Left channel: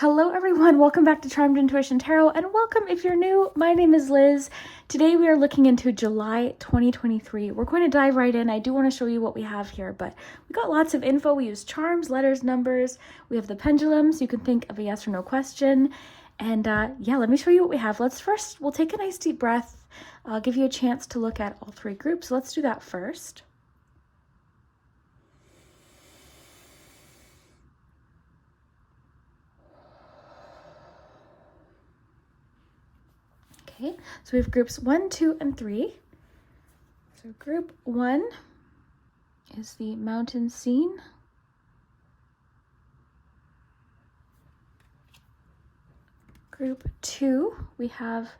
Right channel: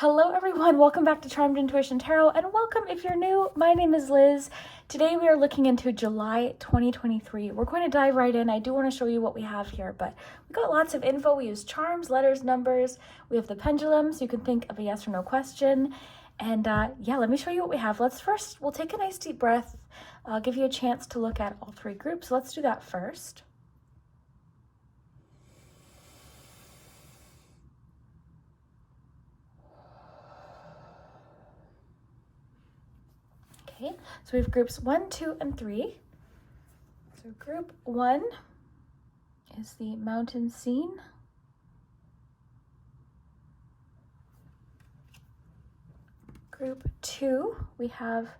Hello everyone, welcome back to Charmed Intuition Tarot, and welcome if you're new. My name is Liz. Today we are looking into July 2023. We're going to dive right in. I do want to show you what we have here, but we got lots of info. We use charms, letters, numbers. We have the pendulum, so you can think of a yes or no question. And yeah, let me show you what we have. We'll take a nice deep breath. I'll give you a chance to look at all three groups. Let's do that first. Okay, so we have groups 1, 2, and 3. So group 1 is the mountain scene. Group 2, we have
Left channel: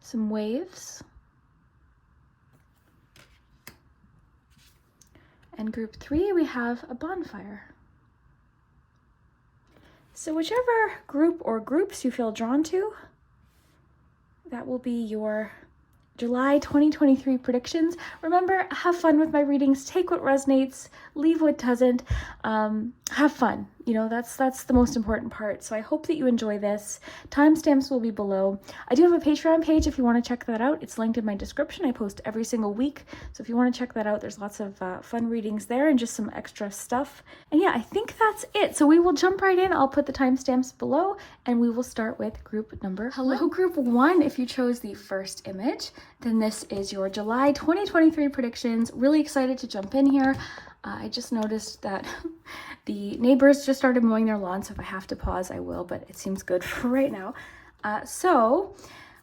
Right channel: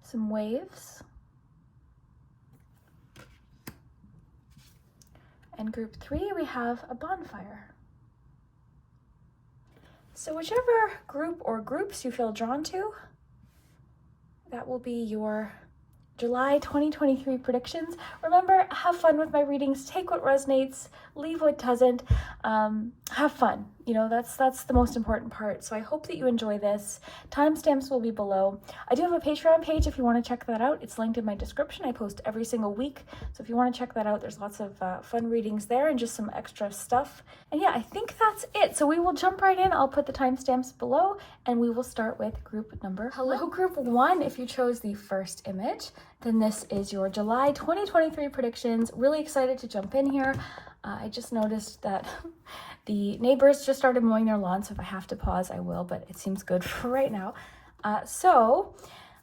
some waves. And group 3, we have a bonfire. So whichever group or groups you feel drawn to, that will be your July 2023 predictions. Remember, have fun with my readings. Take what resonates, leave what doesn't. Have fun. You know, that's the most important part. So I hope that you enjoy this. Timestamps will be below. I do have a Patreon page if you want to check that out. It's linked in my description. I post every single week. So if you want to check that out, there's lots of fun readings there and just some extra stuff. And yeah, I think that's it. So we will jump right in. I'll put the timestamps below and we will start with group number. Hello, group 1. If you chose the first image, then this is your July 2023 predictions. Really excited to jump in here. I just noticed that the neighbors just started mowing their lawn, so if I have to pause, I will, but it seems good for right now. So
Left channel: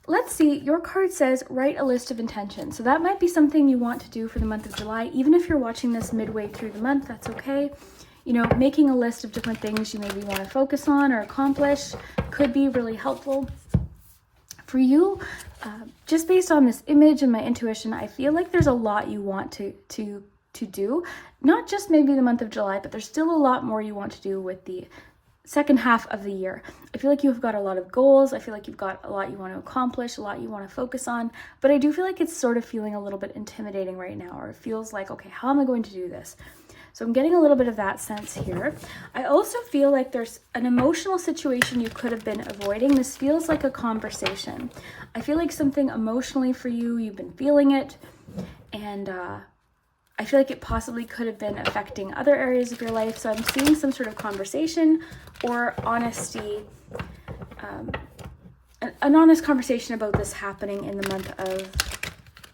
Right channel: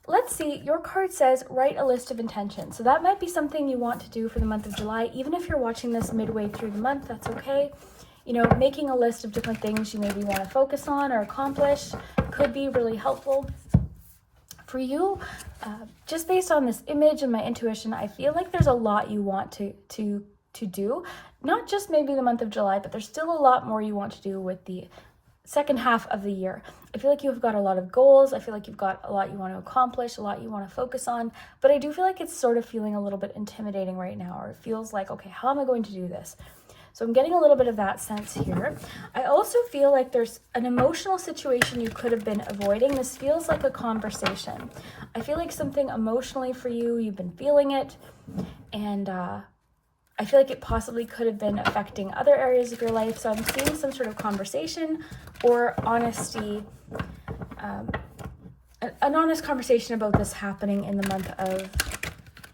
let's see, your card says write a list of intentions. So that might be something you want to do for the month of July. Even if you're watching this midway through the month, that's okay. You know, making a list of different things you maybe want to focus on or accomplish could be really helpful for you. Just based on this image and my intuition, I feel like there's a lot you want to do, not just maybe the month of July, but there's still a lot more you want to do with the second half of the year. I feel like you've got a lot of goals. I feel like you've got a lot you want to accomplish, a lot you want to focus on, but I do feel like it's sort of feeling a little bit intimidating right now, or it feels like, okay, how am I going to do this? So I'm getting a little bit of that sense here. I also feel like there's an emotional situation you could have been avoiding. This feels like a conversation. I feel like something emotionally for you, you've been feeling it, and I feel like it possibly could have been affecting other areas of your life. So I'm seeing some sort of conversation or honesty, an honest conversation about this happening in the month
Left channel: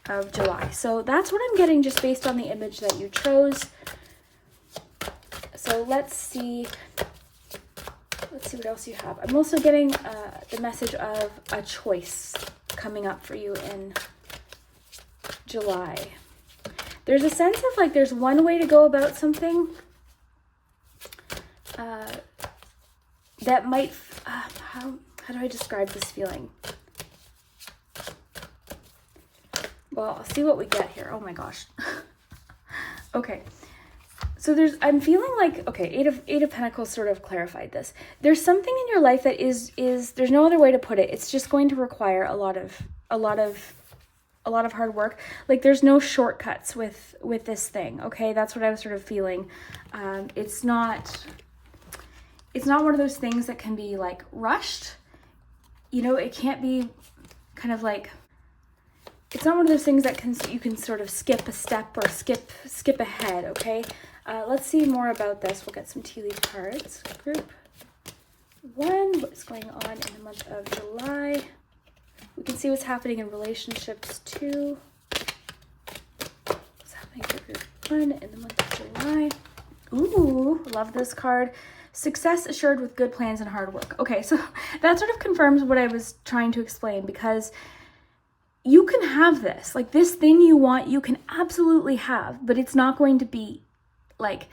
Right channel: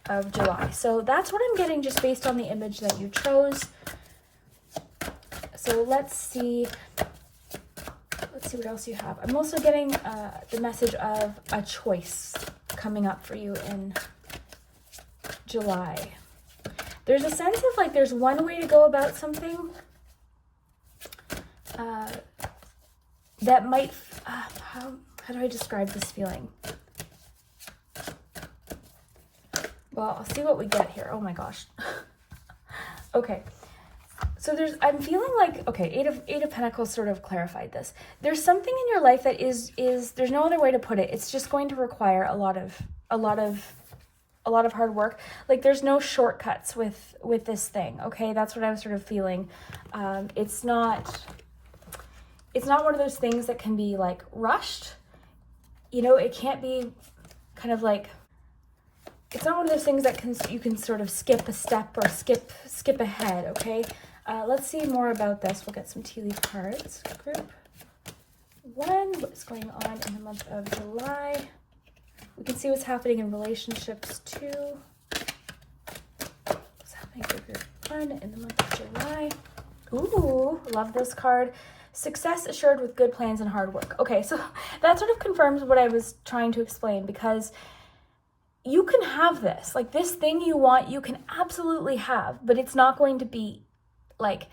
of July. So that's what I'm getting just based on the image that you chose. So let's see what else you have. I'm also getting the message of a choice coming up for you in July. There's a sense of like there's one way to go about something that might, how do I describe this feeling? Well, I'll see what we get here. Oh my gosh. Okay. So I'm feeling like, okay, Eight of Pentacles sort of clarified this. There's something in your life that is there's no other way to put it. It's just going to require a lot of hard work. Like there's no shortcuts with this thing. Okay, that's what I was sort of feeling. It's not one of those things that can be like rushed. You know, it can't be kind of like, it's not one of those things that you can sort of skip a step or skip ahead. Okay, let's see more about this. We'll get some tea leaf cards. Group 1, what is going on in the month of July? We can see what's happening in relationships too. What's happening for group 1 in the month of July? Ooh, love this card. Success assured with good plans and hard work. Okay, so that sort of confirms what I was trying to explain, because you can have this. Like this thing you want, you can absolutely have, but it's not going to be like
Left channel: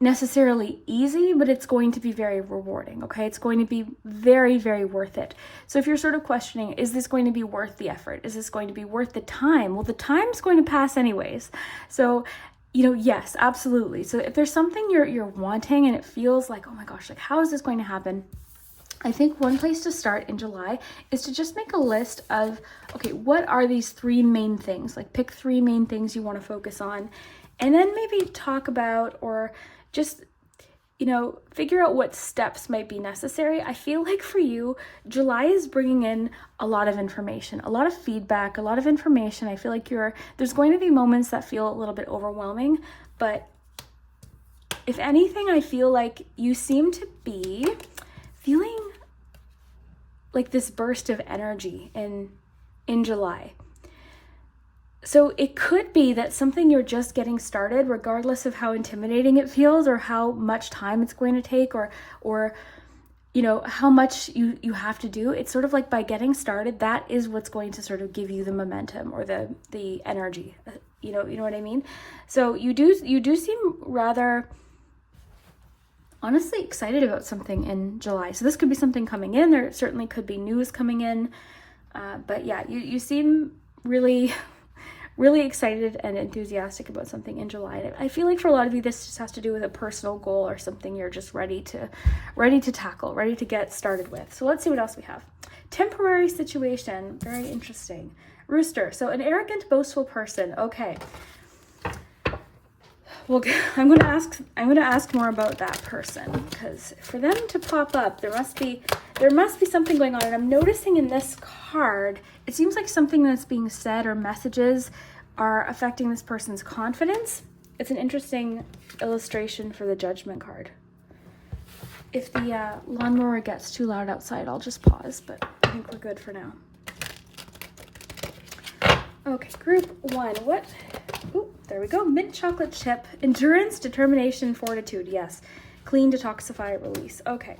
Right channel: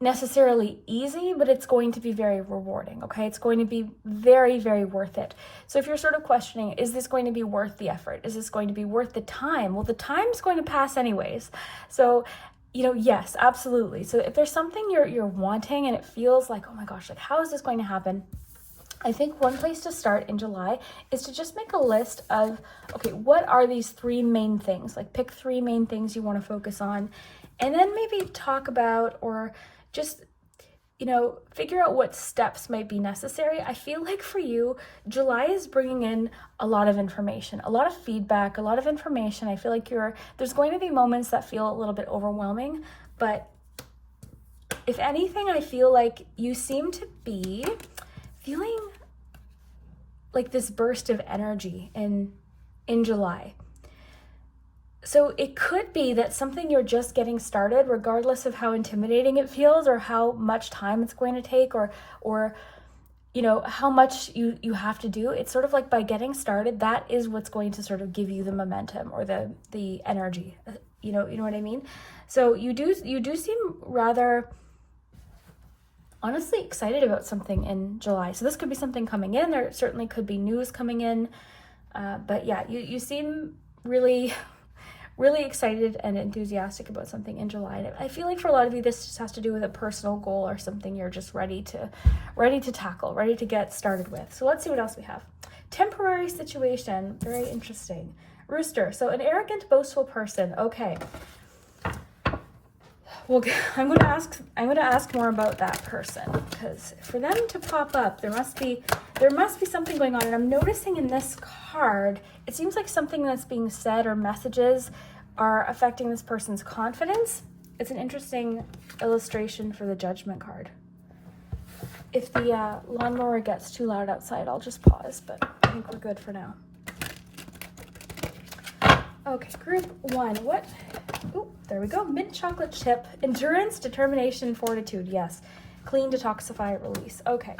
necessarily easy, but it's going to be very rewarding. Okay, it's going to be very, very worth it. So if you're sort of questioning, is this going to be worth the effort? Is this going to be worth the time? Well, the time's going to pass anyways. So, you know, yes, absolutely. So if there's something you're wanting and it feels like, oh my gosh, like how is this going to happen? I think one place to start in July is to just make a list of, okay, what are these 3 main things? Like pick 3 main things you want to focus on, and then maybe talk about or just figure out what steps might be necessary. I feel like for you, July is bringing in a lot of information, a lot of feedback, a lot of information. I feel like there's going to be moments that feel a little bit overwhelming, but if anything, I feel like you seem to be feeling like this burst of energy in July. So it could be that something you're just getting started, regardless of how intimidating it feels or how much time it's going to take or how much you have to do. It's sort of like by getting started, that is what's going to sort of give you the momentum or the energy. You know what I mean? So you do seem rather honestly excited about something in July. So this could be something coming in. There certainly could be news coming in. But yeah, you seem really excited and enthusiastic about something in July. And I feel like for a lot of you, this just has to do with a personal goal or something you're just ready to tackle, ready to get started with. So let's see what else we have. Temporary situation, very interesting. Rooster, so an arrogant, boastful person. Okay. Well, I'm going to ask more about that person, because for them to pop up, there must be something going on. And I'm noticing in this card, it seems like something that's being said or messages are affecting this person's confidence. It's an interesting illustration for the Judgment card. If the lawnmower gets too loud outside, I'll just pause, but I think we're good for now. Okay, group 1. What? Ooh, there we go. Mint chocolate chip. Endurance, determination, and fortitude. Yes. Clean, detoxify, release. Okay.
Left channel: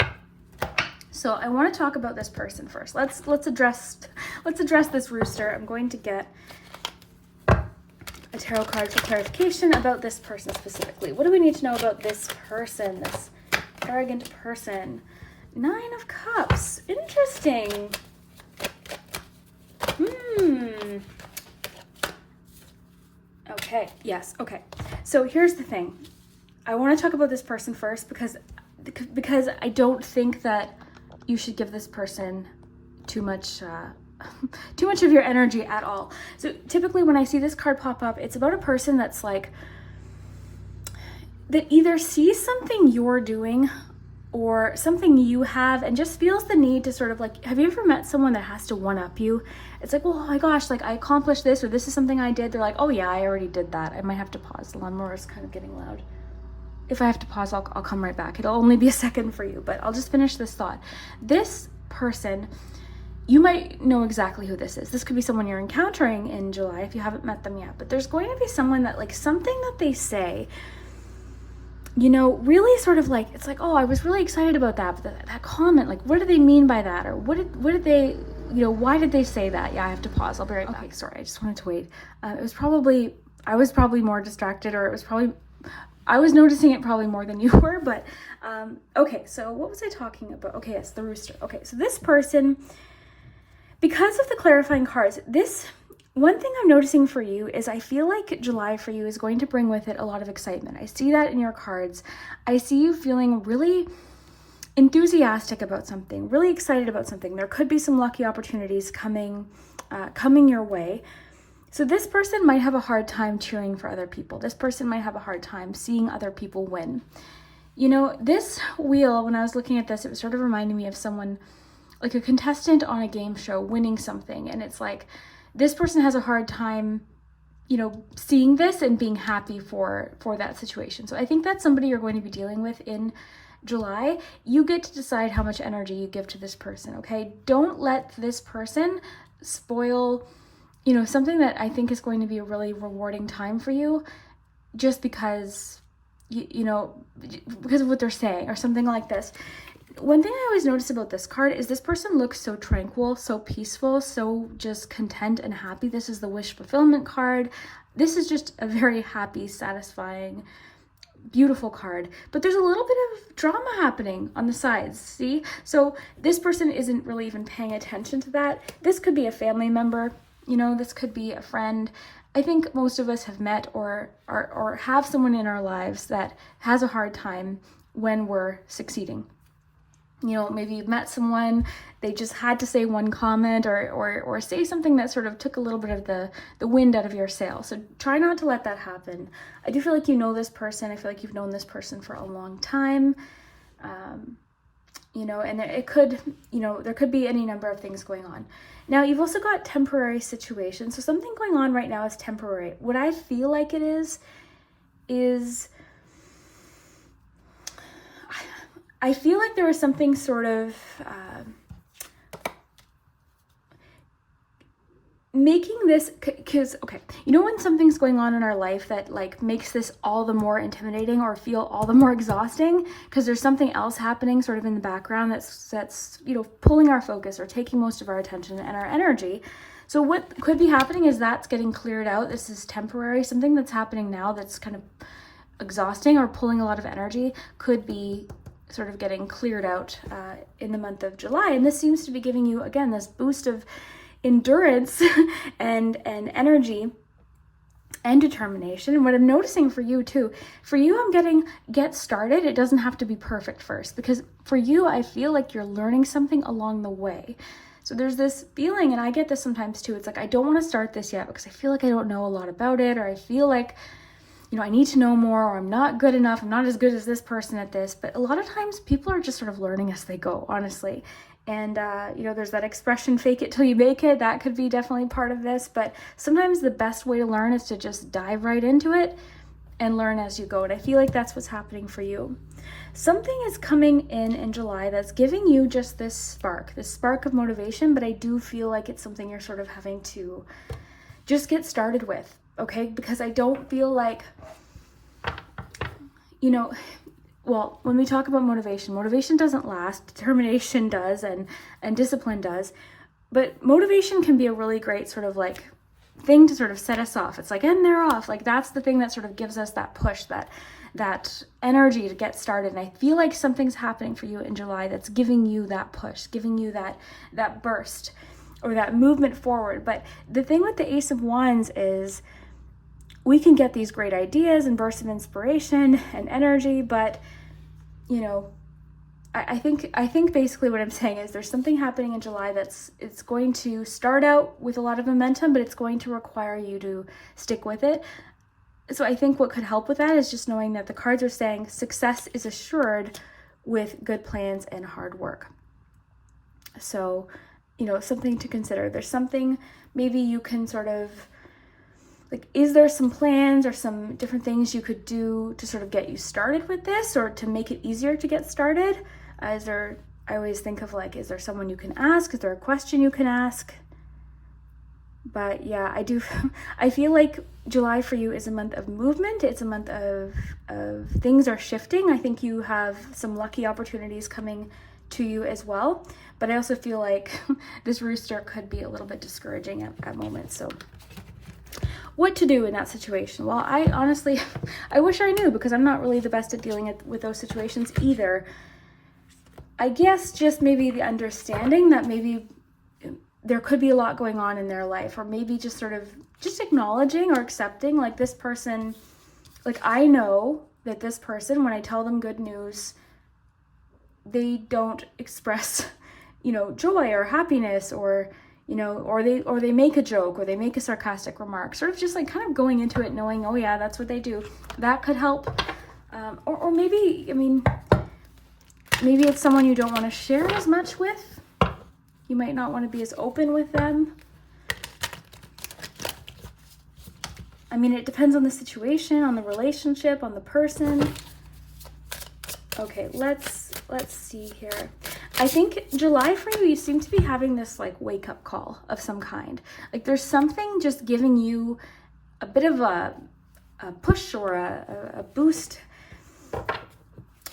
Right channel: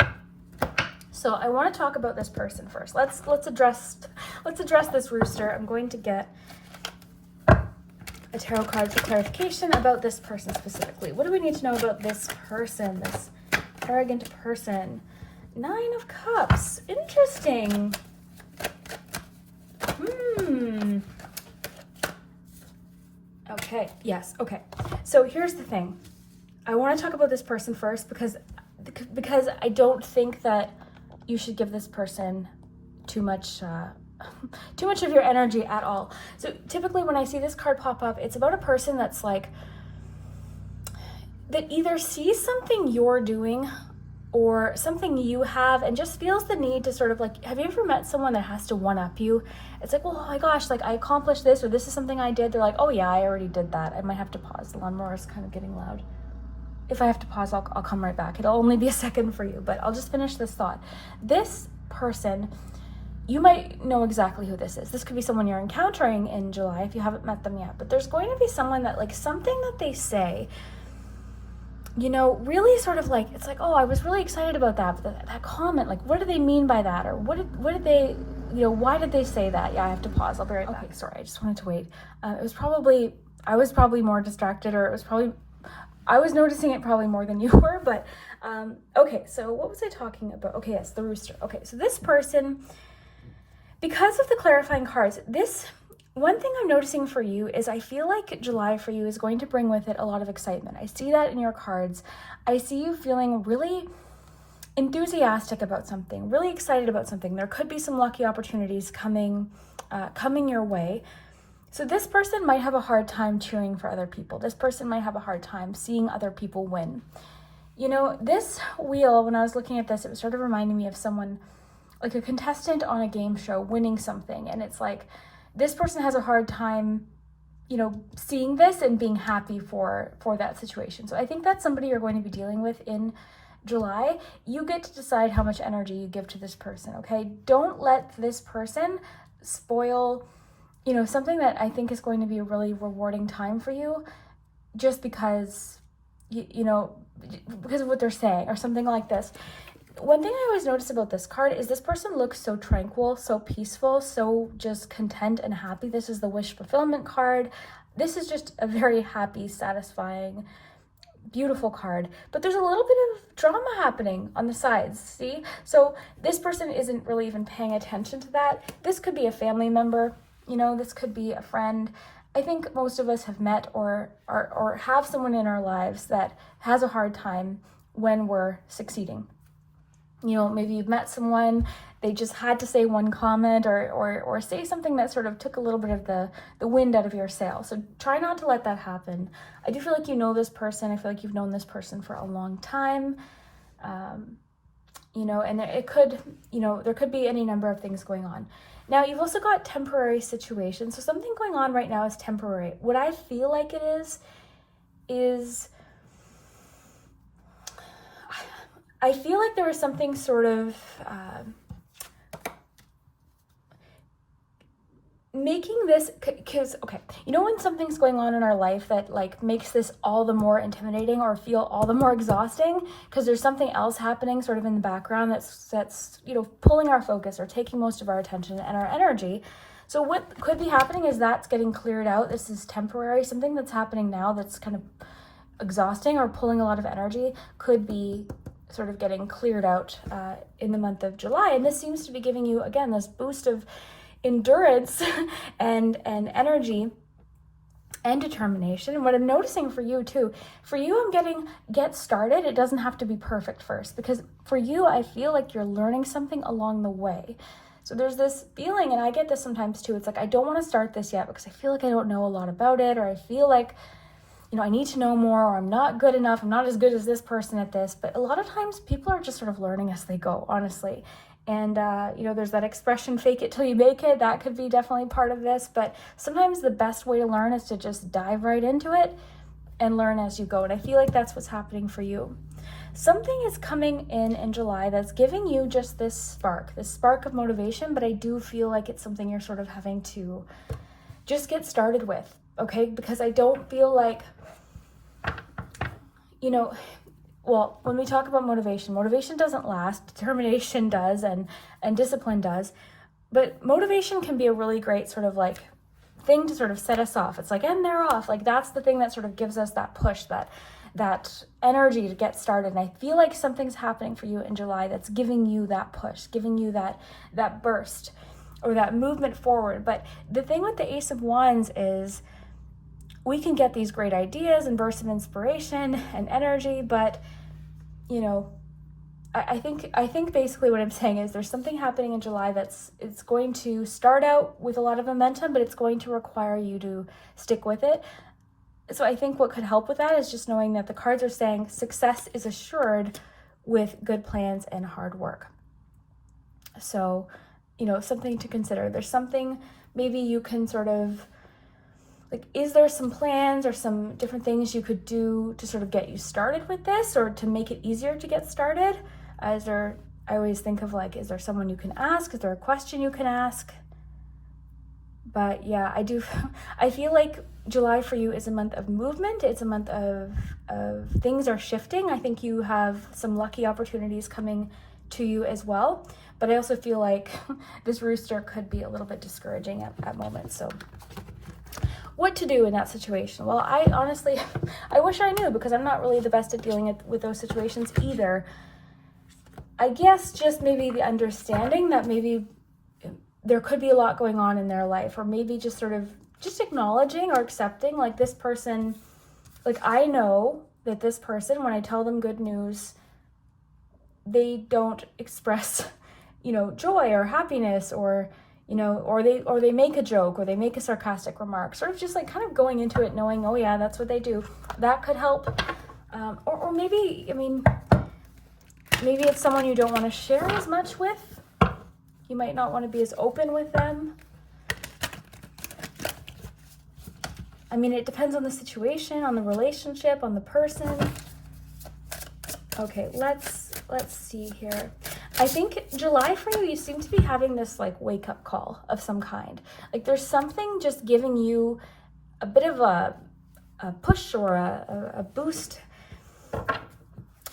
So I want to talk about this person first. Let's address this rooster. I'm going to get a tarot card for clarification about this person specifically. What do we need to know about this person, this arrogant person? 9 of Cups. Interesting. Okay, yes, okay. So here's the thing. I want to talk about this person first because I don't think that you should give this person too much of your energy at all. So typically when I see this card pop up, it's about a person that's like, that either sees something you're doing or something you have and just feels the need to sort of like, have you ever met someone that has to one-up you? It's like, well, oh my gosh, like I accomplished this, or this is something I did. They're like, oh yeah, I already did that. I might have to pause. The lawnmower is kind of getting loud. If I have to pause, I'll come right back. It'll only be a second for you, but I'll just finish this thought. This person, you might know exactly who this is. This could be someone you're encountering in July if you haven't met them yet, but there's going to be someone that like something that they say, really sort of like, it's like, oh, I was really excited about that, but that comment, like, what do they mean by that? Or what did they, why did they say that? Yeah, I have to pause. I'll be right back. Okay, sorry, I just wanted to wait. I was probably more distracted, or I was noticing it probably more than you were, but, okay, so what was I talking about? Okay, yes, the rooster. Okay, so this person, because of the clarifying cards, one thing I'm noticing for you is I feel like July for you is going to bring with it a lot of excitement. I see that in your cards. I see you feeling really enthusiastic about something, really excited about something. There could be some lucky opportunities coming your way. So this person might have a hard time cheering for other people. This person might have a hard time seeing other people win. This wheel, when I was looking at this, it was sort of reminding me of someone, like a contestant on a game show winning something. And it's like, this person has a hard time, seeing this and being happy for that situation. So I think that's somebody you're going to be dealing with in July. You get to decide how much energy you give to this person, okay? Don't let this person spoil, something that I think is going to be a really rewarding time for you just because, because of what they're saying or something like this. One thing I always notice about this card is this person looks so tranquil, so peaceful, so just content and happy. This is the wish fulfillment card. This is just a very happy, satisfying, beautiful card. But there's a little bit of drama happening on the sides, see? So this person isn't really even paying attention to that. This could be a family member, this could be a friend. I think most of us have met or have someone in our lives that has a hard time when we're succeeding. You know, maybe you've met someone, they just had to say one comment or say something that sort of took a little bit of the wind out of your sail. So try not to let that happen. I do feel like you know this person. I feel like you've known this person for a long time. You know, and it could, you know, there could be any number of things going on. Now, you've also got temporary situations. So something going on right now is temporary. What I feel like it is I feel like there was something sort of making this, because, okay, you know when something's going on in our life that like makes this all the more intimidating or feel all the more exhausting because there's something else happening sort of in the background that's you know, pulling our focus or taking most of our attention and our energy. So what could be happening is that's getting cleared out. This is temporary. Something that's happening now that's kind of exhausting or pulling a lot of energy could be sort of getting cleared out in the month of July. And this seems to be giving you, again, this boost of endurance and energy and determination. And what I'm noticing for you too, I'm getting get started. It doesn't have to be perfect first, because for you, I feel like you're learning something along the way. So there's this feeling, and I get this sometimes too. It's like, I don't want to start this yet because I feel like I don't know a lot about it, or I feel like, you know, I need to know more, or I'm not good enough. I'm not as good as this person at this. But a lot of times people are just sort of learning as they go, honestly. And, you know, there's that expression, fake it till you make it. That could be definitely part of this. But sometimes the best way to learn is to just dive right into it and learn as you go. And I feel like that's what's happening for you. Something is coming in July that's giving you just this spark of motivation. But I do feel like it's something you're sort of having to just get started with. Okay, because I don't feel like, you know, well, when we talk about motivation doesn't last. Determination does, and discipline does. But motivation can be a really great sort of like thing to sort of set us off. It's like, and they're off. Like that's the thing that sort of gives us that push, that energy to get started. And I feel like something's happening for you in July that's giving you that push, giving you that burst or that movement forward. But the thing with the Ace of Wands is, we can get these great ideas and bursts of inspiration and energy, but, you know, I think basically what I'm saying is there's something happening in July it's going to start out with a lot of momentum, but it's going to require you to stick with it. So I think what could help with that is just knowing that the cards are saying success is assured with good plans and hard work. So, you know, something to consider. There's something maybe you can sort of, like, is there some plans or some different things you could do to sort of get you started with this, or to make it easier to get started? I always think of like, is there someone you can ask? Is there a question you can ask? But yeah, I feel like July for you is a month of movement. It's a month of things are shifting. I think you have some lucky opportunities coming to you as well. But I also feel like this rooster could be a little bit discouraging at moments. So what to do in that situation? Well, I honestly, I wish I knew, because I'm not really the best at dealing with those situations either. I guess just maybe the understanding that maybe there could be a lot going on in their life, or maybe just sort of just acknowledging or accepting, like, this person, like, I know that this person, when I tell them good news, they don't express, you know, joy or happiness, or, you know, or they make a joke, or they make a sarcastic remark, sort of just like kind of going into it knowing, oh yeah, that's what they do. That could help. Or maybe, I mean, maybe it's someone you don't want to share as much with. You might not want to be as open with them. I mean, it depends on the situation, on the relationship, on the person. Okay, let's see here. I think July for you seem to be having this like wake up call of some kind. Like there's something just giving you a bit of a push or a boost.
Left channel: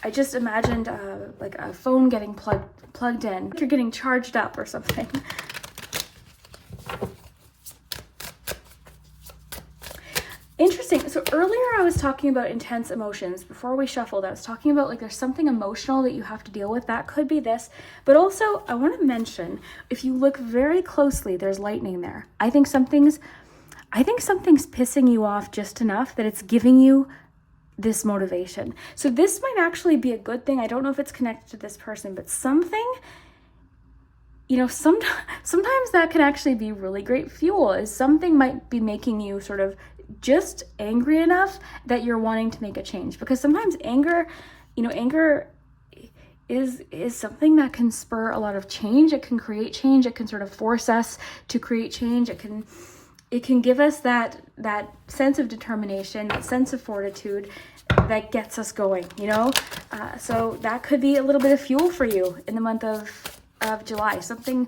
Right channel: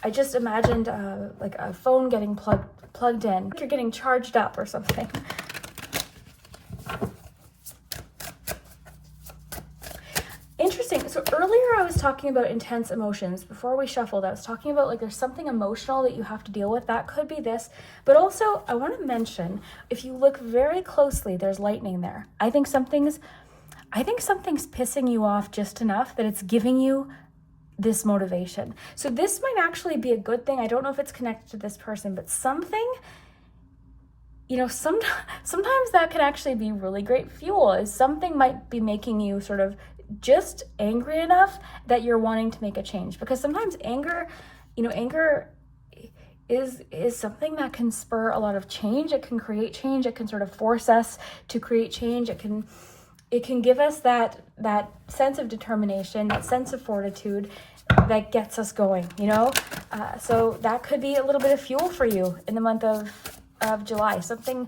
I just imagined like a phone getting plugged in, like you're getting charged up or something. Interesting. So earlier I was talking about intense emotions. Before we shuffled, I was talking about like there's something emotional that you have to deal with. That could be this. But also I want to mention, if you look very closely, there's lightning there. I think something's pissing you off just enough that it's giving you this motivation. So this might actually be a good thing. I don't know if it's connected to this person, but something, you know, sometimes that can actually be really great fuel. Is something might be making you sort of just angry enough that you're wanting to make a change. Because sometimes anger, you know, anger is something that can spur a lot of change. It can create change. It can sort of force us to create change. It can give us that sense of determination, that sense of fortitude that gets us going, you know? So that could be a little bit of fuel for you in the month of July. Something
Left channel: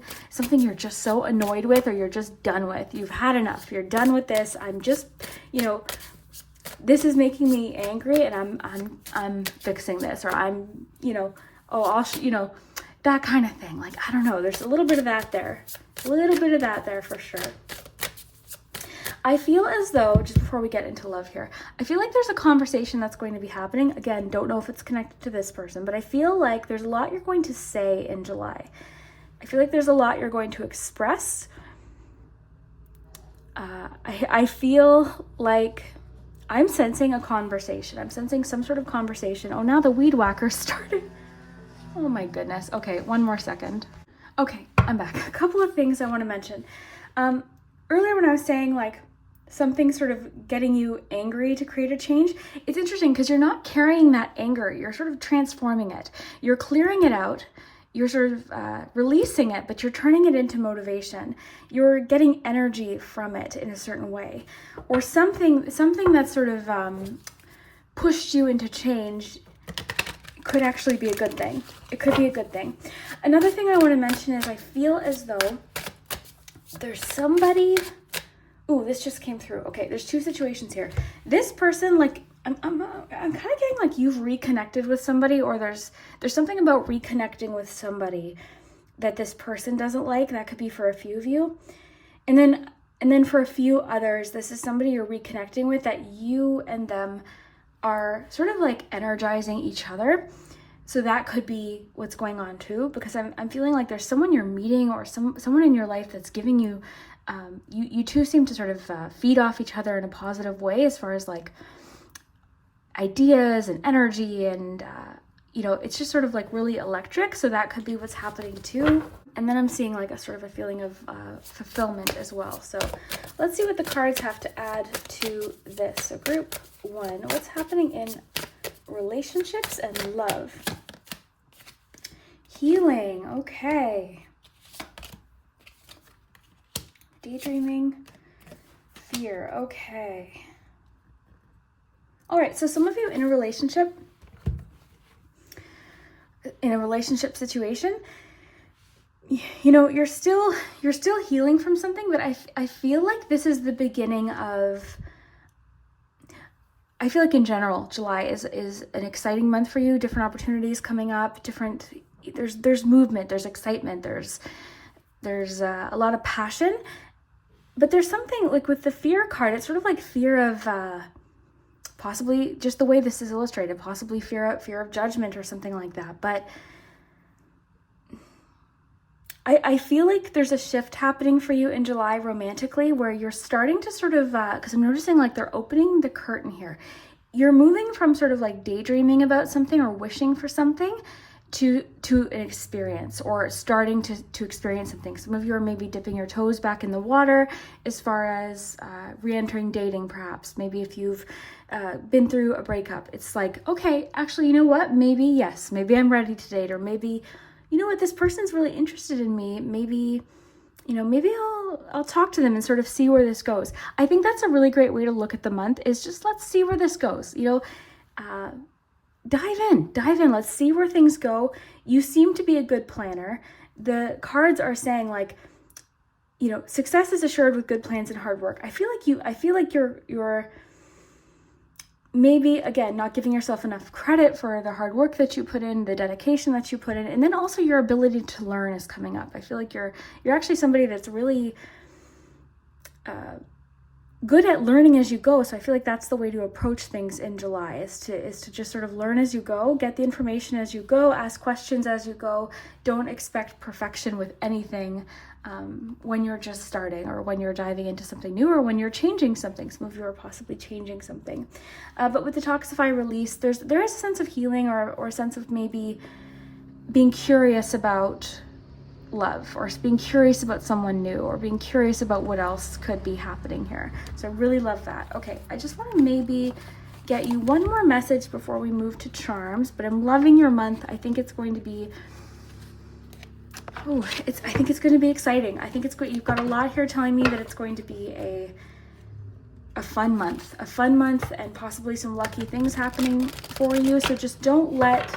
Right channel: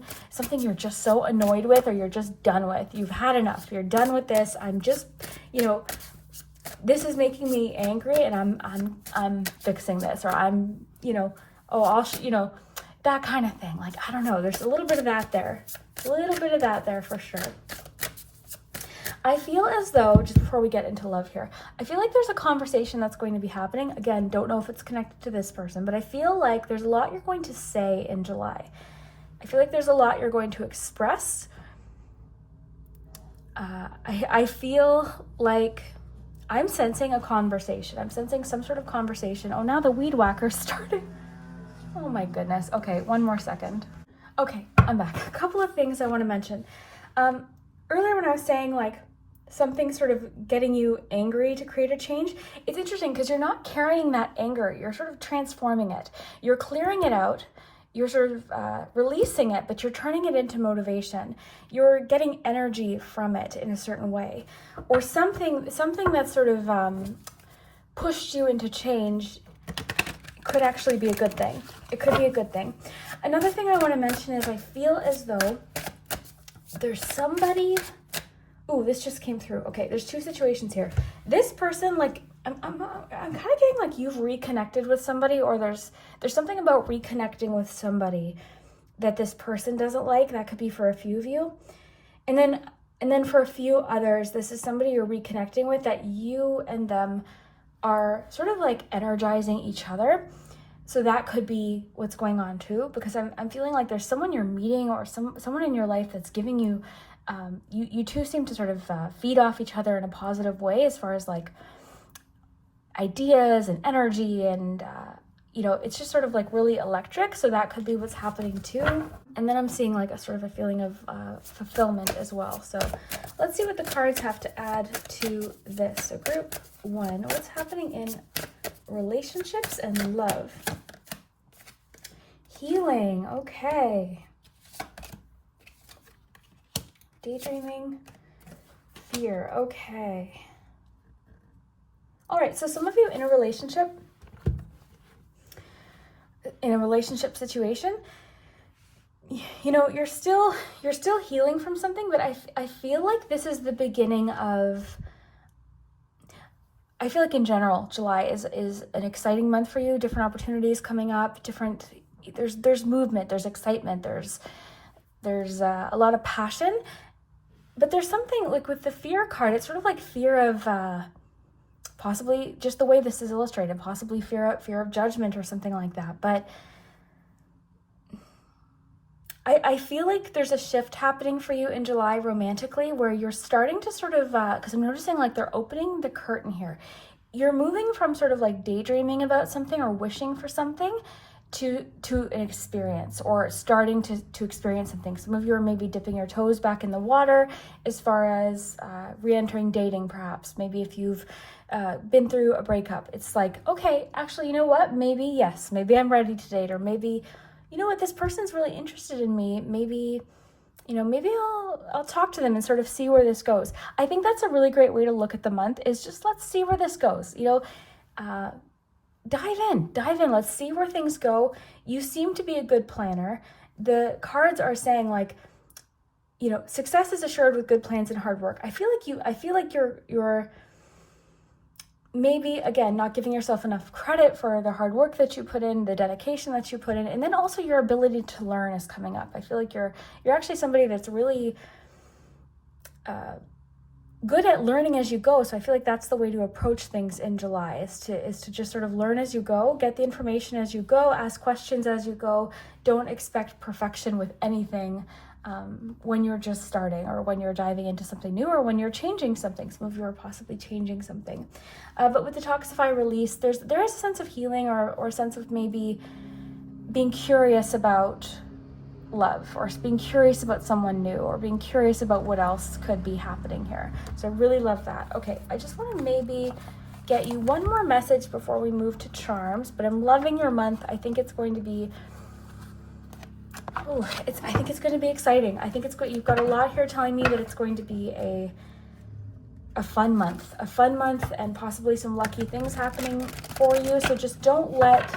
you're just so annoyed with, or you're just done with. You've had enough. You're done with this. I'm just, you know, this is making me angry, and I'm fixing this, or I'm, you know, you know, that kind of thing. Like, I don't know. There's a little bit of that there. A little bit of that there for sure. I feel as though, just before we get into love here, I feel like there's a conversation that's going to be happening. Again, don't know if it's connected to this person, but I feel like there's a lot you're going to say in July. I feel like there's a lot you're going to express. I feel like I'm sensing a conversation. I'm sensing some sort of conversation. Oh, now the weed whacker started. Oh my goodness. Okay, one more second. Okay, I'm back. A couple of things I want to mention. Earlier when I was saying like something sort of getting you angry to create a change, it's interesting because you're not carrying that anger. You're sort of transforming it. You're clearing it out. You're sort of releasing it, but you're turning it into motivation. You're getting energy from it in a certain way. Or something that sort of pushed you into change could actually be a good thing. It could be a good thing. Another thing I want to mention is I feel as though there's somebody, ooh, this just came through. Okay, there's two situations here. This person, like, I'm kind of getting like you've reconnected with somebody, or there's something about reconnecting with somebody that this person doesn't like. That could be for a few of you. And then for a few others, this is somebody you're reconnecting with that you and them are sort of like energizing each other. So that could be what's going on too, because I'm feeling like there's someone you're meeting, or someone in your life that's giving you, you two seem to sort of feed off each other in a positive way as far as like ideas and energy, and you know, it's just sort of like really electric. So that could be what's happening too. And then I'm seeing like a sort of a feeling of fulfillment as well. So let's see what the cards have to add to this. So group one, what's happening in relationships and love? Healing, okay. Daydreaming, fear, okay. All right, so some of you in a relationship situation, you know, you're still healing from something, but I feel like this is the beginning of, I feel like in general, July is an exciting month for you. Different opportunities coming up, there's movement, there's excitement, there's a lot of passion, but there's something like with the fear card, it's sort of like fear of, possibly just the way this is illustrated, possibly fear of judgment or something like that. But I feel like there's a shift happening for you in July romantically, where you're starting to sort of, because I'm noticing like they're opening the curtain here. You're moving from sort of like daydreaming about something or wishing for something to an experience, or starting to experience something. Some of you are maybe dipping your toes back in the water as far as re-entering dating, perhaps. Maybe if you've been through a breakup, it's like, okay, actually, you know what? Maybe yes, maybe I'm ready to date, or maybe, you know what, this person's really interested in me. Maybe, you know, maybe I'll talk to them and sort of see where this goes. I think that's a really great way to look at the month, is just let's see where this goes. You know, dive in. Let's see where things go. You seem to be a good planner. The cards are saying like, you know, success is assured with good plans and hard work. I feel like you're maybe, again, not giving yourself enough credit for the hard work that you put in, the dedication that you put in, and then also your ability to learn is coming up. I feel like you're actually somebody that's really good at learning as you go. So I feel like that's the way to approach things in July, is to just sort of learn as you go, get the information as you go, ask questions as you go. Don't expect perfection with anything when you're just starting, or when you're diving into something new, or when you're changing something. Some of you are possibly changing something. But with Detoxify Release, there is a sense of healing, or a sense of maybe being curious about love, or being curious about someone new, or being curious about what else could be happening here. So I really love that. Okay, I just want to maybe get you one more message before we move to charms, but I'm loving your month. I think it's going to be, I think it's going to be exciting. I think it's great. You've got a lot here telling me that it's going to be a fun month, and possibly some lucky things happening for you. So just don't let,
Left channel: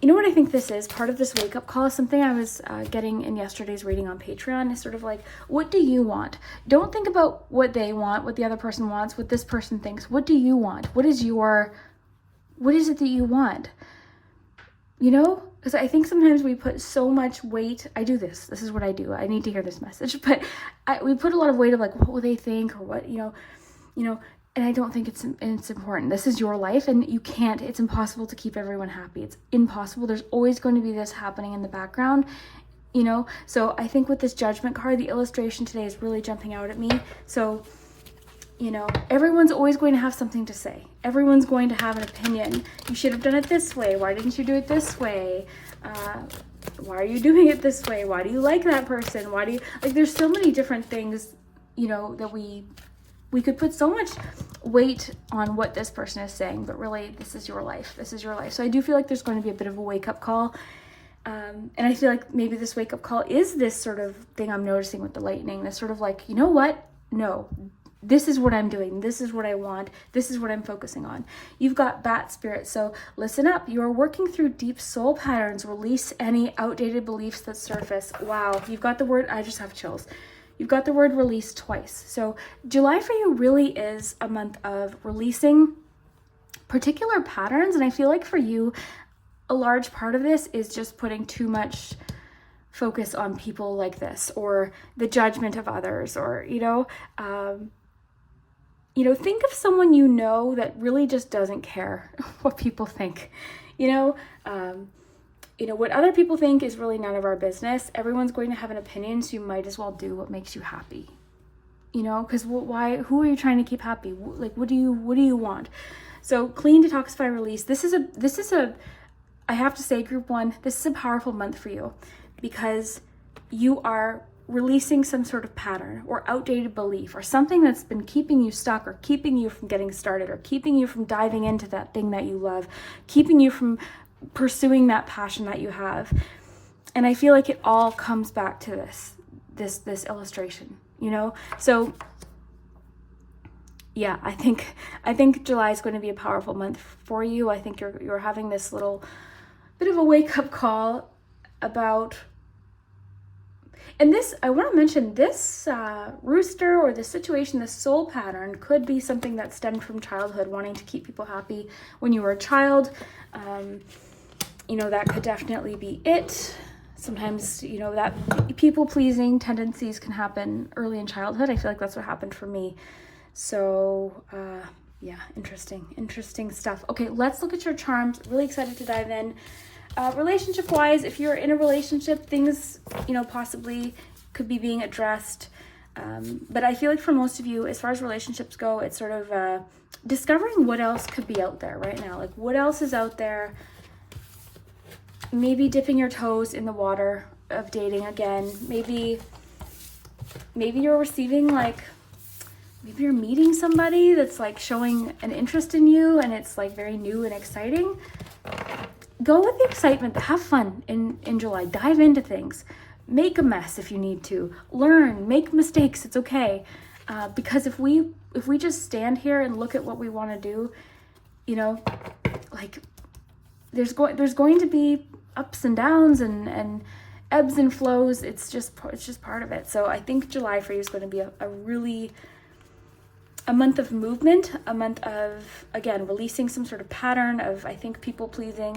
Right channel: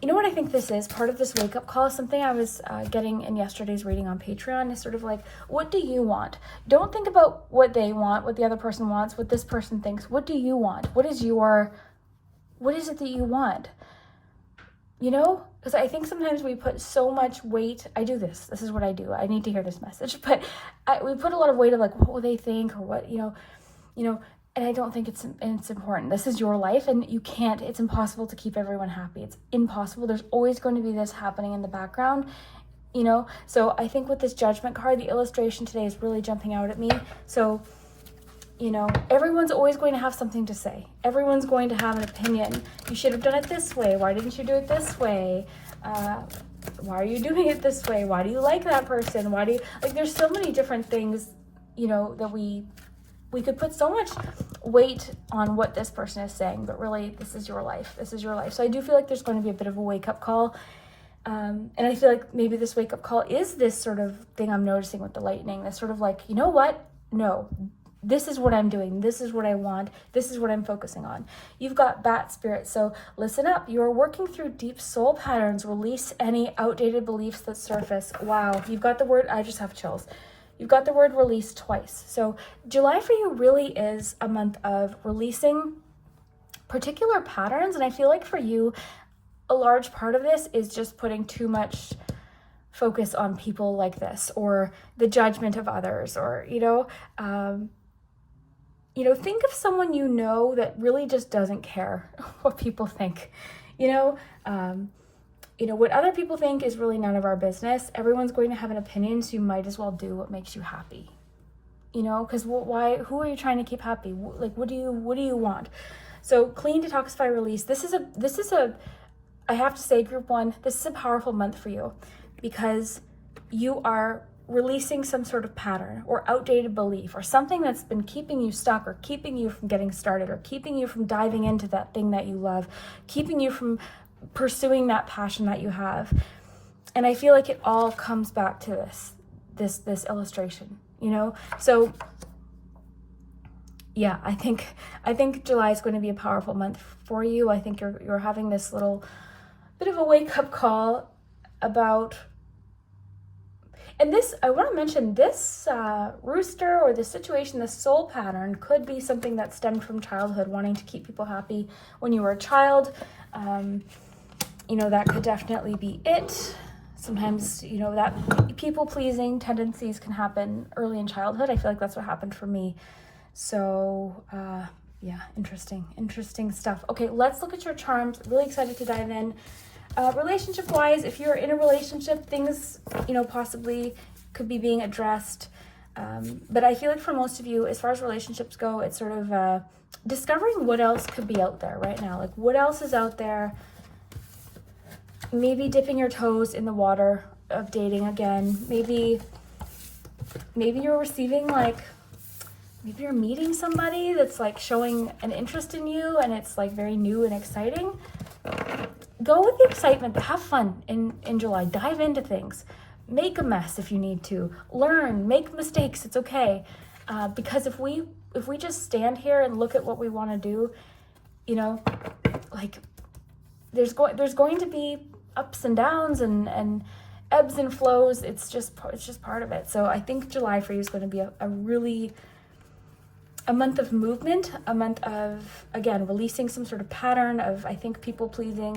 you know what I think this is? Part of this wake-up call is something I was getting in yesterday's reading on Patreon. Is sort of like, what do you want? Don't think about what they want, what the other person wants, what this person thinks. What do you want? What is it that you want? You know? Because I think sometimes we put so much weight. I do this. This is what I do. I need to hear this message. But we put a lot of weight of like, what will they think? Or what, you know, and I don't think it's important. This is your life, and you can't, it's impossible to keep everyone happy. It's impossible. There's always going to be this happening in the background, you know? So I think with this Judgment card, the illustration today is really jumping out at me. So, you know, everyone's always going to have something to say. Everyone's going to have an opinion. You should have done it this way. Why didn't you do it this way? Why are you doing it this way? Why do you like that person? Why do you, like, there's so many different things, you know, that we could put so much weight on what this person is saying, but really, this is your life. This is your life. So I do feel like there's going to be a bit of a wake-up call. And I feel like maybe this wake-up call is this sort of thing I'm noticing with the lightning. That's sort of like, you know what? No, this is what I'm doing. This is what I want. This is what I'm focusing on. You've got Bat Spirit. So listen up. You are working through deep soul patterns. Release any outdated beliefs that surface. Wow. You've got the word, I just have chills. You've got the word release twice. So July for you really is a month of releasing particular patterns. And I feel like for you, a large part of this is just putting too much focus on people like this, or the judgment of others, or, think of someone you know that really just doesn't care what people think, what other people think is really none of our business. Everyone's going to have an opinion, so you might as well do what makes you happy. Because who are you trying to keep happy? Like, what do you want? So clean, detoxify, release. This is a, I have to say, group one, this is a powerful month for you, because you are releasing some sort of pattern or outdated belief, or something that's been keeping you stuck, or keeping you from getting started, or keeping you from diving into that thing that you love, keeping you from pursuing that passion that you have. And I feel like it all comes back to this illustration, So yeah, I think July is going to be a powerful month for you. I think you're having this little bit of a wake-up call about, and this, I want to mention, this rooster, or this situation, this soul pattern, could be something that stemmed from childhood, wanting to keep people happy when you were a child. That could definitely be it. Sometimes, that people-pleasing tendencies can happen early in childhood. I feel like that's what happened for me. So, yeah, interesting stuff. Okay, let's look at your charms. Really excited to dive in. Relationship-wise, if you're in a relationship, things, possibly could be being addressed. But I feel like for most of you, as far as relationships go, it's sort of discovering what else could be out there right now. Like, what else is out there? Maybe dipping your toes in the water of dating again. Maybe you're receiving, maybe you're meeting somebody that's showing an interest in you, and it's very new and exciting. Go with the excitement, have fun in July, dive into things, make a mess if you need to, learn, make mistakes, it's okay. Because if we just stand here and look at what we want to do, there's going to be ups and downs and ebbs and flows. It's just part of it. So I think July for you is going to be a month of movement, a month of, again, releasing some sort of pattern of, I think, people pleasing,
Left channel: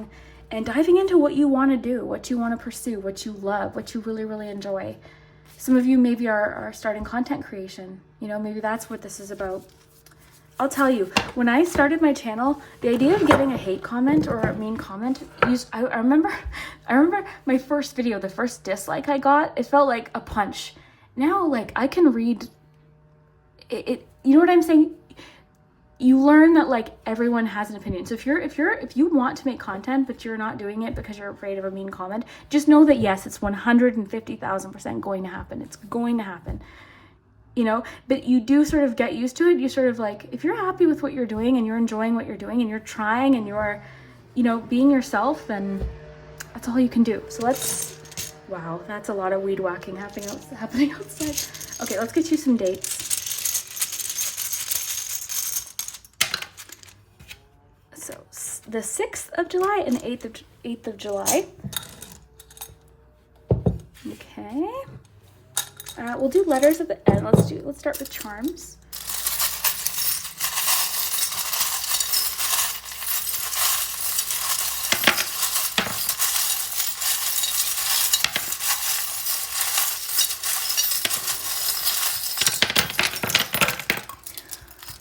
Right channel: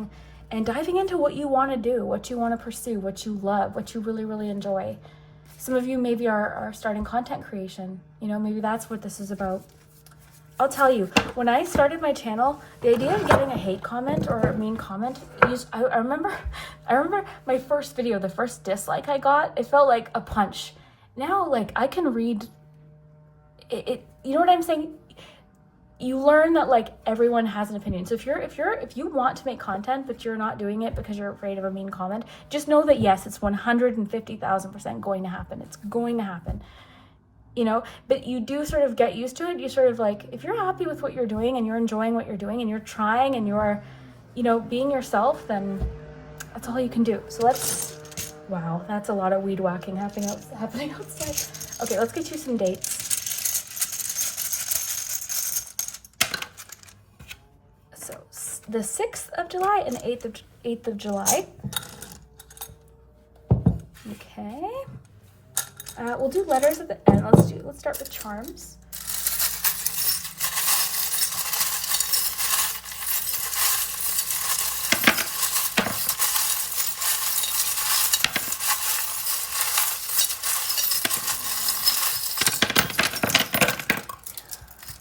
and diving into what you want to do, what you want to pursue, what you love, what you really, really enjoy. Some of you maybe are starting content creation. You know, maybe that's what this is about. I'll tell you, when I started my channel, the idea of getting a hate comment or a mean comment, I remember my first video, the first dislike I got, it felt like a punch. Now, like, I can read it, you know what I'm saying? You learn that like everyone has an opinion. So if you want to make content, but you're not doing it because you're afraid of a mean comment, just know that yes, it's 150,000% going to happen. It's going to happen. You know, but you do sort of get used to it. You sort of like, if you're happy with what you're doing and you're enjoying what you're doing and you're trying and you're, you know, being yourself, then that's all you can do. So let's, wow, that's a lot of weed whacking happening outside. Okay, let's get you some dates. So the 6th of July and the 8th of July. Okay. We'll do letters at the end. Let's start with charms.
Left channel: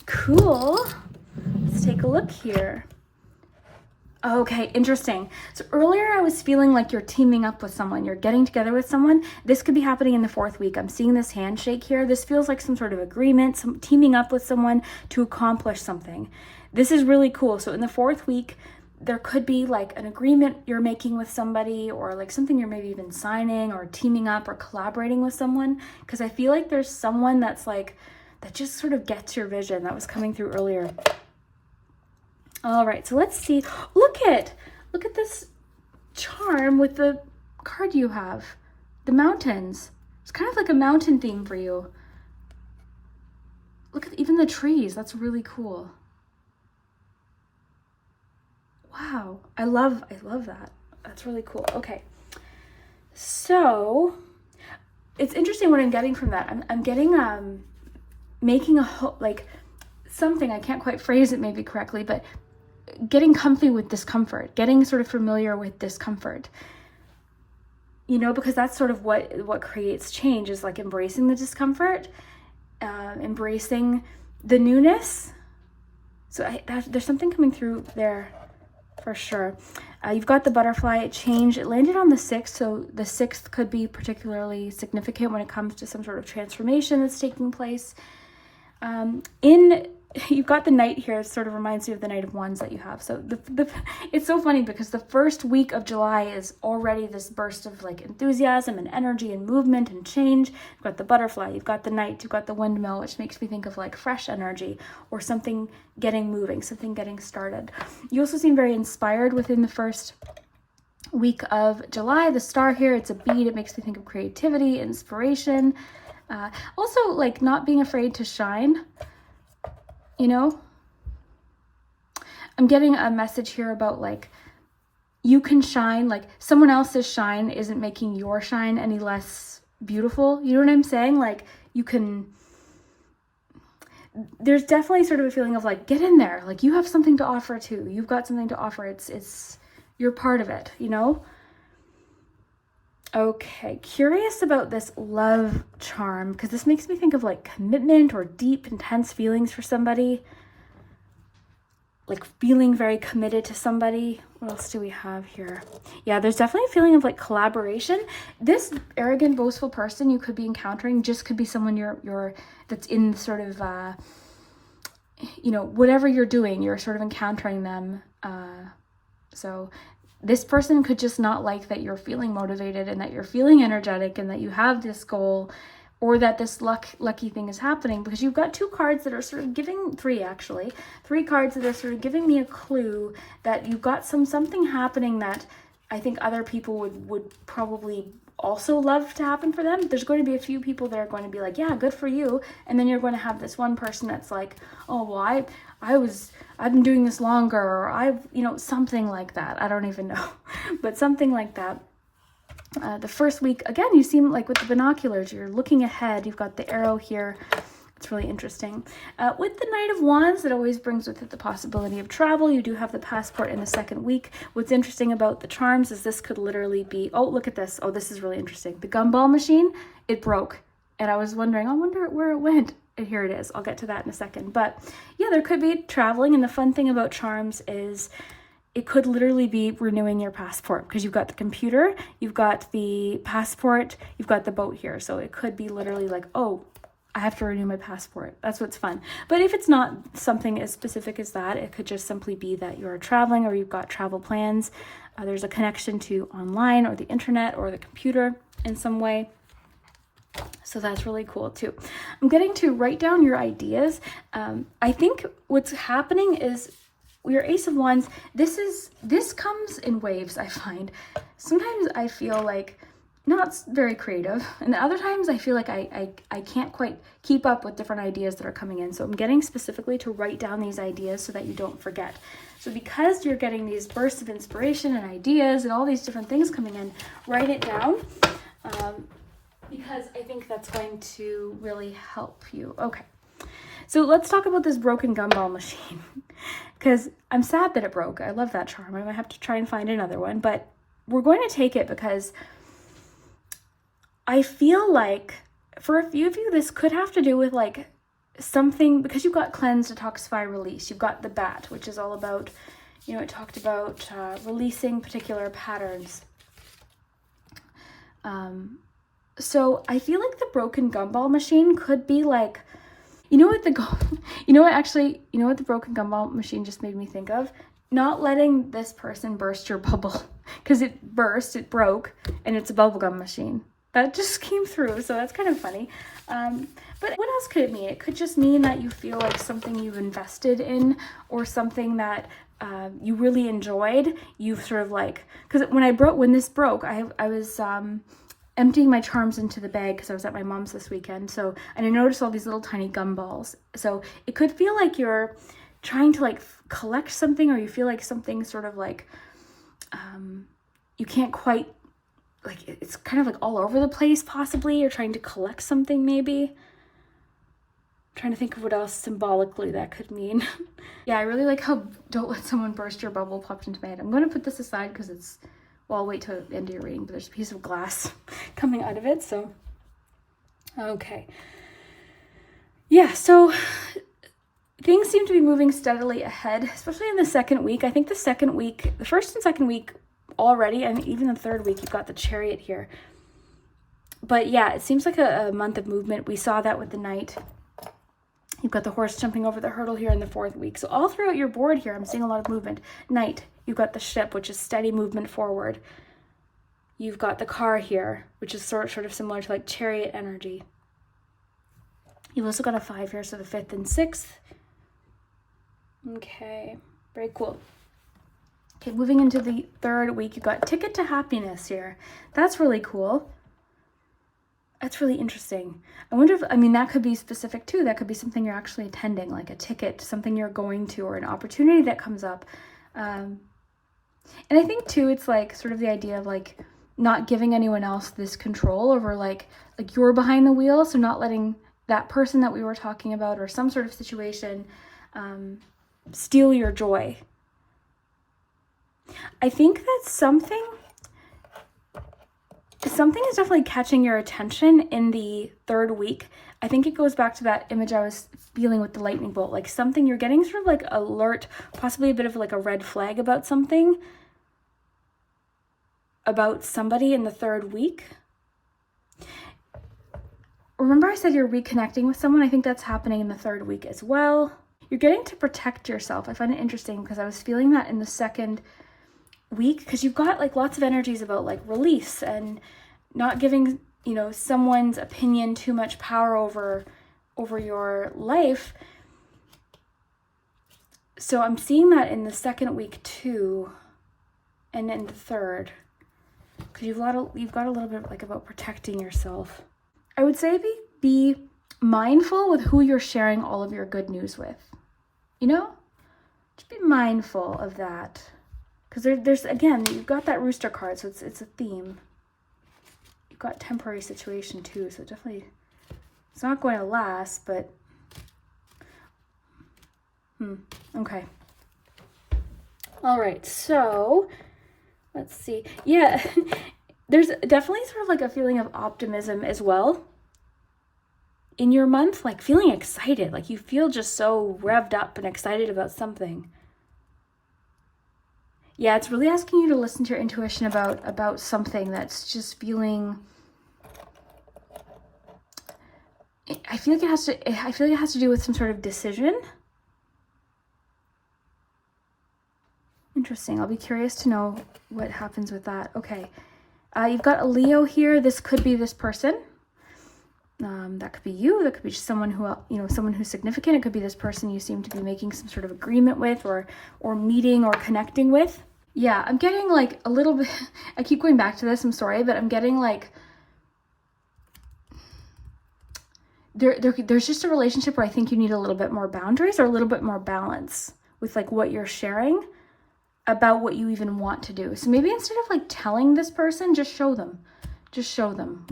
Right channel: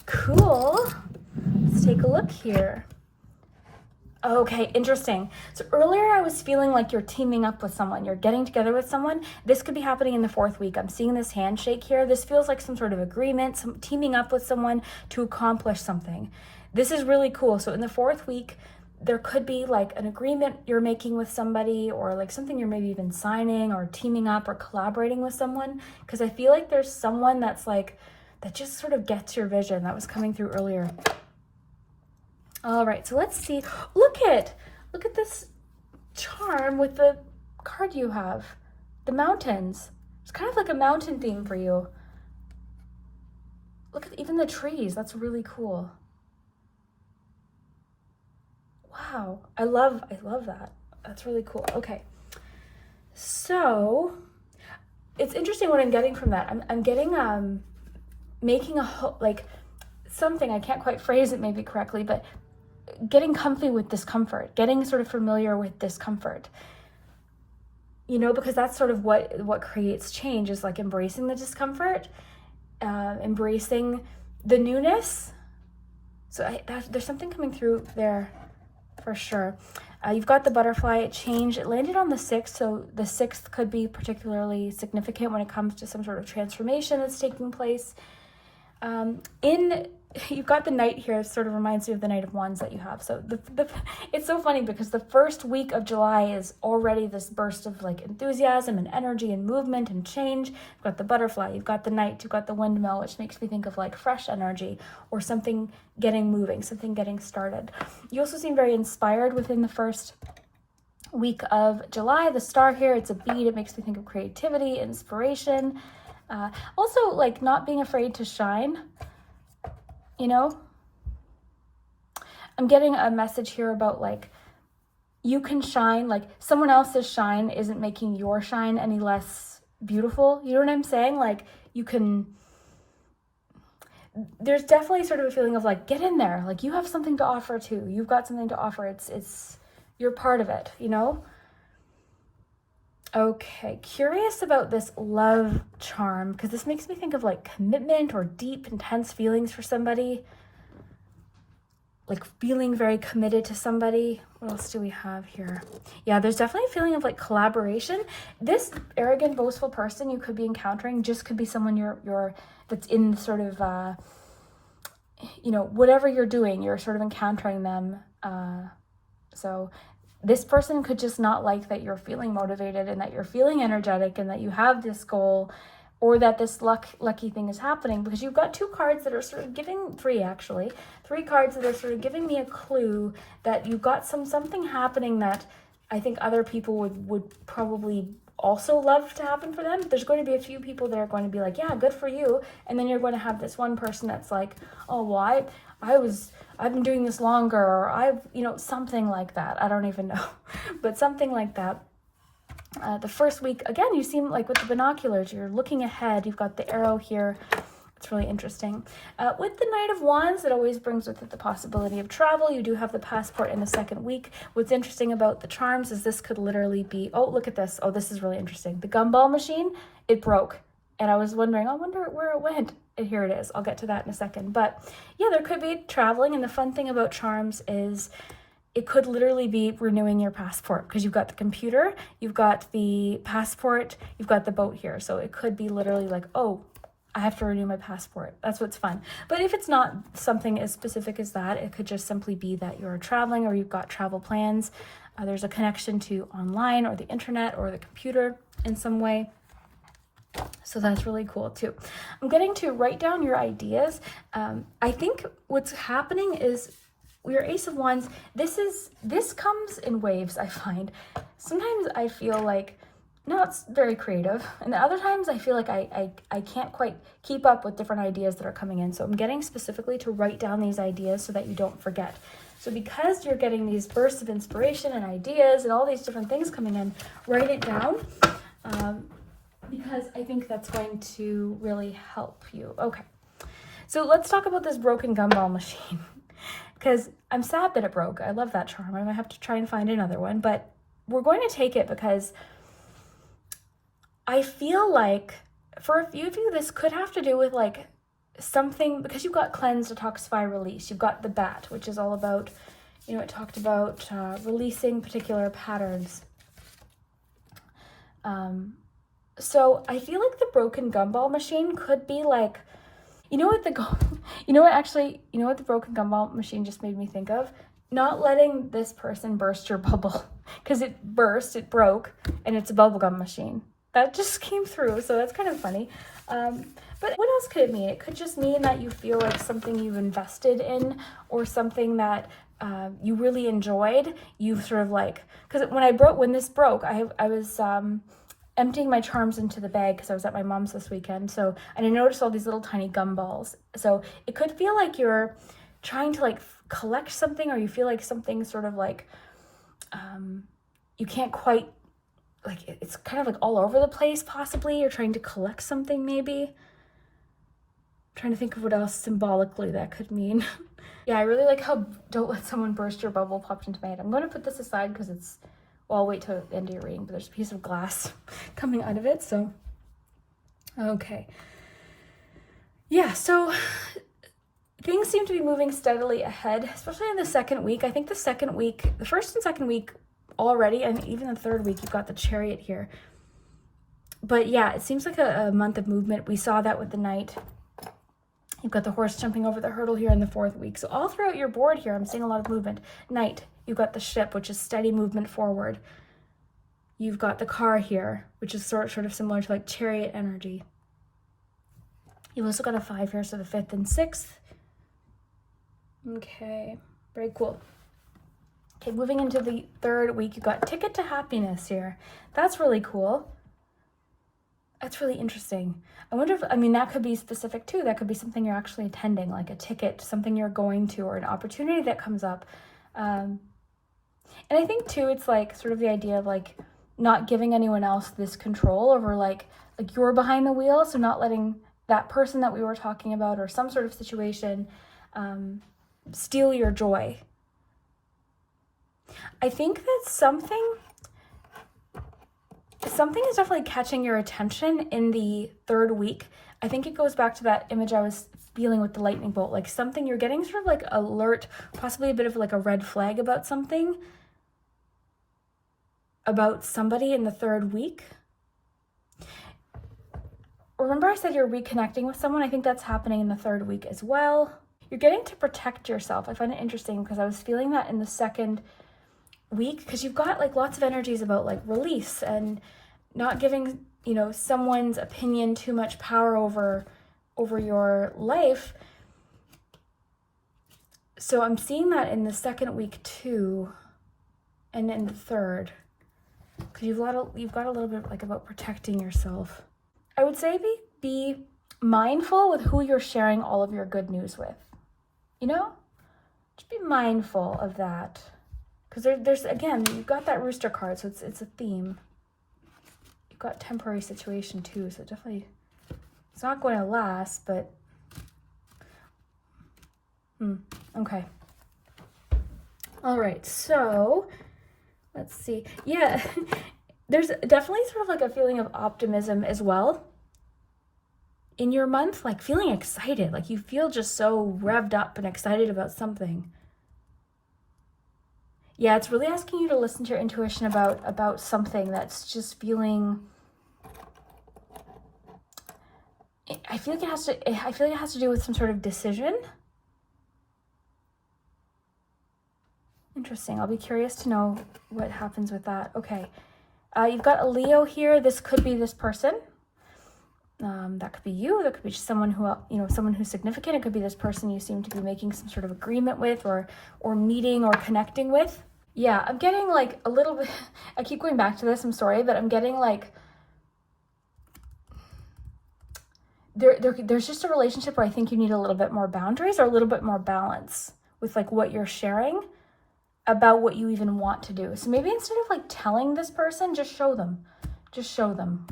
Cool. Let's take a look here. Okay, interesting. So earlier I was feeling like you're teaming up with someone, you're getting together with someone. This could be happening in the 4th week. I'm seeing this handshake here. This feels like some sort of agreement, some teaming up with someone to accomplish something. This is really cool. So in the 4th week, there could be like an agreement you're making with somebody, or like something you're maybe even signing or teaming up or collaborating with someone. Because I feel like there's someone that's like, that just sort of gets your vision that was coming through earlier. All right, so let's see. Look at this charm with the card you have, the mountains. It's kind of like a mountain theme for you. Look at even the trees. That's really cool. Wow, I love that. That's really cool. Okay, so it's interesting what I'm getting from that. I'm getting making like something, I can't quite phrase it maybe correctly, but getting comfy with discomfort, getting sort of familiar with discomfort, you know, because that's sort of what creates change, is like embracing the discomfort, embracing the newness. So there's something coming through there for sure. You've got the butterfly change. It landed on the 6th, so the 6th could be particularly significant when it comes to some sort of transformation that's taking place. You've got the Knight here. It sort of reminds you of the Knight of Wands that you have. So it's so funny because the 1st week of July is already this burst of like enthusiasm and energy and movement and change. You've got the butterfly, you've got the Knight, you've got the windmill, which makes me think of like fresh energy or something getting moving, something getting started. You also seem very inspired within the 1st week of July. The star here, it's a bead. It makes me think of creativity, inspiration. Also like not being afraid to shine. You know, I'm getting a message here about like, you can shine, like someone else's shine isn't making your shine any less beautiful. You know what I'm saying? Like you can, there's definitely sort of a feeling of like, get in there. Like you have something to offer too. You've got something to offer. It's you're part of it, you know? Okay, curious about this love charm, because this makes me think of like commitment or deep, intense feelings for somebody. Like feeling very committed to somebody. What else do we have here? Yeah, there's definitely a feeling of like collaboration. This arrogant, boastful person you could be encountering just could be someone you're that's in sort of, you know, whatever you're doing, you're sort of encountering them. So this person could just not like that you're feeling motivated and that you're feeling energetic and that you have this goal, or that this lucky thing is happening, because you've got 2 cards that are sort of giving, 3 cards that are sort of giving me a clue that you've got something happening that I think other people would probably also love to happen for them. There's going to be a few people that are going to be like, yeah, good for you. And then you're going to have this one person that's like, oh, well, I've been doing this longer, or you know, something like that. I don't even know, but something like that. The 1st week, again, you seem like with the binoculars, you're looking ahead. You've got the arrow here. It's that's really interesting. With the Knight of Wands, it always brings with it the possibility of travel. You do have the passport in the second week. What's interesting about the charms is this could literally be, oh, look at this. Oh, this is really interesting. The gumball machine, it broke. And I was wondering, I wonder where it went. And here it is. I'll get to that in a second. But yeah, there could be traveling. And the fun thing about charms is it could literally be renewing your passport, because you've got the computer, you've got the passport, you've got the boat here. So it could be literally like, oh, I have to renew my passport. That's what's fun. But if it's not something as specific as that, it could just simply be that you're traveling or you've got travel plans. There's a connection to online or the internet or the computer in some way. So that's really cool too. I'm getting to write down your ideas. I think what's happening is your Ace of Wands, this comes in waves, I find. Sometimes I feel like not very creative, and other times I feel like I can't quite keep up with different ideas that are coming in. So I'm getting specifically to write down these ideas so that you don't forget. So because you're getting these bursts of inspiration and ideas and all these different things coming in, write it down, because I think that's going to really help you. Okay, so let's talk about this broken gumball machine. Because I'm sad that it broke. I love that charm. I might have to try and find another one, but we're going to take it because I feel like for a few of you, this could have to do with like something, because you've got cleanse, detoxify, release. You've got the bat, which is all about, you know, it talked about releasing particular patterns. So I feel like the broken gumball machine could be like, you know what the broken gumball machine just made me think of? Not letting this person burst your bubble, because it burst, it broke, and it's a bubblegum machine. That just came through, so that's kind of funny. But what else could it mean? It could just mean that you feel like something you've invested in, or something that you really enjoyed. You've sort of like, because when this broke, I was emptying my charms into the bag because I was at my mom's this weekend. So, and I noticed all these little tiny gumballs. So it could feel like you're trying to like collect something, or you feel like something sort of like, you can't quite, like it's kind of like all over the place possibly. You're trying to collect something maybe. I'm trying to think of what else symbolically that could mean. Yeah, I really like how "don't let someone burst your bubble" popped into my head. I'm going to put this aside because it's, well, I'll wait till the end of your reading, but there's a piece of glass coming out of it, so. Okay. Yeah, so things seem to be moving steadily ahead, especially in the second week. I think the first and second week already, and even the third week, you've got the Chariot here. But yeah, it seems like a month of movement. We saw that with the Knight. You've got the horse jumping over the hurdle here in the fourth week. So all throughout your board here, I'm seeing a lot of movement. Knight, you've got the ship, which is steady movement forward. You've got the car here, which is sort of similar to like Chariot energy. You've also got a 5 here, so the 5th and 6th. Okay, very cool. Okay, moving into the third week, you've got Ticket to Happiness here. That's really cool. That's really interesting. I wonder if, that could be specific too. That could be something you're actually attending, like a ticket, something you're going to, or an opportunity that comes up. And I think too, it's like sort of the idea of like not giving anyone else this control over like you're behind the wheel. So not letting that person that we were talking about, or some sort of situation, steal your joy. I think that something is definitely catching your attention in the third week. I think it goes back to that image I was feeling with the lightning bolt, like something you're getting sort of like alert, possibly a bit of like a red flag about something, about somebody in the third week. Remember I said you're reconnecting with someone? I think that's happening in the third week as well. You're getting to protect yourself. I find it interesting because I was feeling that in the second week, because you've got like lots of energies about like release and not giving, someone's opinion too much power over your life. So I'm seeing that in the second week too, and in the third, because you've got a little bit like about protecting yourself. I would say be mindful with who you're sharing all of your good news with. Just be mindful of that. Because there's, again, you've got that rooster card, so it's a theme. You've got temporary situation too, so definitely, it's not going to last, but Okay. All right, so let's see. Yeah, there's definitely sort of like a feeling of optimism as well in your month, like feeling excited, like you feel just so revved up and excited about something. Yeah, it's really asking you to listen to your intuition about something that's just feeling. I feel like it has to do with some sort of decision. Interesting. I'll be curious to know what happens with that. Okay. You've got a Leo here. This could be this person. That could be you. That could be someone who, someone who's significant. It could be this person you seem to be making some sort of agreement with or meeting or connecting with. Yeah, I'm getting like a little bit, I keep going back to this, I'm sorry, but I'm getting like, there's just a relationship where I think you need a little bit more boundaries or a little bit more balance with like what you're sharing about what you even want to do. So maybe instead of like telling this person, just show them,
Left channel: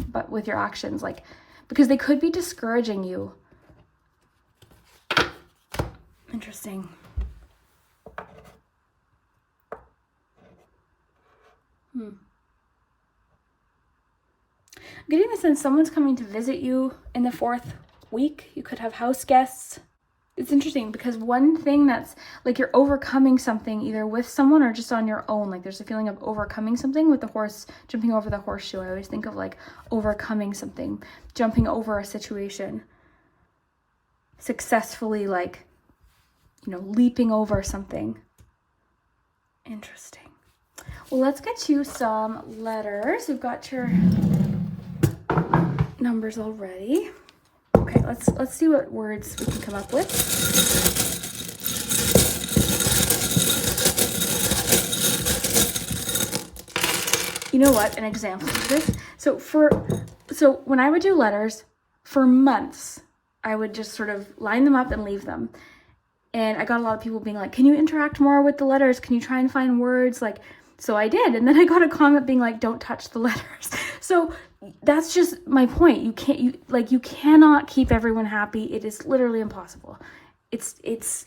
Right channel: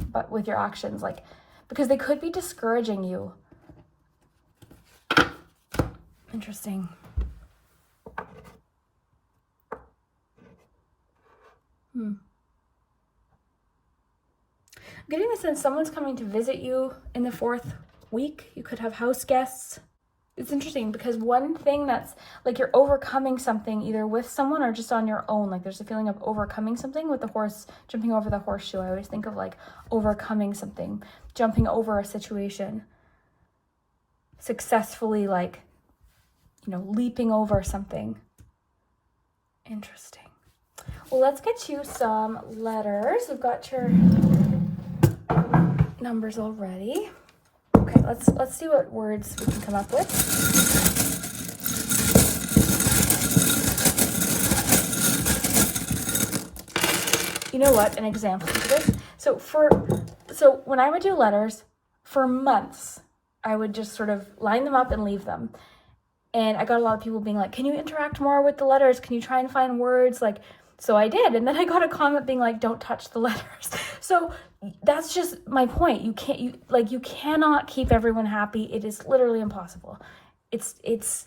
but with your actions, like, because they could be discouraging you. Interesting. I'm getting the sense someone's coming to visit you in the 4th week. You could have house guests. It's interesting because one thing that's like you're overcoming something either with someone or just on your own. Like there's a feeling of overcoming something with the horse, jumping over the horseshoe. I always think of like overcoming something, jumping over a situation, successfully, like, leaping over something. Interesting. Well, let's get you some letters. We've got your numbers already. Okay, let's see what words we can come up with. You know what? An example of this. So when I would do letters for months, I would just sort of line them up and leave them. And I got a lot of people being like, "Can you interact more with the letters? Can you try and find words?" Like, so I did. And then I got a comment being like, "Don't touch the letters." So that's just my point. You cannot keep everyone happy. It is literally impossible.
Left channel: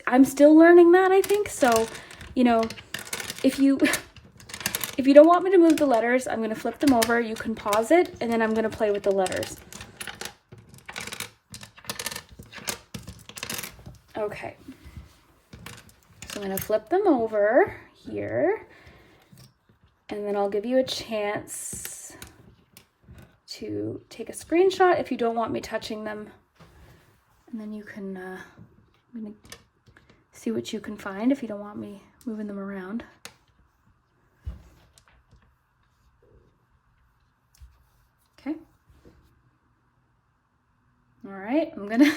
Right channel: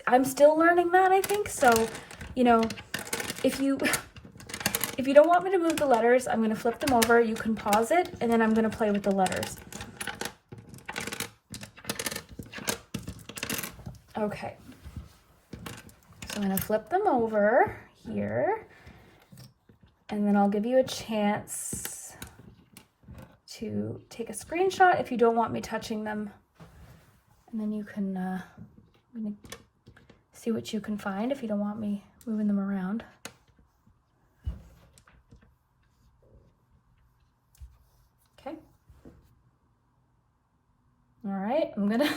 I'm still learning that, I think. So, if you don't want me to move the letters, I'm going to flip them over. You can pause it, and then I'm going to play with the letters. Okay. So I'm going to flip them over here, and then I'll give you a chance to take a screenshot if you don't want me touching them, and then you can I'm gonna see what you can find if you don't want me moving them around. Okay. All right, I'm gonna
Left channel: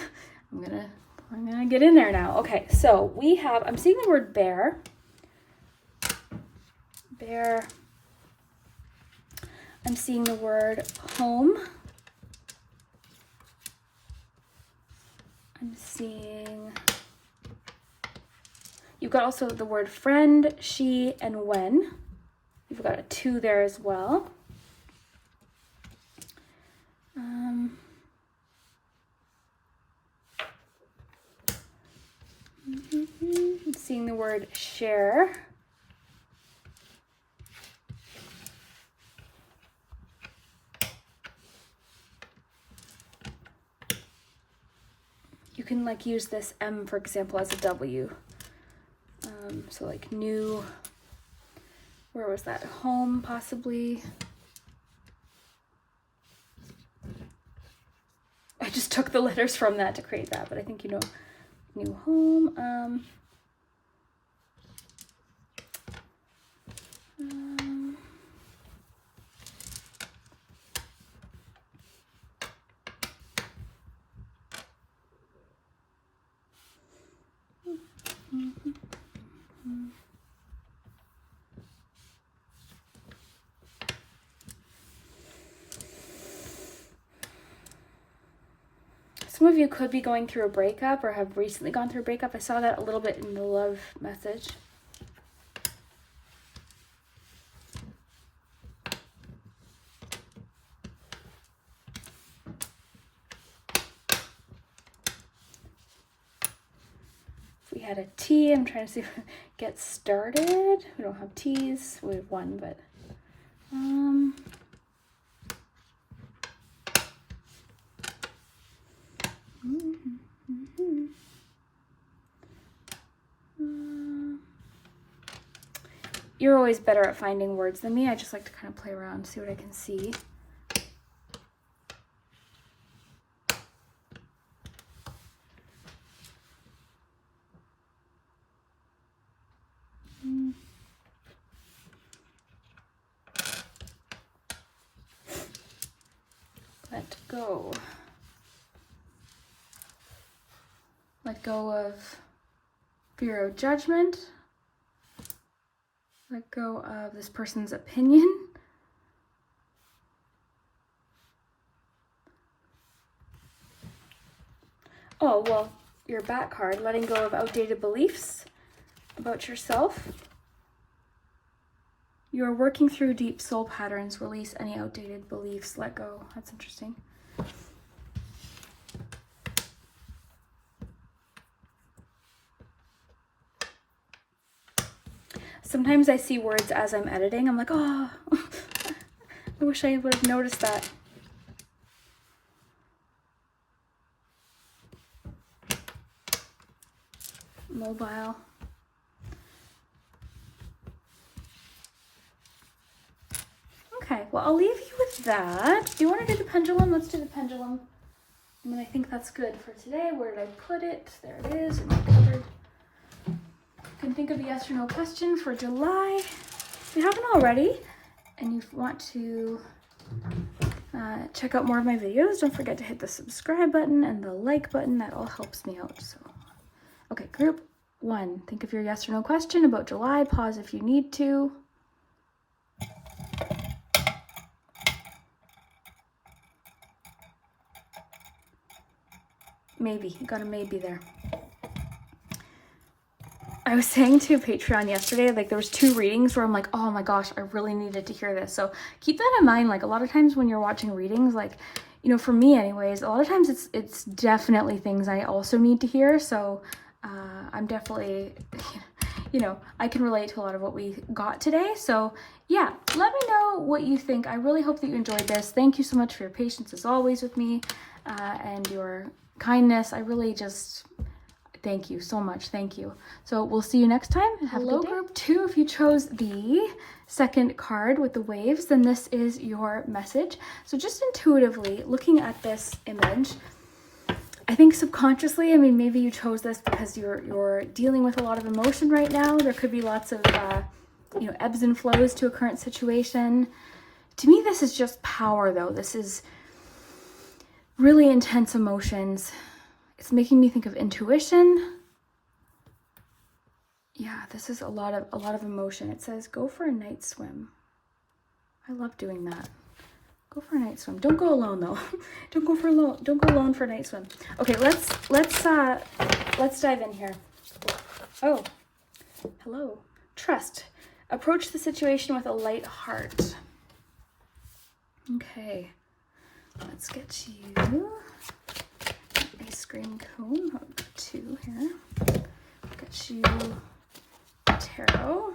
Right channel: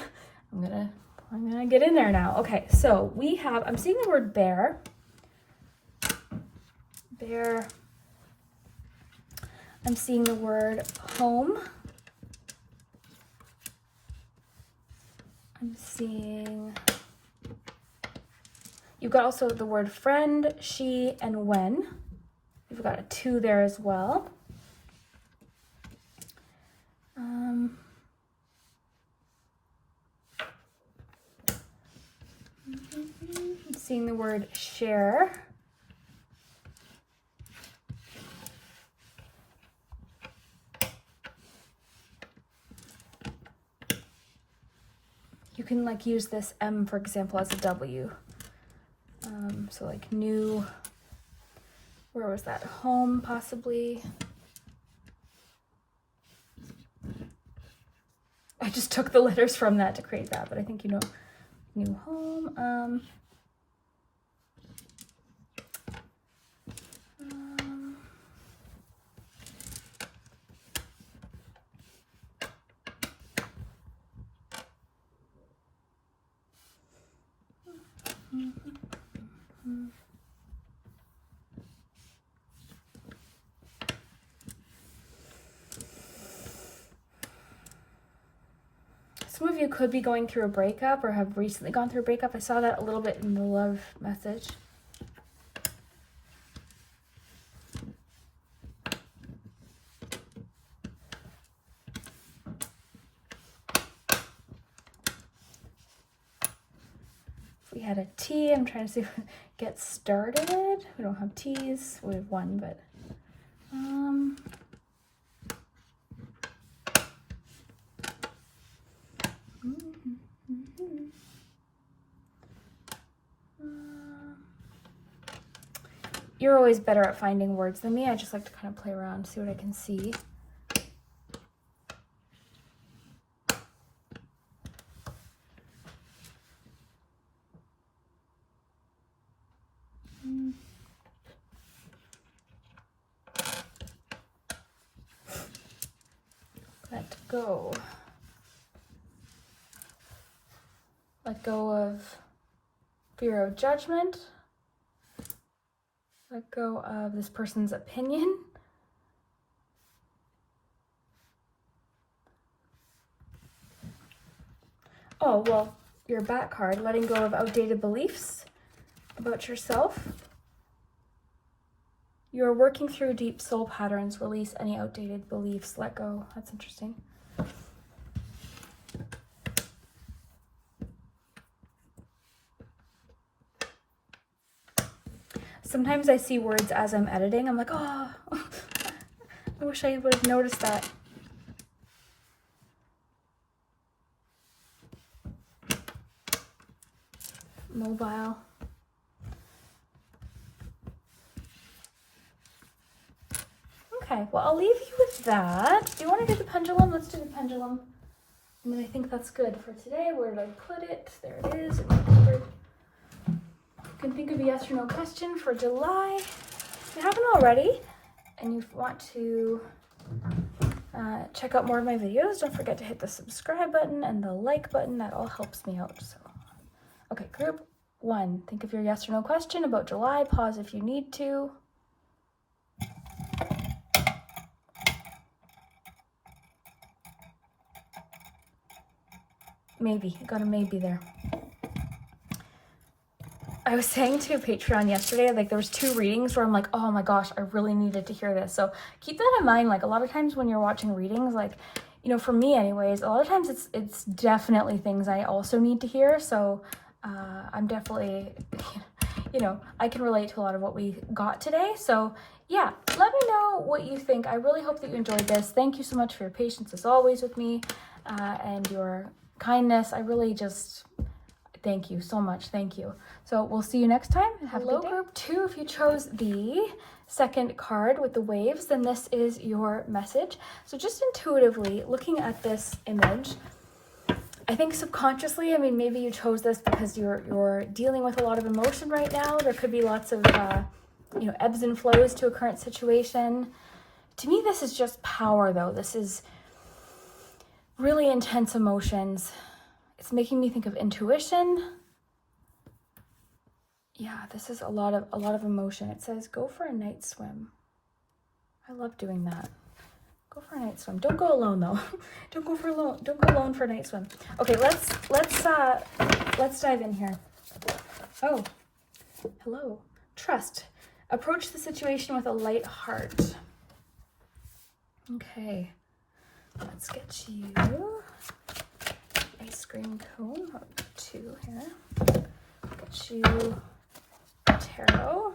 get in there now. Okay, so I'm seeing the word bear. Bear. I'm seeing the word home. I'm seeing, you've got also the word friend, she, and when. You've got a 2 there as well. I'm seeing the word share. You can like use this M, for example, as a W. So like new, where was that? Home, possibly. I just took the letters from that to create that, but I think new home. Some of you could be going through a breakup or have recently gone through a breakup. I saw that a little bit in the love message. We had a T. I'm trying to see if it gets started. We don't have T's. We have one, but you're always better at finding words than me. I just like to kind of play around, see what I can see. Let go. Let go of fear of judgment. Let go of this person's opinion. Oh, well, your back card, letting go of outdated beliefs about yourself. You're working through deep soul patterns. Release any outdated beliefs. Let go. That's interesting. Sometimes I see words as I'm editing. I'm like, oh, I wish I would have noticed that. Mobile. Okay, well, I'll leave you with that. Do you want to do the pendulum? Let's do the pendulum. And then I think that's good for today. Where did I put it? There it is. You can think of a yes or no question for July. If you haven't already, and you want to check out more of my videos, don't forget to hit the subscribe button and the like button. That all helps me out. So, okay, group 1. Think of your yes or no question about July. Pause if you need to. Maybe. You got a maybe there. I was saying to Patreon yesterday, like there was 2 readings where I'm like, oh my gosh, I really needed to hear this. So keep that in mind. Like a lot of times when you're watching readings, like, you know, for me anyways, a lot of times it's definitely things I also need to hear. So I'm definitely, you know, I can relate to a lot of what we got today. So yeah, let me know what you think. I really hope that you enjoyed this. Thank you so much for your patience as always with me and your kindness. I really just... thank you so much. Thank you. So we'll see you next time. Have a good day. Group 2, if you chose the second card with the waves, then this is your message. So just intuitively looking at this image, I think subconsciously, I mean, maybe you chose this because you're dealing with a lot of emotion right now. There could be lots of, you know, ebbs and flows to a current situation. To me, this is just power though. This is really intense emotions. It's making me think of intuition. Yeah, this is a lot of emotion. It says go for a night swim. I love doing that. Go for a night swim. Don't go alone though. Don't go alone for a night swim. Okay, let's dive in here. Oh, hello. Trust. Approach the situation with a light heart. Okay. Let's get you ice cream cone. 2 here. Get you tarot.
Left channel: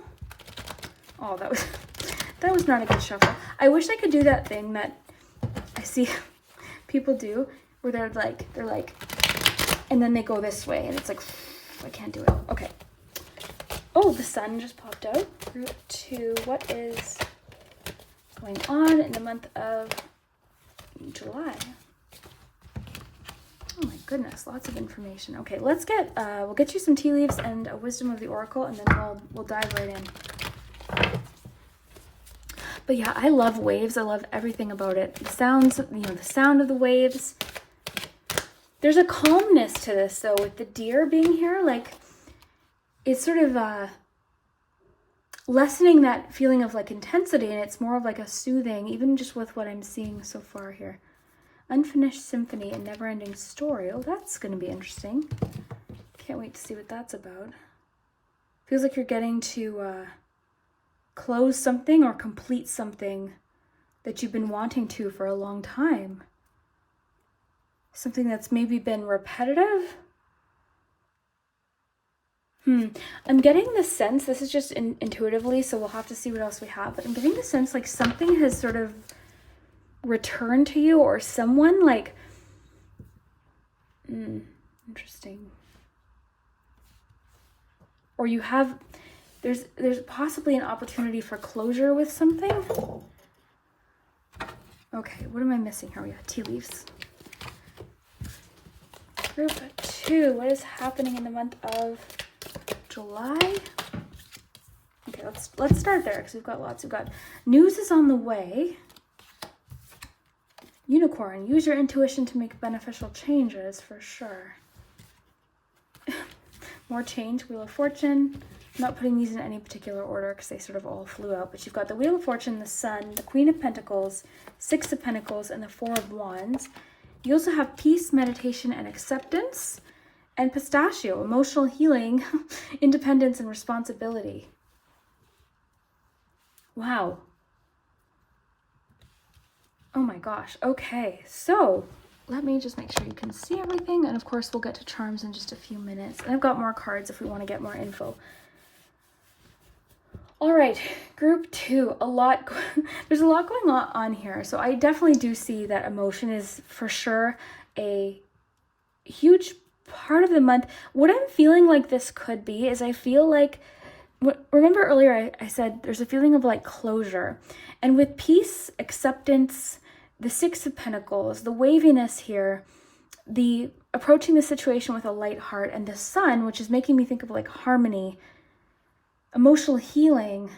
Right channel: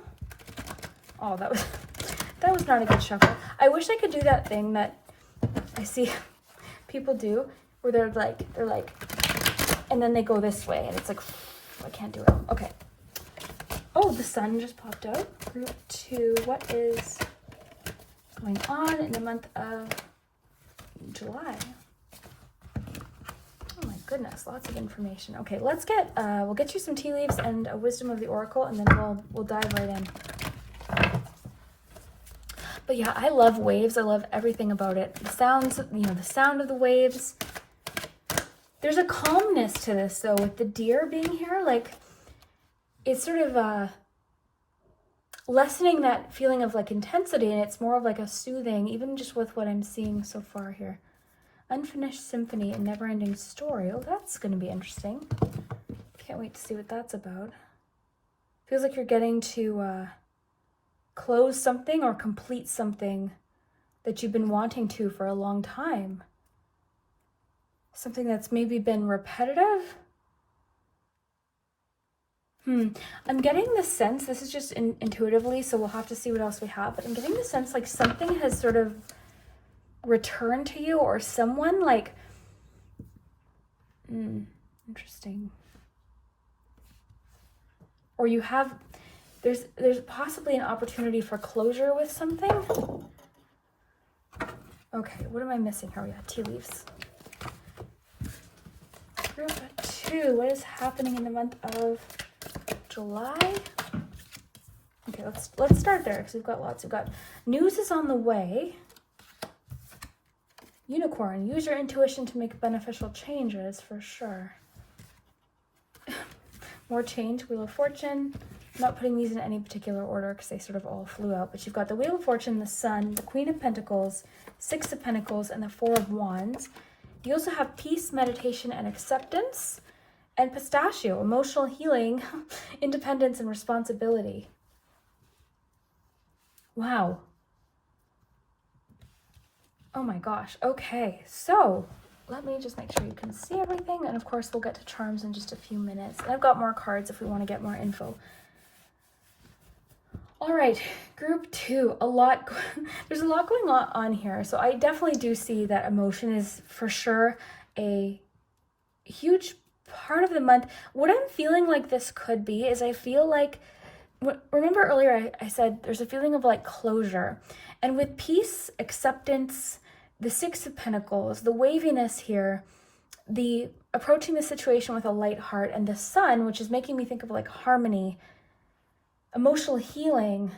Oh, that was not a good shuffle. I wish I could do that thing that I see people do where they're like, and then they go this way and it's like, I can't do it. Okay. Oh, the sun just popped out. Group 2, what is going on in the month of July? Oh my goodness, lots of information. Okay, let's get, we'll get you some tea leaves and a wisdom of the oracle, and then we'll dive right in. But yeah, I love waves. I love everything about it. The sounds, you know, the sound of the waves. There's a calmness to this though, with the deer being here. Like, it's sort of lessening that feeling of like intensity, and it's more of like a soothing, even just with what I'm seeing so far here. Unfinished symphony and never-ending story. Oh, that's going to be interesting. Can't wait to see what that's about. Feels like you're getting to close something or complete something that you've been wanting to for a long time. Something that's maybe been repetitive. I'm getting the sense, this is just intuitively, so we'll have to see what else we have, but I'm getting the sense like something has sort of returned to you, or someone like, interesting. Or you have, there's possibly an opportunity for closure with something. Okay, what am I missing here? We got tea leaves. Group 2, what is happening in the month of July? Okay, let's start there because we've got lots. We've got news is on the way. Unicorn, use your intuition to make beneficial changes, for sure. More change, Wheel of Fortune. I'm not putting these in any particular order because they sort of all flew out, but you've got the Wheel of Fortune, the Sun, the Queen of Pentacles, Six of Pentacles, and the Four of Wands. You also have peace, meditation, and acceptance, and pistachio, emotional healing, independence, and responsibility. Wow. Oh my gosh. Okay, so let me just make sure you can see everything, and of course we'll get to charms in just a few minutes. And I've got more cards if we want to get more info. All right, group 2, there's a lot going on here. So I definitely do see that emotion is for sure a huge part of the month. What I'm feeling like this could be is I feel like, remember earlier I said there's a feeling of like closure. And with peace, acceptance, the Six of Pentacles, the waviness here, the approaching the situation with a light heart, and the Sun, which is making me think of like harmony, emotional healing,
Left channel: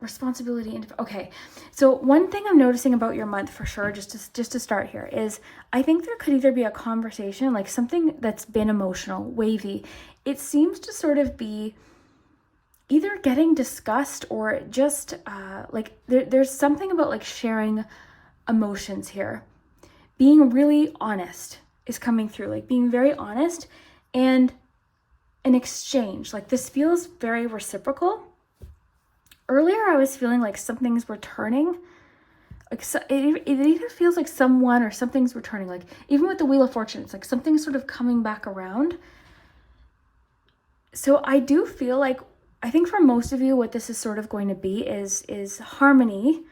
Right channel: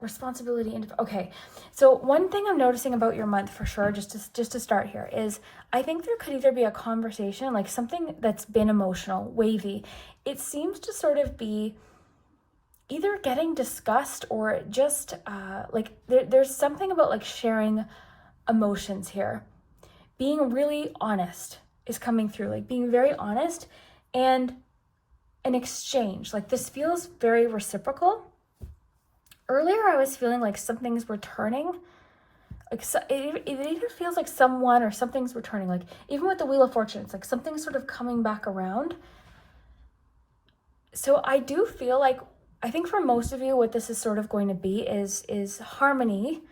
responsibility. Okay, so one thing I'm noticing about your month for sure, just to start here, is I think there could either be a conversation, like something that's been emotional, wavy. It seems to sort of be either getting discussed or just like there's something about like sharing emotions here. Being really honest is coming through, like being very honest and an exchange. Like this feels very reciprocal. Earlier I was feeling like something's returning. Like it even feels like someone or something's returning. Like even with the Wheel of Fortune, it's like something's sort of coming back around. So I do feel like, I think for most of you what this is sort of going to be is harmony,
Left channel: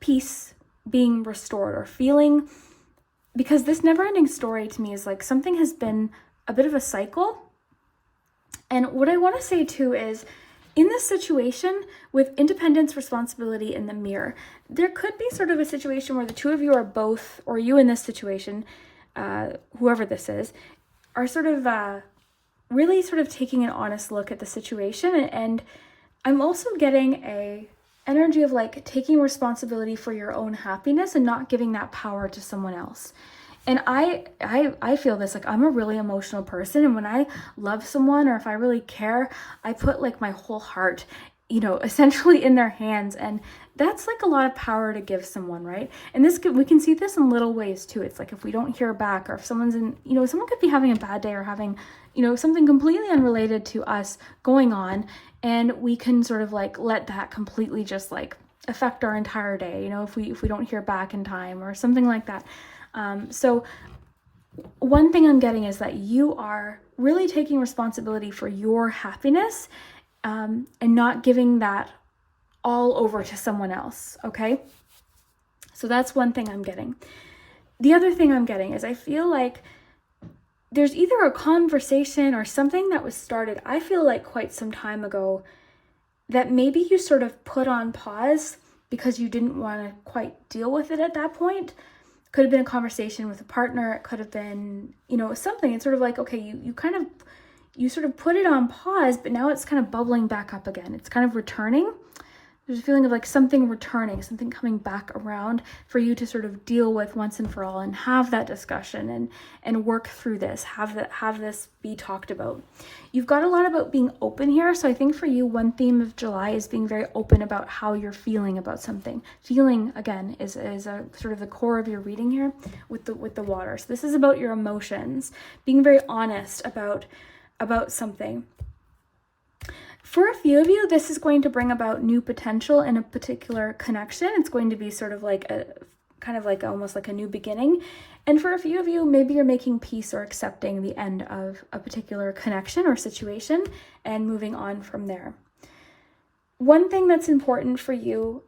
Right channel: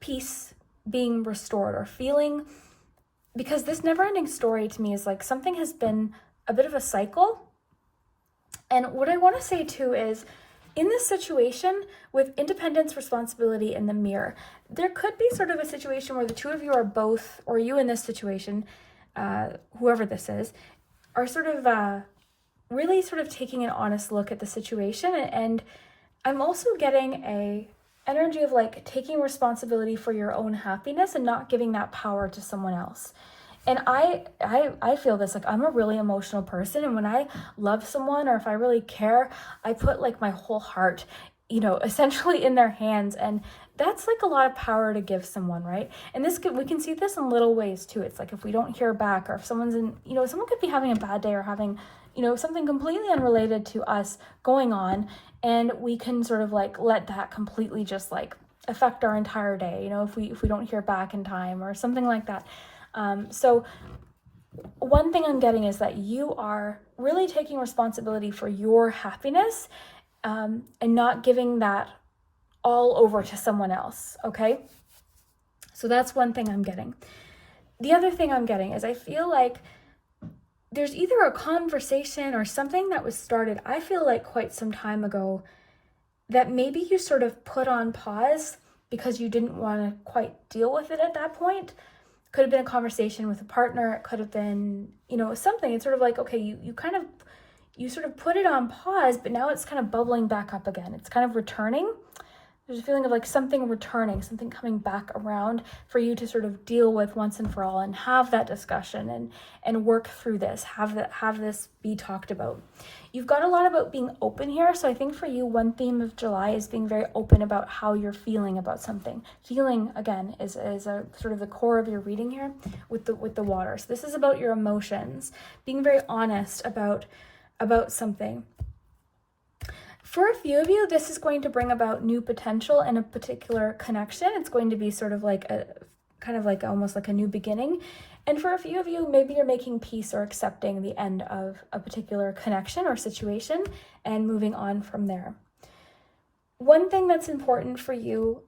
peace being restored, or feeling, because this never-ending story to me is like something has been a bit of a cycle. And what I want to say too is, in this situation with independence, responsibility, and the Mirror, there could be sort of a situation where the two of you are both, or you in this situation, whoever this is, are sort of really sort of taking an honest look at the situation. And I'm also getting a energy of like taking responsibility for your own happiness and not giving that power to someone else. And I feel this, like I'm a really emotional person, and when I love someone or if I really care, I put like my whole heart, essentially in their hands, and that's like a lot of power to give someone, right? And we can see this in little ways too. It's like if we don't hear back, or if someone's someone could be having a bad day or having, something completely unrelated to us going on, and we can sort of like let that completely just like affect our entire day, if we don't hear back in time or something like that. So one thing I'm getting is that you are really taking responsibility for your happiness, and not giving that all over to someone else, okay? So that's one thing I'm getting. The other thing I'm getting is I feel like there's either a conversation or something that was started, I feel like quite some time ago, that maybe you sort of put on pause because you didn't want to quite deal with it at that point. Could have been a conversation with a partner. It could have been, something. It's sort of like, okay, you sort of put it on pause, but now it's kind of bubbling back up again. It's kind of returning. There's a feeling of like something returning, something coming back around for you to sort of deal with once and for all, and have that discussion and work through this, have this be talked about. You've got a lot about being open here. So I think for you, one theme of July is being very open about how you're feeling about something. Feeling, again, is a sort of the core of your reading here with the water. So this is about your emotions, being very honest about something. For a few of you, this is going to bring about new potential in a particular connection. It's going to be sort of like a kind of like almost like a new beginning. And for a few of you, maybe you're making peace or accepting the end of a particular connection or situation and moving on from there. One thing that's important for you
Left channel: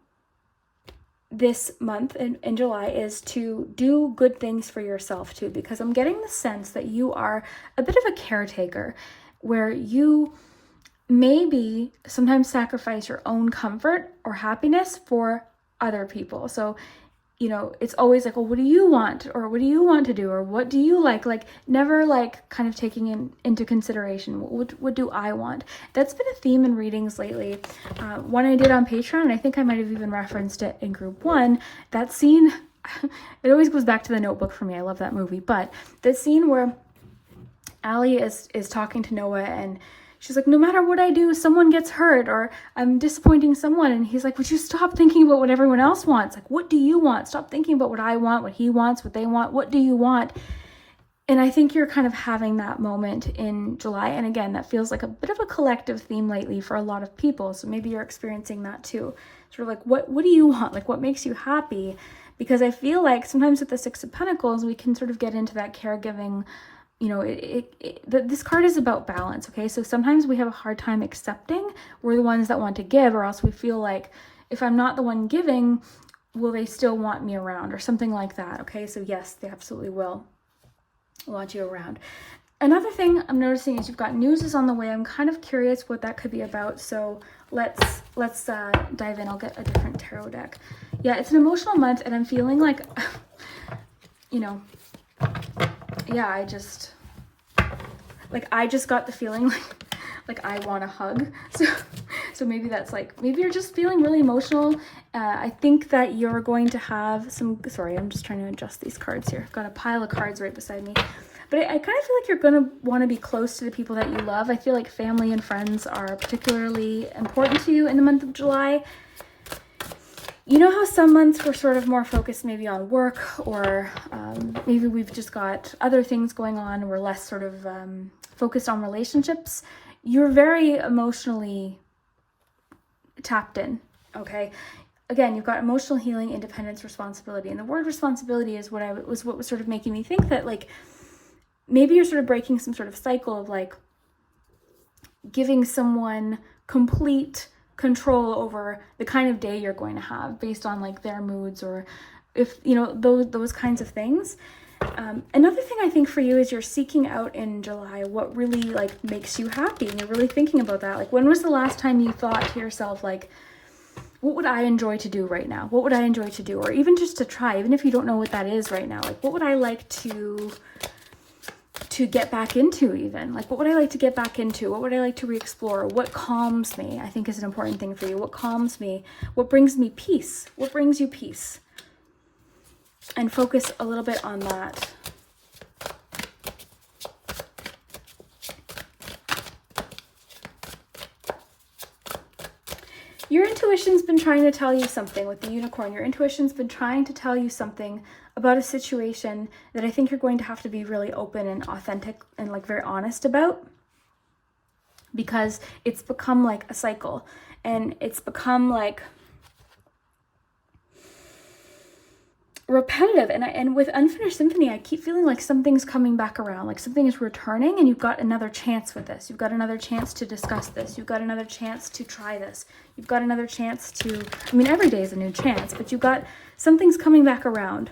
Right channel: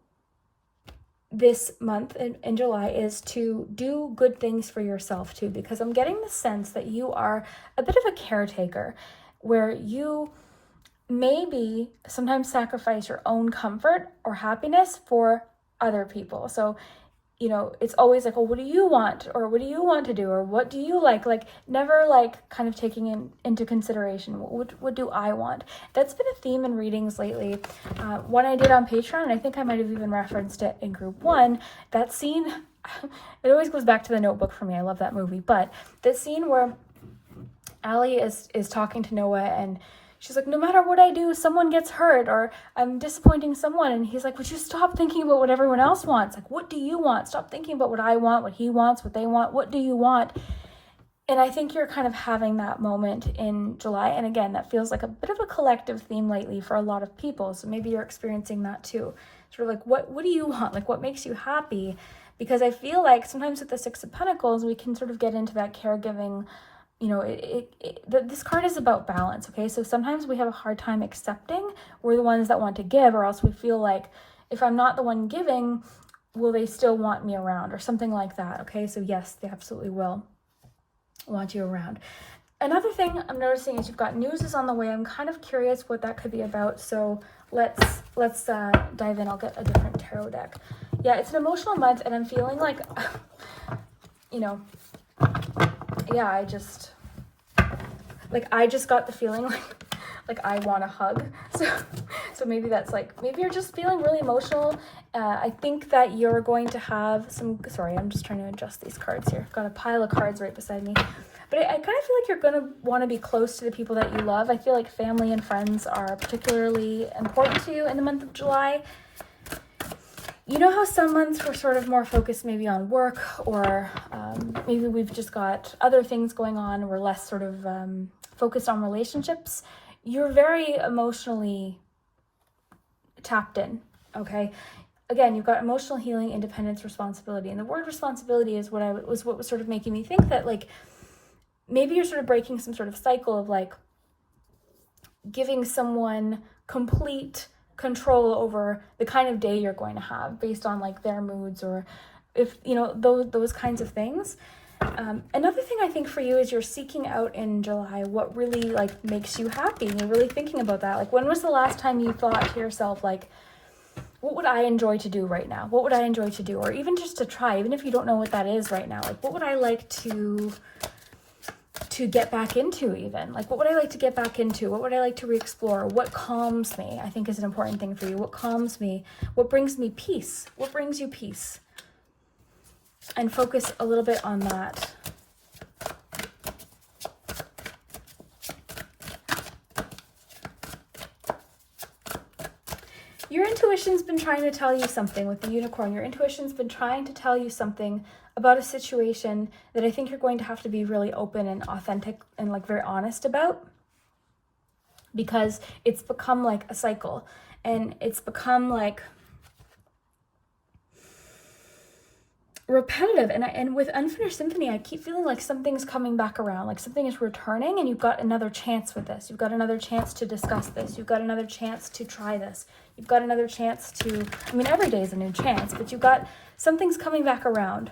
this month in July is to do good things for yourself too, because I'm getting the sense that you are a bit of a caretaker where you maybe sometimes sacrifice your own comfort or happiness for other people. So, you know, it's always like, well, what do you want? Or what do you want to do? Or what do you like? Like never like kind of taking into consideration, what do I want? That's been a theme in readings lately. One I did on Patreon, I think I might have even referenced it in group 1, that scene, it always goes back to The Notebook for me. I love that movie. But the scene where Allie is talking to Noah and she's like, no matter what I do, someone gets hurt or I'm disappointing someone. And he's like, would you stop thinking about what everyone else wants? Like, what do you want? Stop thinking about what I want, what he wants, what they want. What do you want? And I think you're kind of having that moment in July. And again, that feels like a bit of a collective theme lately for a lot of people. So maybe you're experiencing that too. Sort of like, what do you want? Like, what makes you happy? Because I feel like sometimes with the Six of Pentacles, we can sort of get into that caregiving. You know, this card is about balance, okay? So sometimes we have a hard time accepting we're the ones that want to give, or else we feel like if I'm not the one giving, will they still want me around or something like that, okay? So yes, they absolutely will want you around. Another thing I'm noticing is you've got news is on the way. I'm kind of curious what that could be about, so let's dive in. I'll get a different tarot deck. Yeah, it's an emotional month, and I'm feeling like, you know, yeah, I just got the feeling like I want a hug. So maybe that's like, maybe you're just feeling really emotional. I think that you're going to have sorry, I'm just trying to adjust these cards here. I've got a pile of cards right beside me. But I kind of feel like you're going to want to be close to the people that you love. I feel like family and friends are particularly important to you in the month of July. You know how some months we're sort of more focused maybe on work, or maybe we've just got other things going on. We're less sort of focused on relationships. You're very emotionally tapped in, okay? Again, you've got emotional healing, independence, responsibility. And the word responsibility is what was sort of making me think that like maybe you're sort of breaking some sort of cycle of like giving someone complete control over the kind of day you're going to have based on like their moods, or if you know those kinds of things. Another thing I think for you is you're seeking out in July what really like makes you happy. You're really thinking about that. Like, when was the last time you thought to yourself like, what would I enjoy to do right now? What would I enjoy to do? Or even just to try, even if you don't know what that is right now, like what would I like to get back into? Even like, what would I like to get back into? What would I like to re-explore? What calms me, I think, is an important thing for you. What calms me? What brings me peace? What brings you peace? And focus a little bit on that. Your intuition's been trying to tell you something with the unicorn. Your intuition's been trying to tell you something about a situation that I think you're going to have to be really open and authentic and like very honest about, because it's become like a cycle, and it's become like repetitive. And with Unfinished Symphony, I keep feeling like something's coming back around, like something is returning, and you've got another chance with this. You've got another chance to discuss this. You've got another chance to try this. You've got another chance to, I mean, every day is a new chance, but you've got something's coming back around.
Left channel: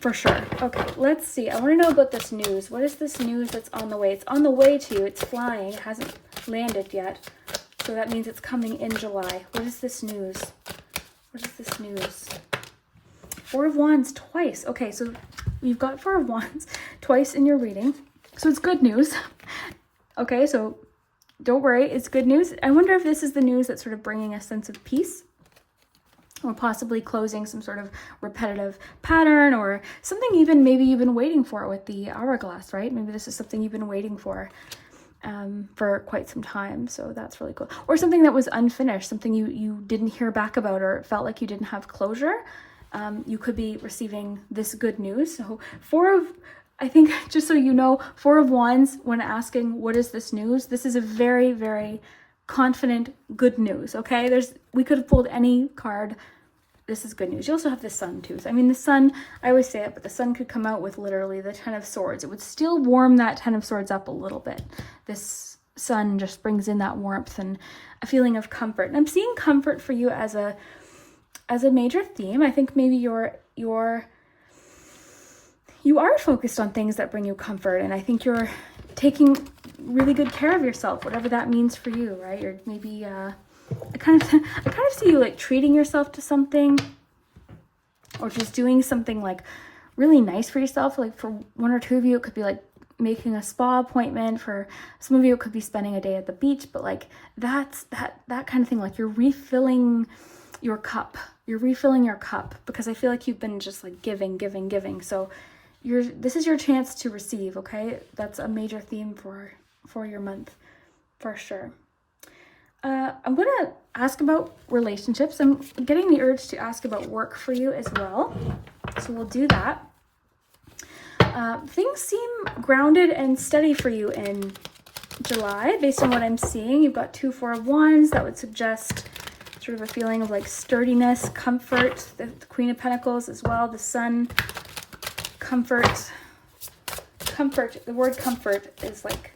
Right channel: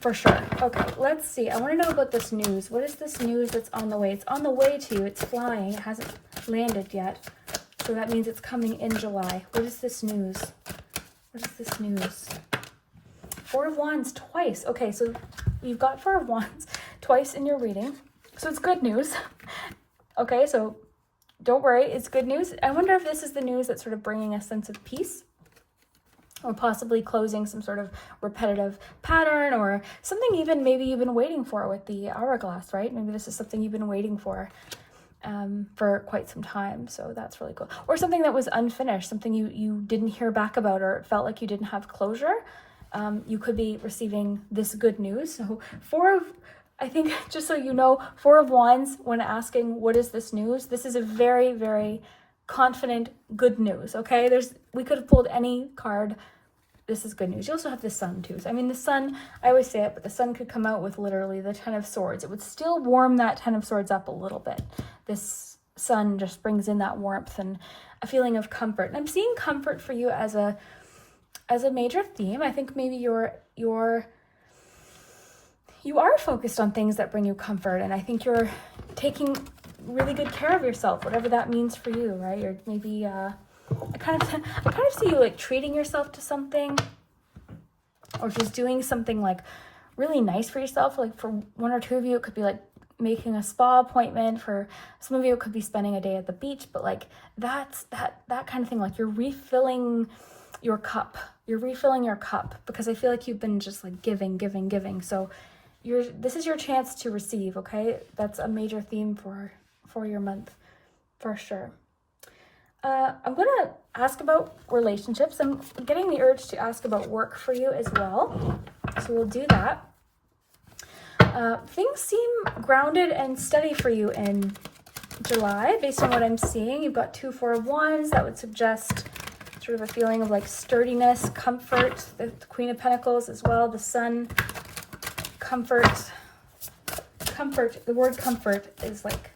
For sure. Okay, let's see. I want to know about this news. What is this news that's on the way? It's on the way to you. It's flying. It hasn't landed yet. So that means it's coming in July. What is this news? What is this news? Four of Wands twice. Okay, so you've got Four of Wands twice in your reading. So it's good news. Okay, so don't worry. It's good news. I wonder if this is the news that's sort of bringing a sense of peace, or possibly closing some sort of repetitive pattern, or something even maybe you've been waiting for with the hourglass, right? Maybe this is something you've been waiting for quite some time. So that's really cool. Or something that was unfinished, something you didn't hear back about, or it felt like you didn't have closure. You could be receiving this good news. So I think, just so you know, Four of Wands, when asking what is this news, this is a very, very confident good news, okay? We could have pulled any card this is good news. You also have the sun too. So, I mean, the sun, I always say it, but the sun could come out with literally the 10 of swords. It would still warm that 10 of swords up a little bit. This sun just brings in that warmth and a feeling of comfort. And I'm seeing comfort for you as a major theme. I think maybe you are focused on things that bring you comfort, and I think you're taking really good care of yourself, whatever that means for you, right? Or maybe I kind of see you like treating yourself to something, or just doing something like really nice for yourself. Like for one or two of you, it could be like making a spa appointment. For some of you, it could be spending a day at the beach. But like that kind of thing. Like you're refilling your cup. You're refilling your cup, because I feel like you've been just like giving. So this is your chance to receive. Okay, that's a major theme for your month, for sure. I'm going to ask about relationships. I'm getting the urge to ask about work for you as well. So we'll do that. Things seem grounded and steady for you in July, based on what I'm seeing. You've got 2 4 of Wands. That would suggest sort of a feeling of like sturdiness, comfort. The Queen of Pentacles as well. The Sun, comfort. The word comfort is like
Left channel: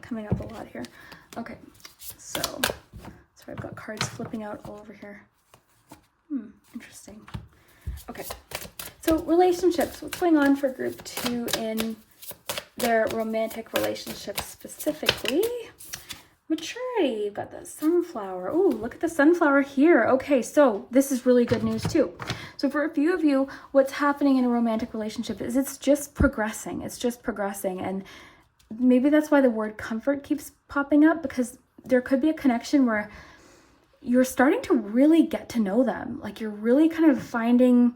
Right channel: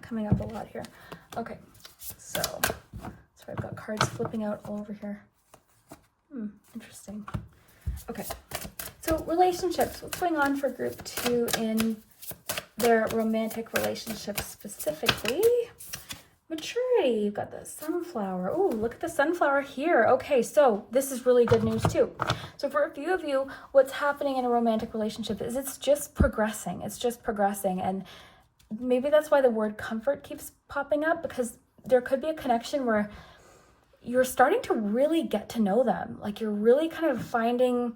coming up a lot here. Okay. So I've got cards flipping out all over here. Interesting. Okay, so relationships. What's going on for group 2 in their romantic relationships specifically? Maturity. You've got the sunflower. Oh, look at the sunflower here. Okay, so this is really good news too. So for a few of you, what's happening in a romantic relationship is it's just progressing. And maybe that's why the word comfort keeps popping up, because there could be a connection where you're starting to really get to know them. Like you're really kind of finding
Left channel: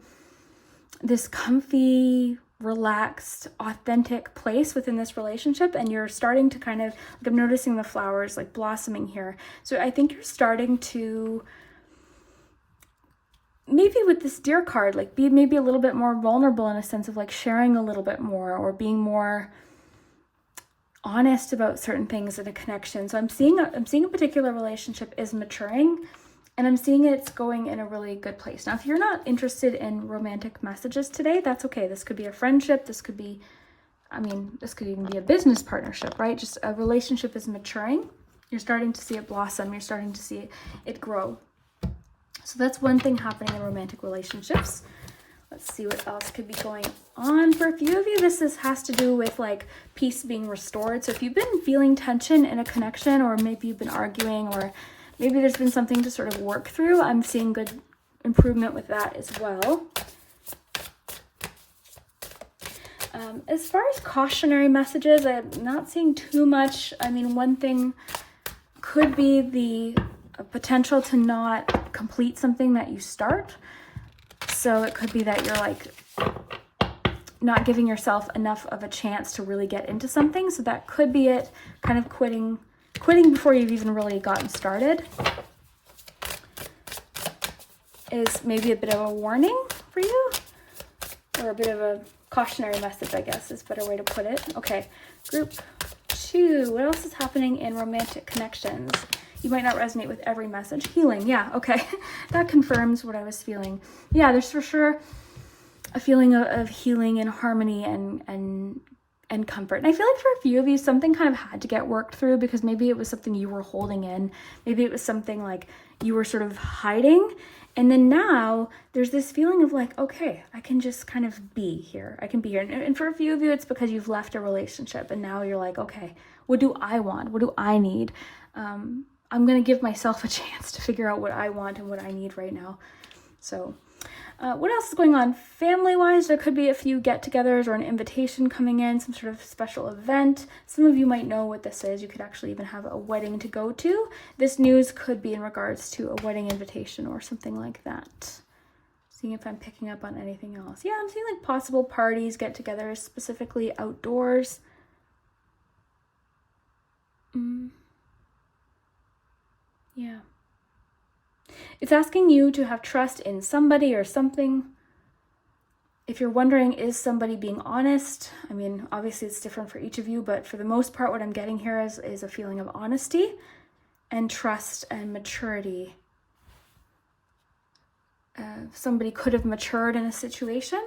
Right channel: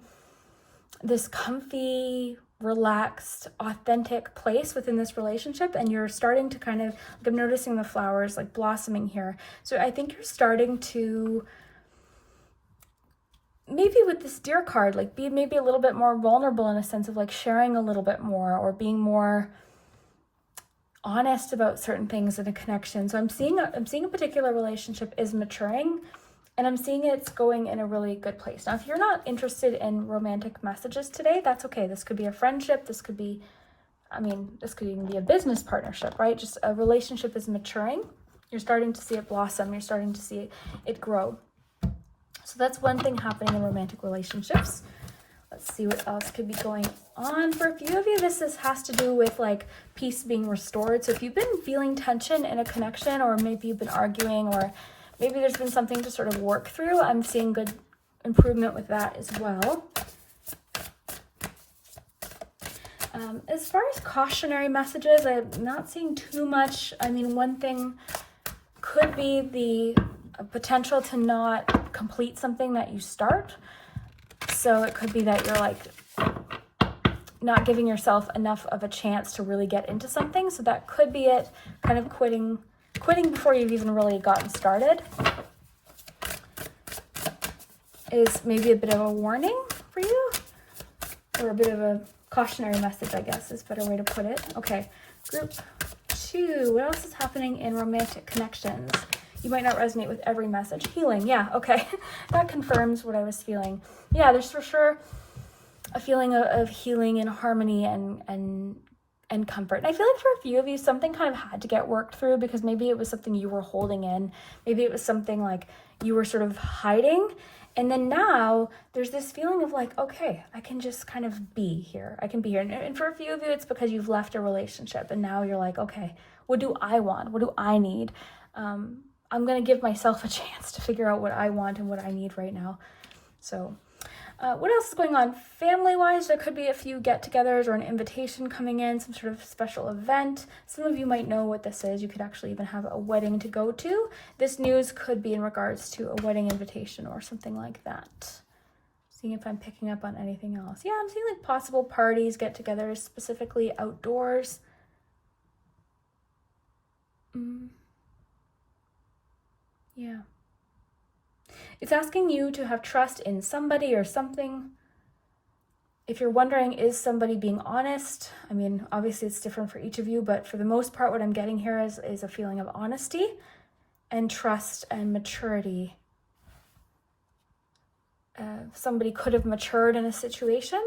this comfy, relaxed, authentic place within this relationship, and you're starting to kind of, like I'm noticing the flowers like blossoming here. So I think you're starting to, maybe with this Deer card, like be maybe a little bit more vulnerable in a sense of like sharing a little bit more, or being more honest about certain things in a connection. So I'm seeing a particular relationship is maturing, and I'm seeing it's going in a really good place. Now, if you're not interested in romantic messages today, that's okay. This could be a friendship. This could even be a business partnership, right? Just a relationship is maturing. You're starting to see it blossom. You're starting to see it grow. So that's one thing happening in romantic relationships. Let's see what else could be going on for a few of you. This has to do with like peace being restored. So if you've been feeling tension in a connection, or maybe you've been arguing, or maybe there's been something to sort of work through, I'm seeing good improvement with that as well. As far as cautionary messages, I'm not seeing too much. I mean, one thing could be the potential to not complete something that you start. So it could be that you're like not giving yourself enough of a chance to really get into something. So that could be it, kind of quitting before you've even really gotten started is maybe a bit of a warning for you, or a bit of a cautionary message, I guess is a better way to put it. Okay, group 2, what else is happening in romantic connections? You might not resonate with every message. Healing, yeah, okay. That confirms what I was feeling. Yeah, there's for sure a feeling of healing and harmony and comfort. And I feel like for a few of you, something kind of had to get worked through, because maybe it was something you were holding in. Maybe it was something like you were sort of hiding. And then now there's this feeling of like, okay, I can just kind of be here. I can be here. And for a few of you, it's because you've left a relationship and now you're like, okay, what do I want? What do I need? I'm going to give myself a chance to figure out what I want and what I need right now. So what else is going on family-wise? There could be a few get-togethers or an invitation coming in, some sort of special event. Some of you might know what this is. You could actually even have a wedding to go to. This news could be in regards to a wedding invitation or something like that. Seeing if I'm picking up on anything else. Yeah, I'm seeing like possible parties, get-togethers, specifically outdoors. Yeah. It's asking you to have trust in somebody or something. If you're wondering, is somebody being honest? I mean, obviously it's different for each of you, but for the most part, what I'm getting here is a feeling of honesty and trust and maturity somebody could have matured in a situation.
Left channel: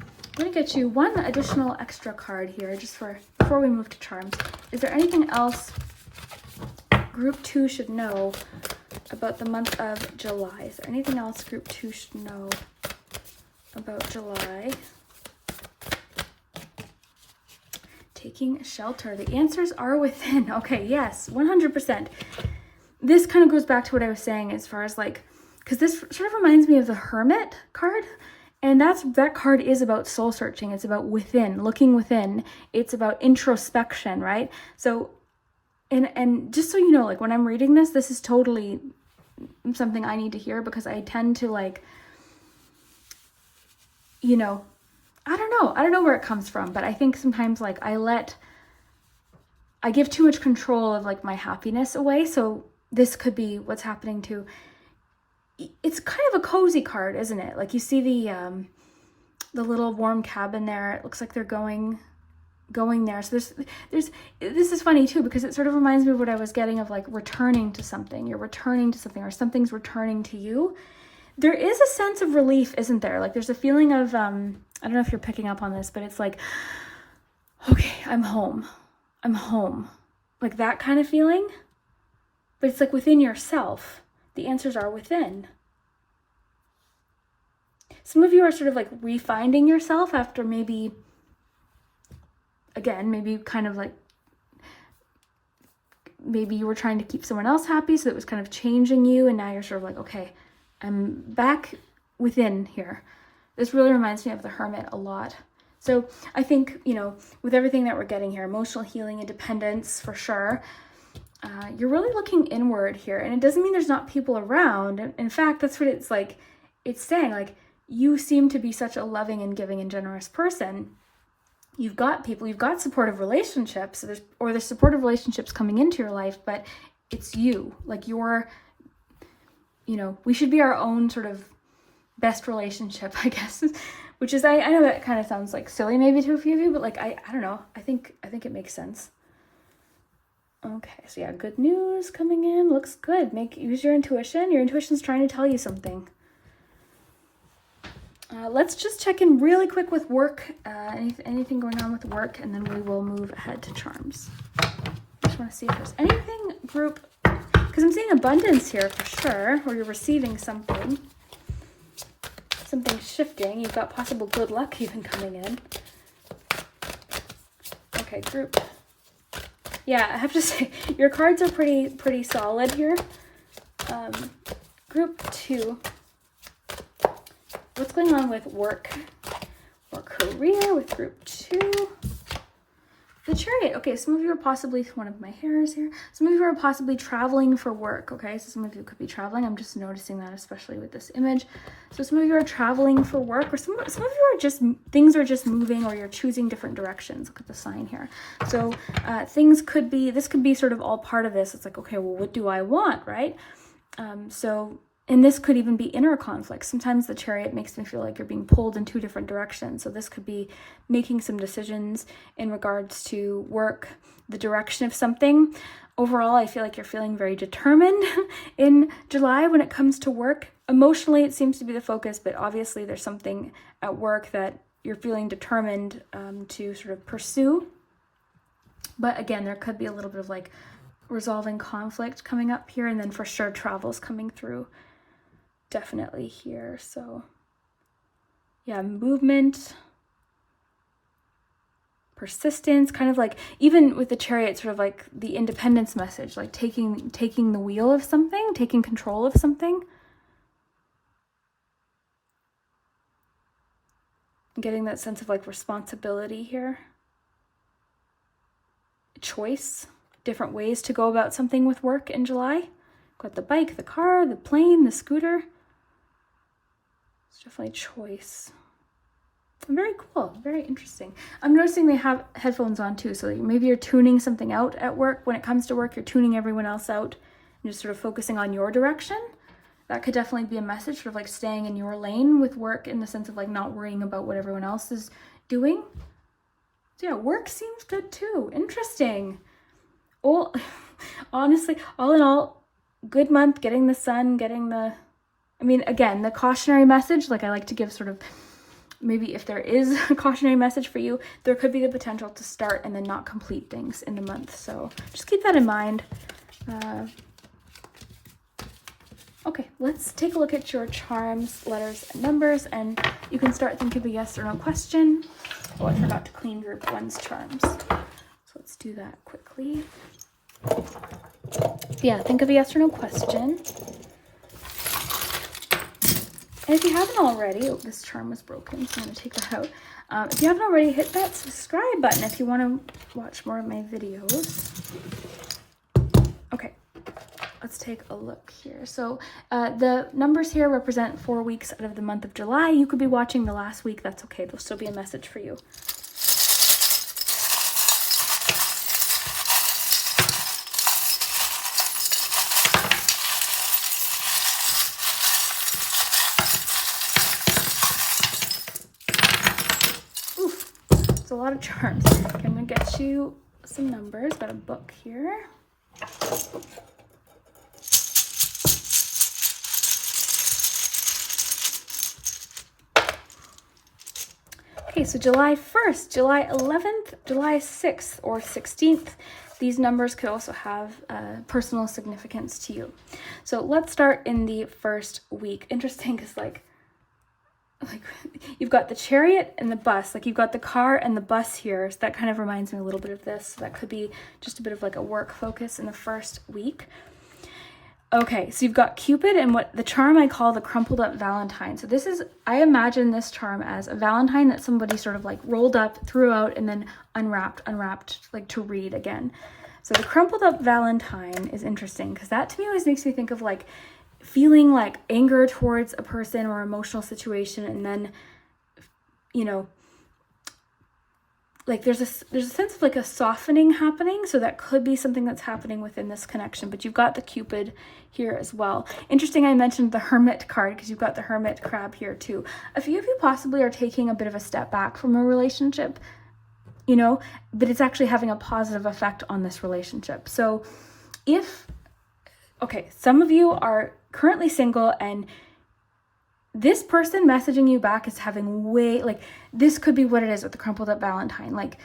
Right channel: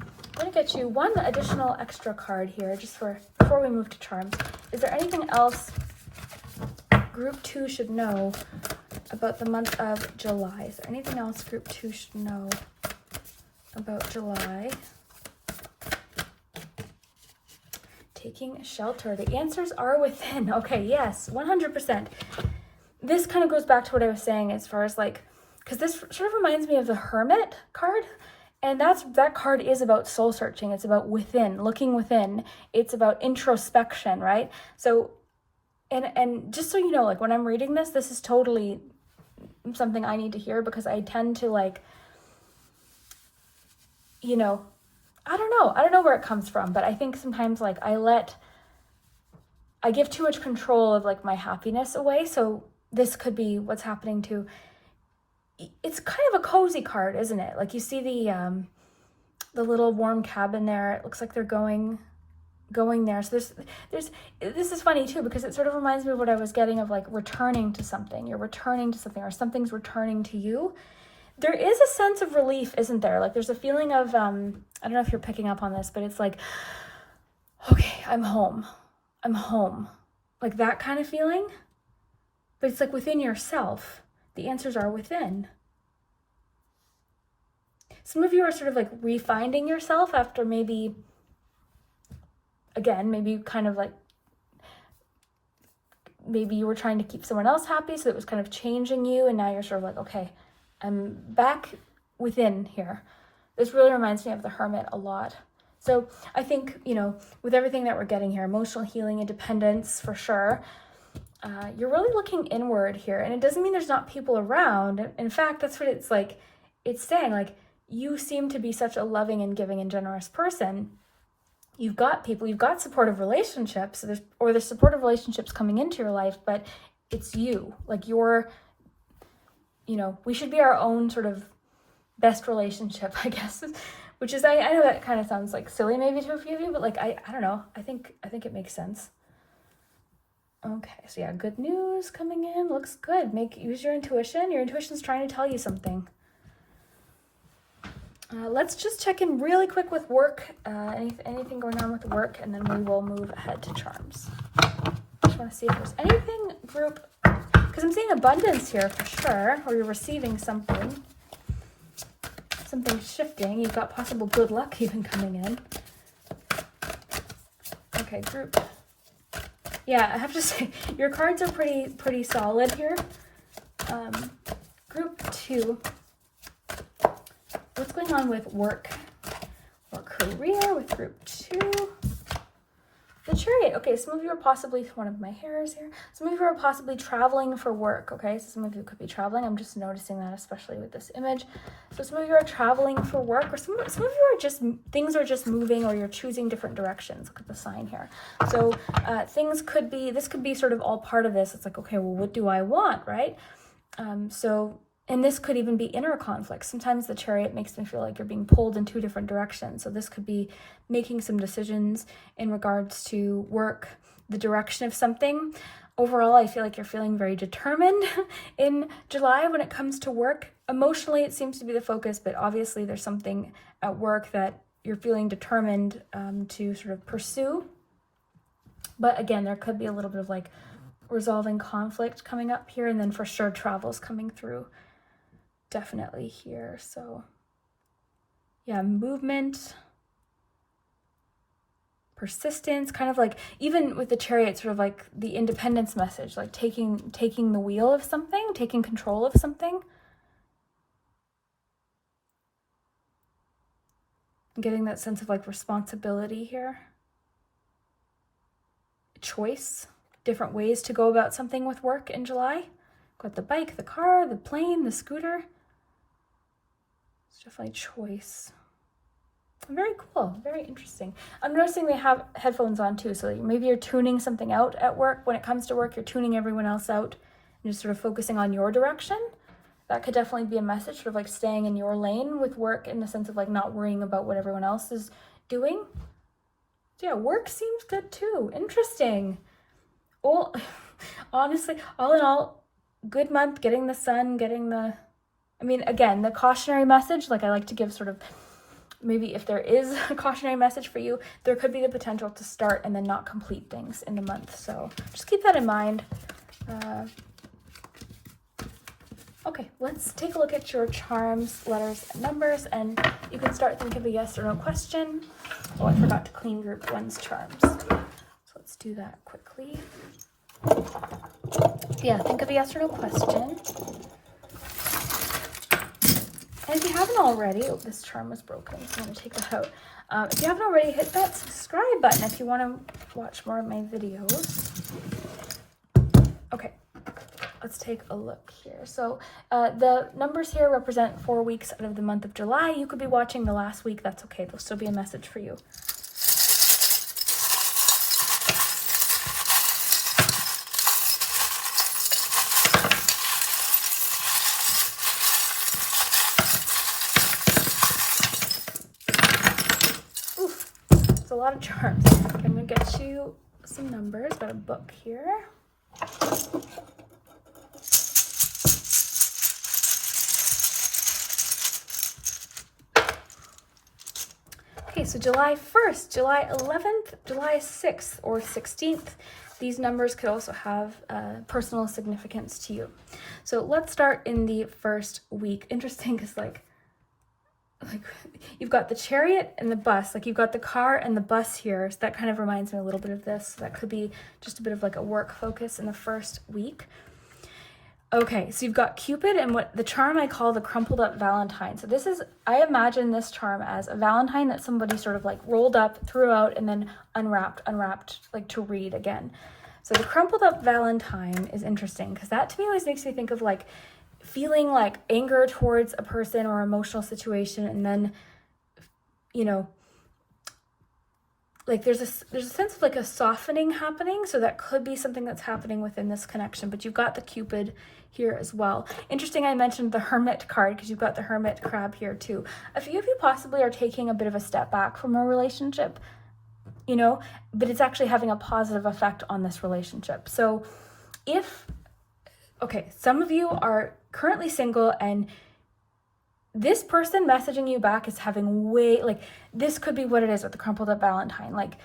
I'm going to get you one additional extra card here just before we move to charms. Is there anything else Group 2 should know about the month of July? Is there anything else Group 2 should know about July? Taking shelter. The answers are within. Okay, yes, 100%. This kind of goes back to what I was saying as far as like, because this sort of reminds me of the Hermit card. And that card is about soul searching. It's about within, looking within. It's about introspection, right? So, and just so you know, like when I'm reading this is totally something I need to hear, because I tend to like, you know, I don't know where it comes from, but I think sometimes like I give too much control of like my happiness away. So this could be what's happening too. It's kind of a cozy card, isn't it? Like you see the little warm cabin there. It looks like they're going there. So this is funny too, because it sort of reminds me of what I was getting of like returning to something. You're returning to something, or something's returning to you. There is a sense of relief, isn't there? Like there's a feeling of, I don't know if you're picking up on this, but it's like, okay, I'm home. Like that kind of feeling. But it's like within yourself. The answers are within. Some of you are sort of like refinding yourself after maybe kind of like, maybe you were trying to keep someone else happy, so it was kind of changing you, and now you're sort of like, okay, I'm back within here. This really reminds me of the Hermit a lot. So I think, you know, with everything that we're getting here, emotional healing, independence for sure, you're really looking inward here. And it doesn't mean there's not people around. In fact, that's what it's like. It's saying like, you seem to be such a loving and giving and generous person. You've got people, you've got supportive relationships, there's supportive relationships coming into your life, but it's you. Like you're, you know, we should be our own sort of best relationship, I guess, which is, I know that kind of sounds like silly maybe to a few of you, but like, I don't know. I think it makes sense. Okay, so yeah, good news coming in. Looks good. Use your intuition. Your intuition's trying to tell you something. Let's just check in really quick with work. Anything going on with work, and then we will move ahead to charms. Just want to see if there's anything group, because I'm seeing abundance here for sure, or you're receiving something shifting. You've got possible good luck even coming in. Okay, group. Yeah, I have to say, your cards are pretty solid here. Group 2. What's going on with work or career with group 2? The Chariot. Okay, some of you are possibly, one of my hairs here, some of you are possibly traveling for work, okay? So some of you could be traveling. I'm just noticing that, especially with this image. So some of you are traveling for work, or some of you are just, things are just moving, or you're choosing different directions. Look at the sign here. So this could be sort of all part of this. It's like, okay, well, what do I want, right? And this could even be inner conflict. Sometimes the Chariot makes me feel like you're being pulled in two different directions. So this could be making some decisions in regards to work, the direction of something. Overall, I feel like you're feeling very determined in July when it comes to work. Emotionally, it seems to be the focus, but obviously there's something at work that you're feeling determined to sort of pursue. But again, there could be a little bit of like resolving conflict coming up here, and then for sure travel's coming through. Definitely here. So yeah, movement, persistence, kind of like, even with the Chariot, sort of like the independence message, like taking the wheel of something, taking control of something, getting that sense of like responsibility here, choice, different ways to go about something with work in July. Got the bike, the car, the plane, the scooter. It's definitely choice. Very cool, very interesting. I'm noticing they have headphones on too, so maybe you're tuning something out at work. When it comes to work, you're tuning everyone else out and just sort of focusing on your direction. That could definitely be a message, sort of like staying in your lane with work, in the sense of like not worrying about what everyone else is doing. So yeah, work seems good too. Interesting. Well, honestly, all in all, good month, getting the sun, getting the I mean, again, the cautionary message, like I like to give sort of, maybe if there is a cautionary message for you, there could be the potential to start and then not complete things in the month. So just keep that in mind. Okay, let's take a look at your charms, letters, and numbers, and you can start thinking of a yes or no question. Oh, I forgot to clean group 1's charms. So let's do that quickly. Yeah, think of a yes or no question. And if you haven't already, oh, this charm was broken, so I'm going to take that out. If you haven't already, hit that subscribe button if you want to watch more of my videos. Okay, let's take a look here. So the numbers here represent 4 weeks out of the month of July. You could be watching the last week. That's okay. There'll still be a message for you. A lot of charms. Okay, I'm gonna get you some numbers. Got a book here. Okay, so July 1st, July 11th, July 6th, or 16th. These numbers could also have personal significance to you. So let's start in the first week. Interesting, because like you've got the chariot and the bus, like you've got the car and the bus here, so that kind of reminds me a little bit of this. So that could be just a bit of like a work focus in the first week. Okay, so you've got Cupid and what the charm I call the crumpled up Valentine. So this is, I imagine this charm as a Valentine that somebody sort of like rolled up, threw out, and then unwrapped like to read again. So the crumpled up Valentine is interesting because that to me always makes me think of like feeling like anger towards a person or emotional situation, and then, you know, like there's a sense of like a softening happening. So that could be something that's happening within this connection. But you've got the Cupid here as well. Interesting, I mentioned the Hermit card because you've got the Hermit crab here too. A few of you possibly are taking a bit of a step back from a relationship, you know, but it's actually having a positive effect on this relationship. So if, okay, some of you are currently single and this person messaging you back is having way, like, this could be what it is with the crumpled up Valentine. Like,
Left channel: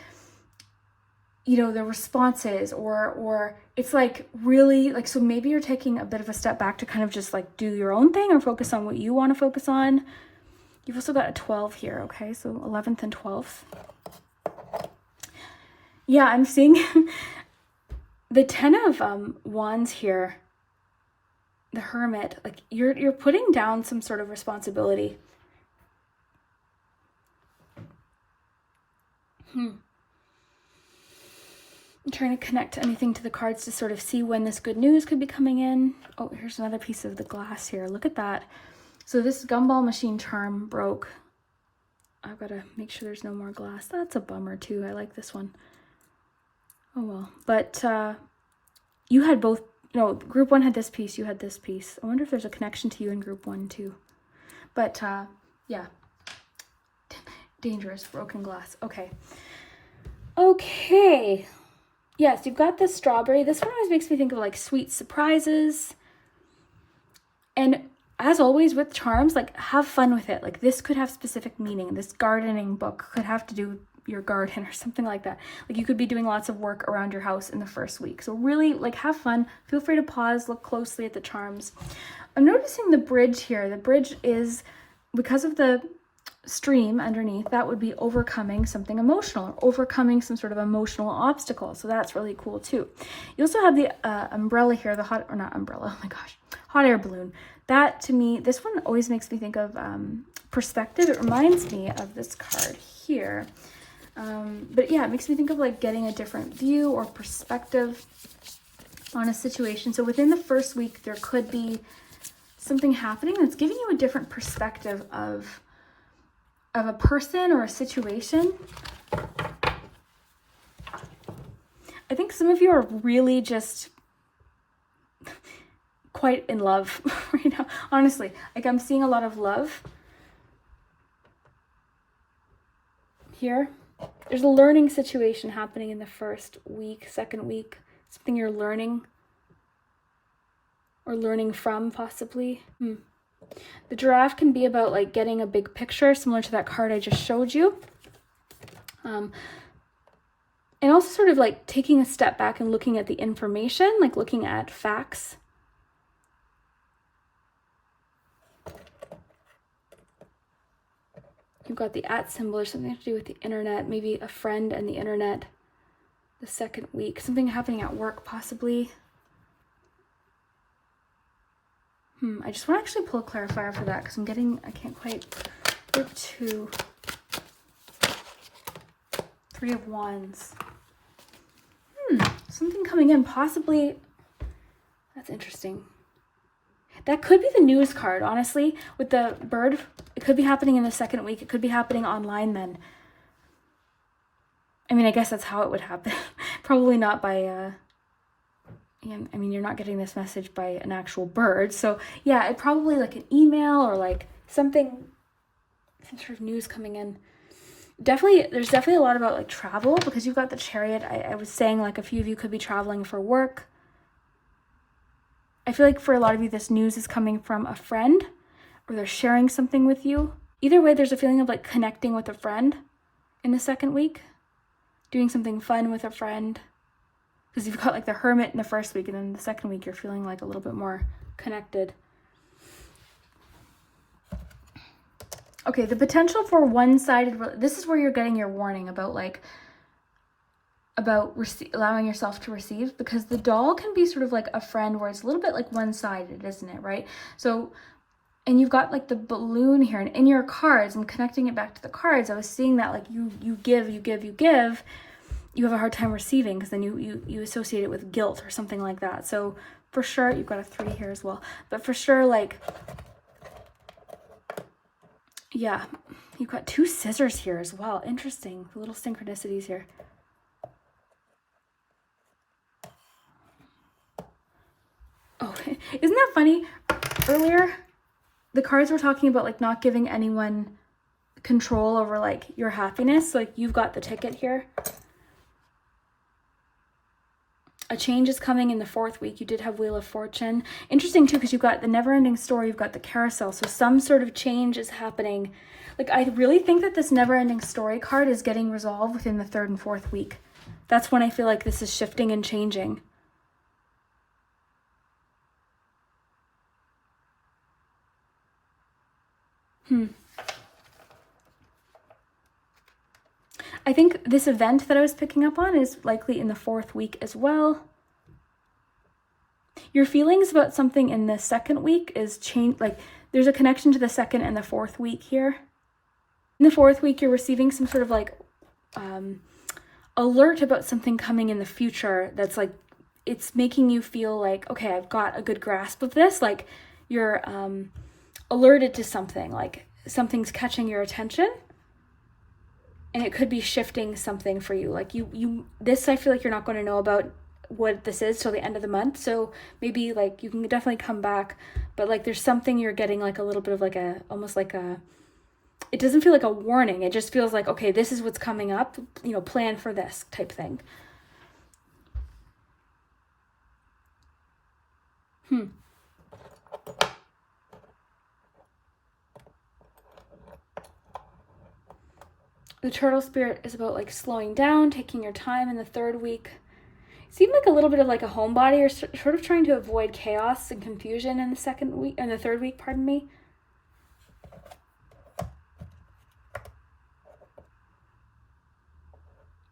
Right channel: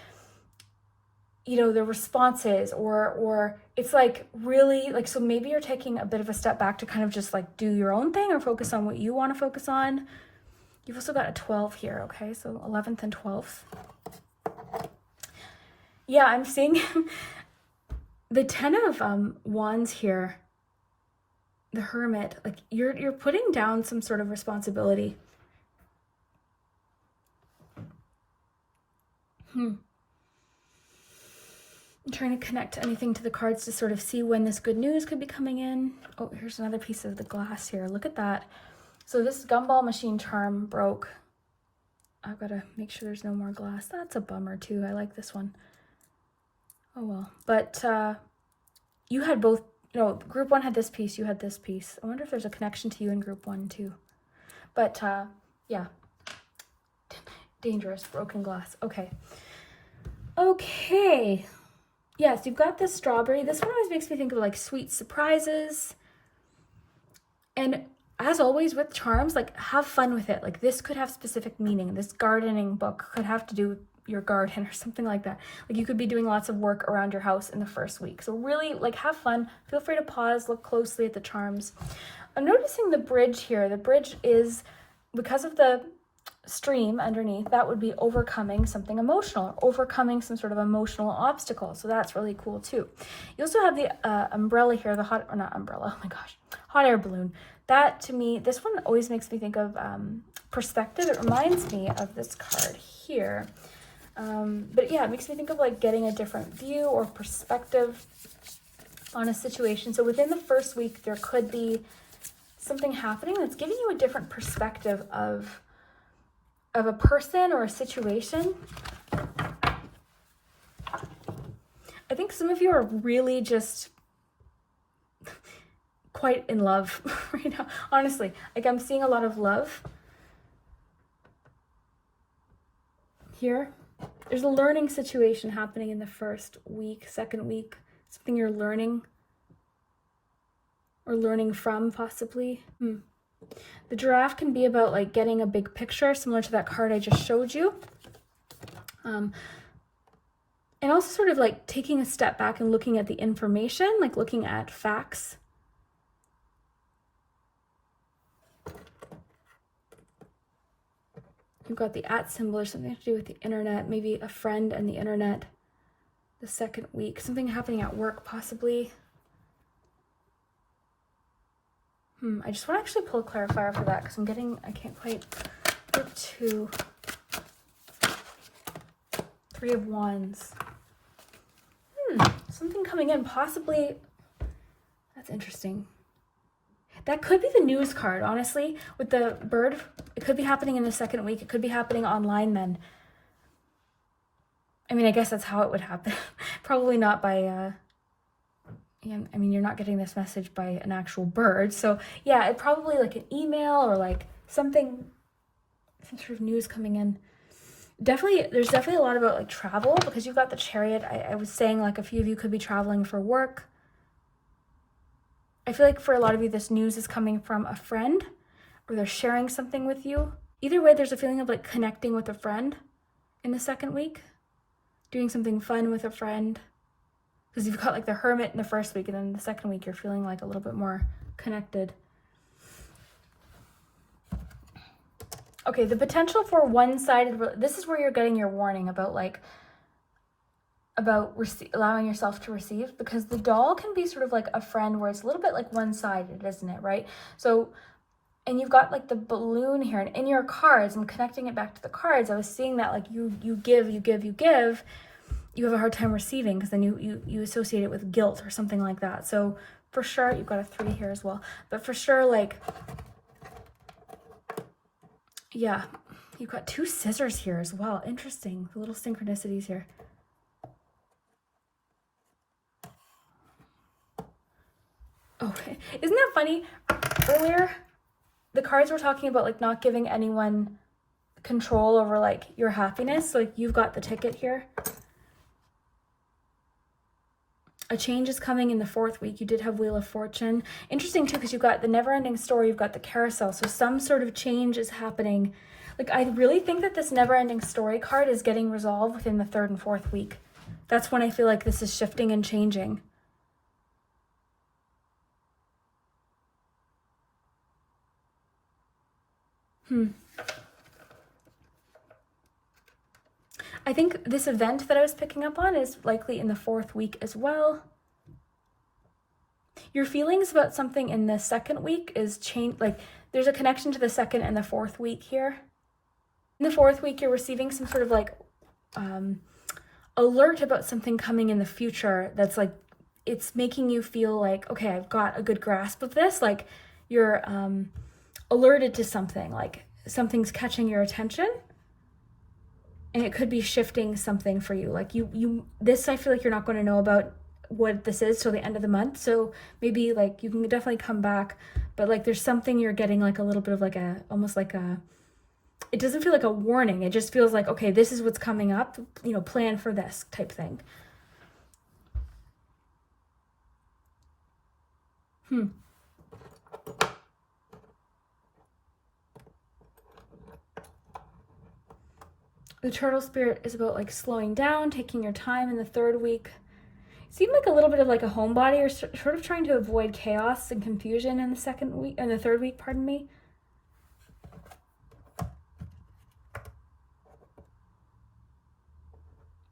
you know, the responses or it's like really like, so maybe you're taking a bit of a step back to kind of just like do your own thing or focus on what you want to focus on. You've also got a 12 here. Okay. So 11th and 12th. Yeah. I'm seeing the 10 of wands here. The Hermit, like you're putting down some sort of responsibility. I'm trying to connect anything to the cards to sort of see when this good news could be coming in. Oh, here's another piece of the glass here. Look at that. So this gumball machine charm broke. I've got to make sure there's no more glass. That's a bummer too. I like this one. Oh well. But you had both. No, group 1 had this piece, you had this piece. I wonder if there's a connection to you in group 1 too. But yeah, dangerous, broken glass. Okay. Okay. Yes, you've got this strawberry. This one always makes me think of like sweet surprises. And as always with charms, like have fun with it. Like this could have specific meaning. This gardening book could have to do with your garden or something like that. Like you could be doing lots of work around your house in the first week. So really like have fun. Feel free to pause, look closely at the charms. I'm noticing the bridge here. The bridge is, because of the stream underneath, that would be overcoming something emotional, or overcoming some sort of emotional obstacle. So that's really cool too. You also have the umbrella here, the hot, or not umbrella, oh my gosh, hot air balloon. That to me, this one always makes me think of perspective. It reminds me of this card here. But yeah, it makes me think of like getting a different view or perspective on a situation. So within the first week, there could be something happening that's giving you a different perspective of a person or a situation. I think some of you are really just quite in love right now. Honestly, like I'm seeing a lot of love here. There's a learning situation happening in the first week, second week, something you're learning or learning from possibly. The giraffe can be about like getting a big picture, similar to that card I just showed you. And also sort of like taking a step back and looking at the information, like looking at facts. You've got the @ symbol or something to do with the internet, maybe a friend and the internet. The second week, something happening at work possibly. I just want to actually pull a clarifier for that because I can't quite get to 3 of Wands. Something coming in, possibly. That's interesting. That could be the news card, honestly, with the bird. It could be happening in the second week. It could be happening online then. I mean, I guess that's how it would happen. Probably not by, I mean, you're not getting this message by an actual bird. So yeah, it probably like an email or like some sort of news coming in. There's definitely a lot about like travel because you've got the Chariot. I was saying like a few of you could be traveling for work. I feel like for a lot of you, this news is coming from a friend or they're sharing something with you. Either way, there's a feeling of like connecting with a friend in the second week, doing something fun with a friend. Because you've got like the Hermit in the first week and then the second week, you're feeling like a little bit more connected. Okay, the potential for one-sided, this is where you're getting your warning about allowing yourself to receive, because the doll can be sort of like a friend where it's a little bit like one-sided, isn't it, right? So, and you've got like the balloon here, and in your cards, I'm connecting it back to the cards, I was seeing that like you give, you have a hard time receiving because then you associate it with guilt or something like that. So for sure, you've got a 3 here as well, but for sure, like, yeah, you've got 2 scissors here as well. Interesting, the little synchronicities here. Oh, isn't that funny? Earlier, the cards were talking about like not giving anyone control over like your happiness. So, like you've got the ticket here. A change is coming in the 4th week. You did have Wheel of Fortune. Interesting too, because you've got the never-ending story, you've got the carousel. So some sort of change is happening. Like I really think that this never-ending story card is getting resolved within the 3rd and 4th week. That's when I feel like this is shifting and changing. I think this event that I was picking up on is likely in the 4th week as well. Your feelings about something in the 2nd week is like there's a connection to the 2nd and the 4th week here. In the 4th week, you're receiving some sort of like alert about something coming in the future that's like, it's making you feel like, okay, I've got a good grasp of this. Like you're alerted to something, like something's catching your attention. And it could be shifting something for you. Like this, I feel like you're not going to know about what this is till the end of the month. So maybe like you can definitely come back, but like there's something you're getting like a little bit of like almost like it doesn't feel like a warning. It just feels like, okay, this is what's coming up, plan for this type thing. The turtle spirit is about like slowing down, taking your time in the 3rd week. It seemed like a little bit of like a homebody or sort of trying to avoid chaos and confusion in the 3rd week, pardon me.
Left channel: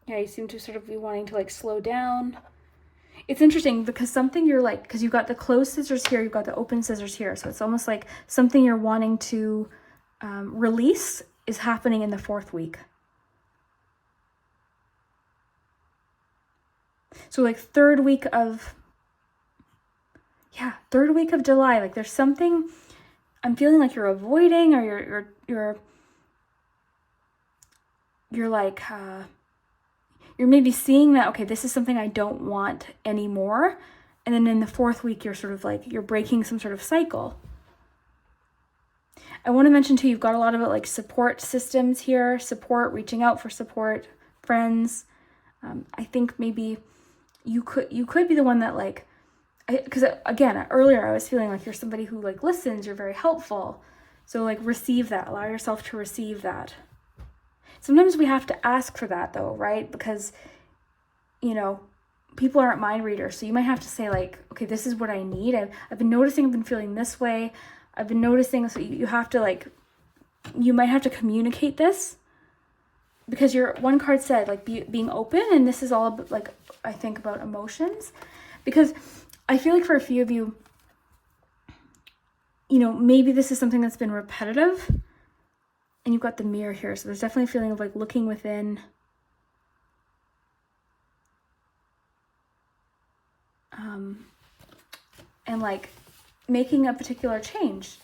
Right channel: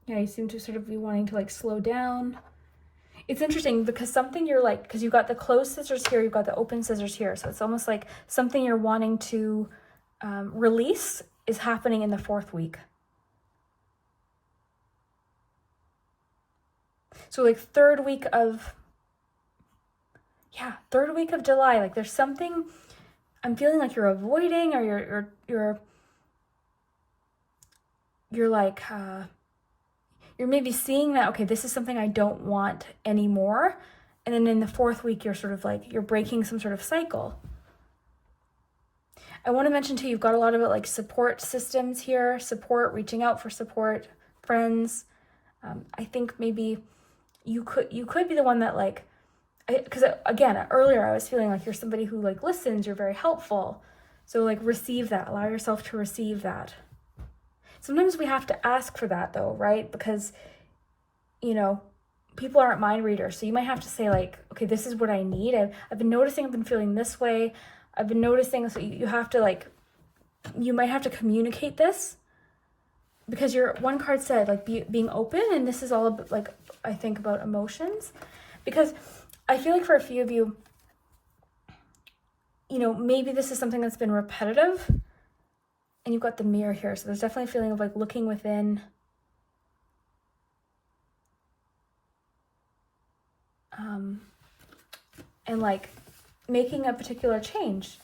Yeah, you seem to sort of be wanting to like slow down. It's interesting because something you're like, because you've got the closed scissors here, you've got the open scissors here. So it's almost like something you're wanting to release is happening in the 4th week. So like 3rd week of July, like there's something I'm feeling like you're avoiding, or you're like, you're maybe seeing that, okay, this is something I don't want anymore. And then in the 4th week, you're sort of like, you're breaking some sort of cycle. I want to mention too, you've got a lot of like support systems here, reaching out for support, friends. I think maybe you could be the one that like, because again, earlier I was feeling like you're somebody who like listens, you're very helpful. So like receive that, allow yourself to receive that. Sometimes we have to ask for that though, right? Because, you know, people aren't mind readers. So you might have to say like, okay, this is what I need. I've been noticing, I've been feeling this way. I've been noticing, so you have to like, you might have to communicate this, because your one card said like being open, and this is all about, like, I think about emotions, because I feel like for a few of you, you know, maybe this is something that's been repetitive, and you've got the mirror here. So there's definitely a feeling of like looking within, and like making a particular change.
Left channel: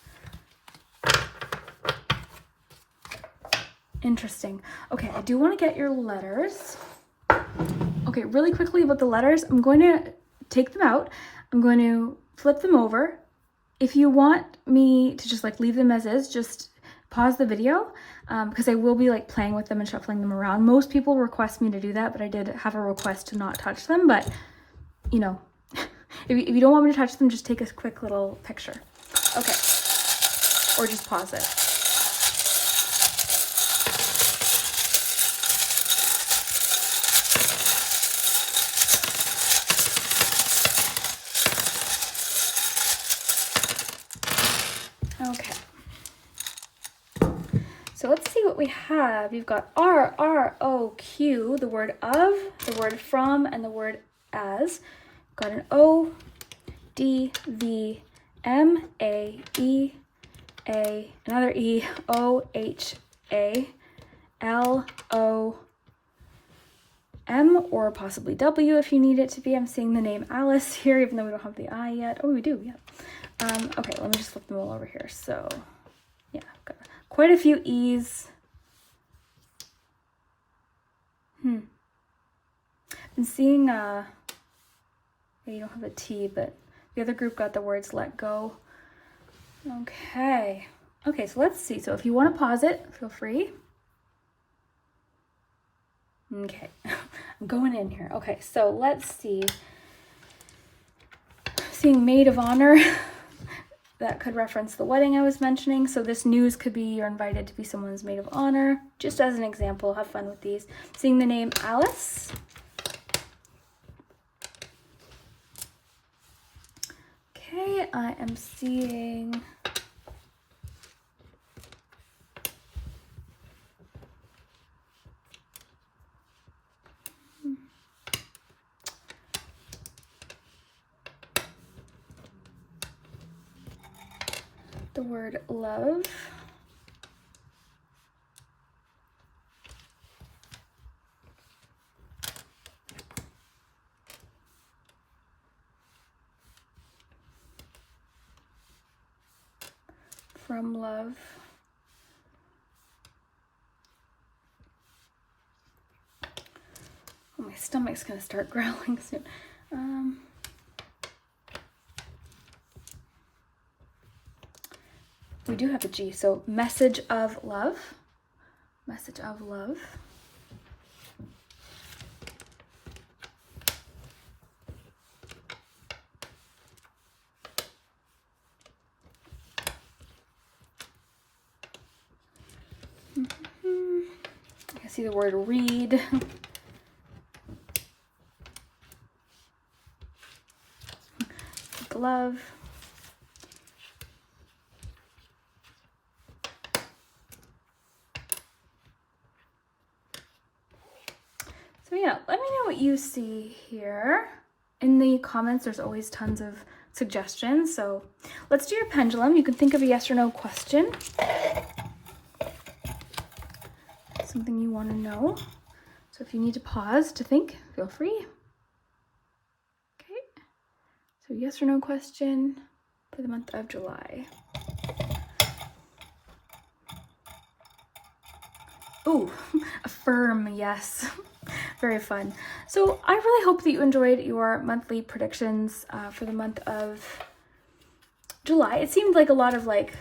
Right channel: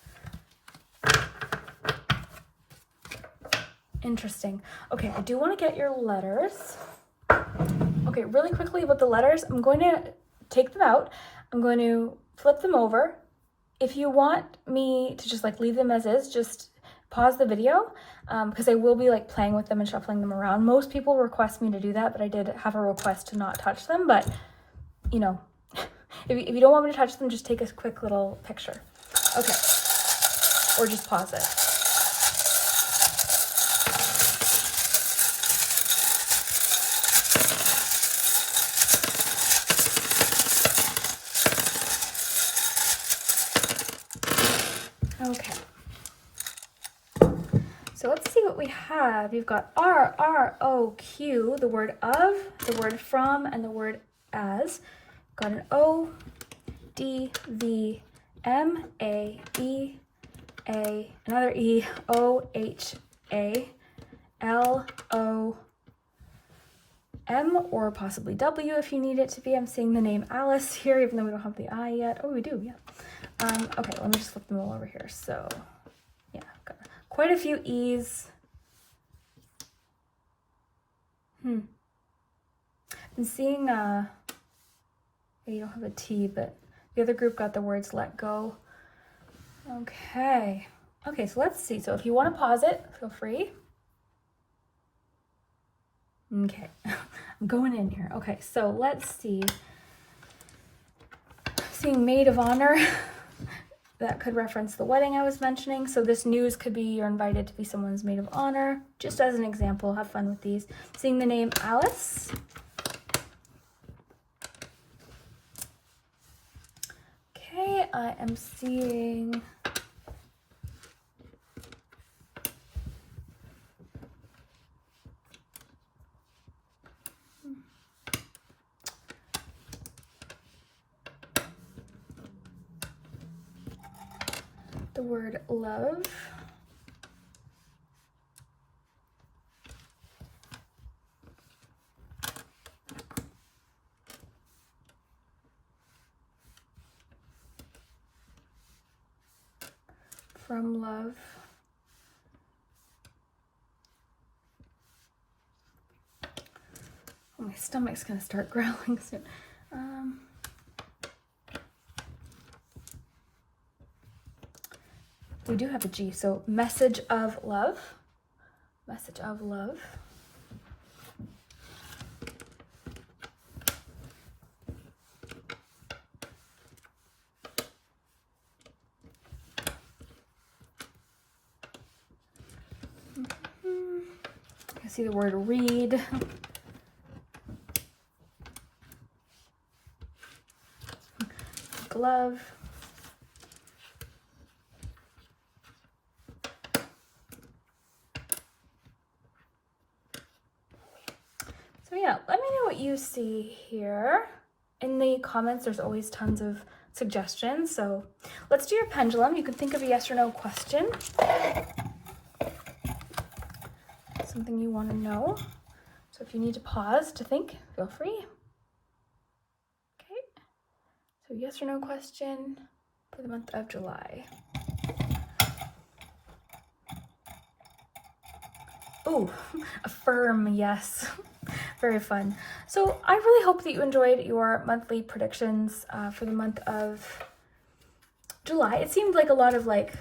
Interesting. Okay, I do want to get your letters. Okay, really quickly about the letters, I'm going to take them out. I'm going to flip them over. If you want me to just like leave them as is, just pause the video, because I will be like playing with them and shuffling them around. Most people request me to do that, but I did have a request to not touch them. But, you know, if you don't want me to touch them, just take a quick little picture. Okay. Or just pause it. So let's see what we have. You've got R, R, O, Q, the word of, the word from, and the word as. Got an O, D, V, M, A, E, A, another E, O, H, A, L, O, M, or possibly W if you need it to be. I'm seeing the name Alice here, even though we don't have the I yet. Oh, we do, yeah. Okay, let me just flip them all over here. So, yeah, got quite a few E's. I'm seeing, you don't have a T, but the other group got the words let go. Okay. Okay, so let's see. So if you want to pause it, feel free. Okay, I'm going in here. Okay, so let's see. Seeing maid of honor. That could reference the wedding I was mentioning. So this news could be you're invited to be someone's maid of honor. Just as an example, have fun with these. Seeing the name Alice. Okay, I am seeing the word love. From love. Oh, my stomach's gonna start growling soon. We do have a G, so message of love. Message of love. I see the word read. Glove. So yeah, let me know what you see here. In the comments, there's always tons of suggestions. So let's do your pendulum. You can think of a yes or no question. Something you want to know. So if you need to pause to think, feel free. Okay. So yes or no question for the month of July. Ooh, affirm, yes. Very fun. So I really hope that you enjoyed your monthly predictions for the month of July. It seemed like a lot of like,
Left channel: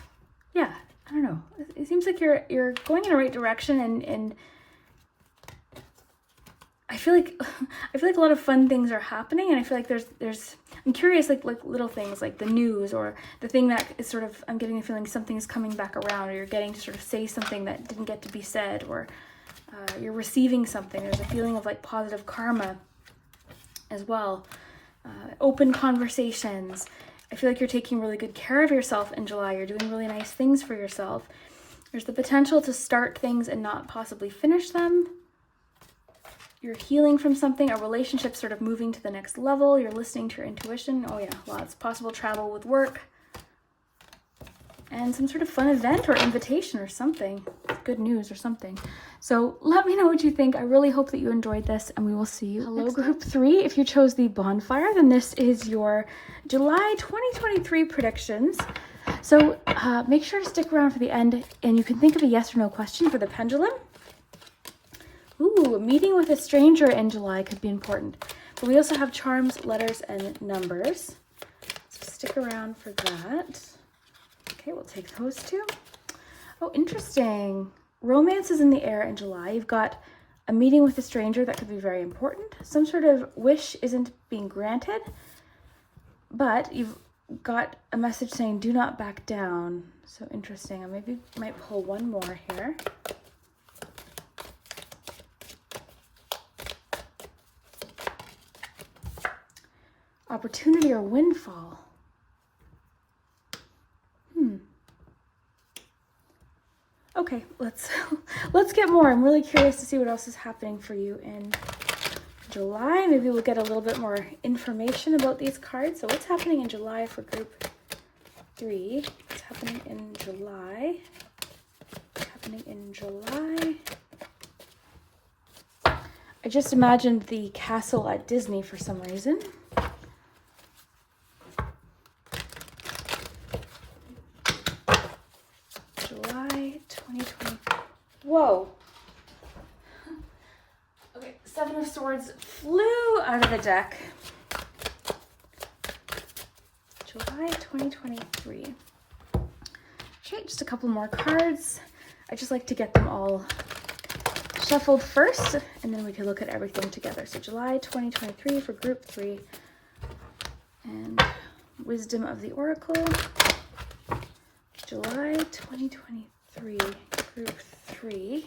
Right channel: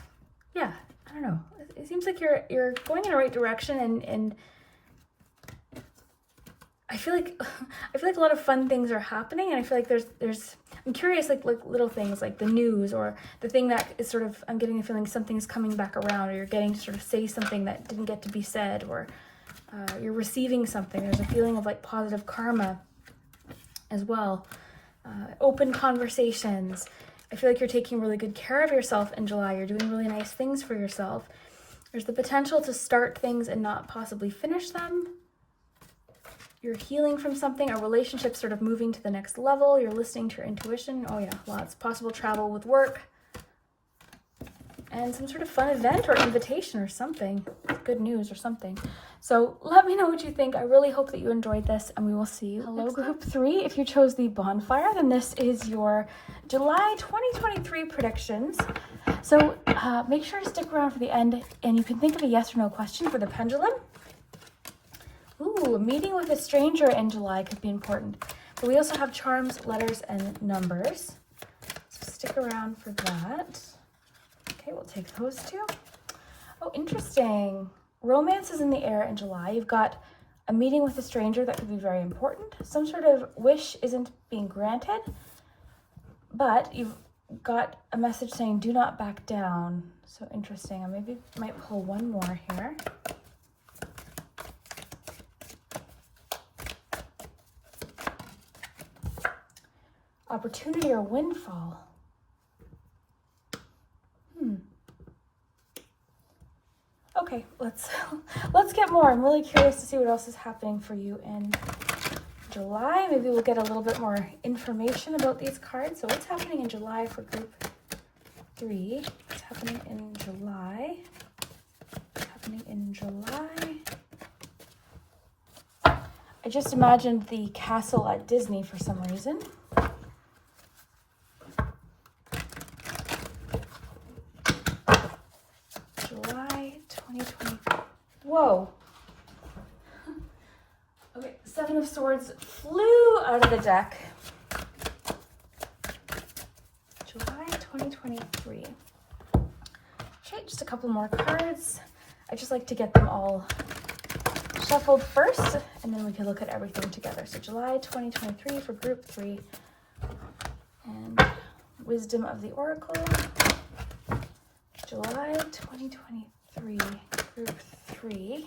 yeah, I don't know. It seems like you're going in the right direction, and I feel like a lot of fun things are happening, and I feel like I'm curious, like little things like the news, or the thing that is sort of, I'm getting the feeling something is coming back around, or you're getting to sort of say something that didn't get to be said, or you're receiving something. There's a feeling of like positive karma as well. Open conversations. I feel like you're taking really good care of yourself in July. You're doing really nice things for yourself. There's the potential to start things and not possibly finish them. You're healing from something, a relationship sort of moving to the next level. You're listening to your intuition. Oh yeah, lots. Possible travel with work. And some sort of fun event or invitation or something. Good news or something. So let me know what you think. I really hope that you enjoyed this, and we will see you. Hello, Group 3. If you chose the bonfire, then this is your July 2023 predictions. So make sure to stick around for the end, and you can think of a yes or no question for the pendulum. Ooh, meeting with a stranger in July could be important. But we also have charms, letters, and numbers. So stick around for that. Okay, we'll take those two. Oh, interesting. Romance is in the air in July. You've got a meeting with a stranger that could be very important. Some sort of wish isn't being granted, but you've got a message saying do not back down. So interesting. I maybe might pull one more here. Opportunity or windfall. Okay, let's get more. I'm really curious to see what else is happening for you in July. Maybe we'll get a little bit more information about these cards. So what's happening in July for Group 3? What's happening in July? What's happening in July? I just imagined the castle at Disney for some reason. Whoa. Okay, Seven of Swords flew out of the deck. July 2023. Okay, just a couple more cards. I just like to get them all shuffled first, and then we can look at everything together. So July 2023 for Group 3. And Wisdom of the Oracle. July 2023, Group 3.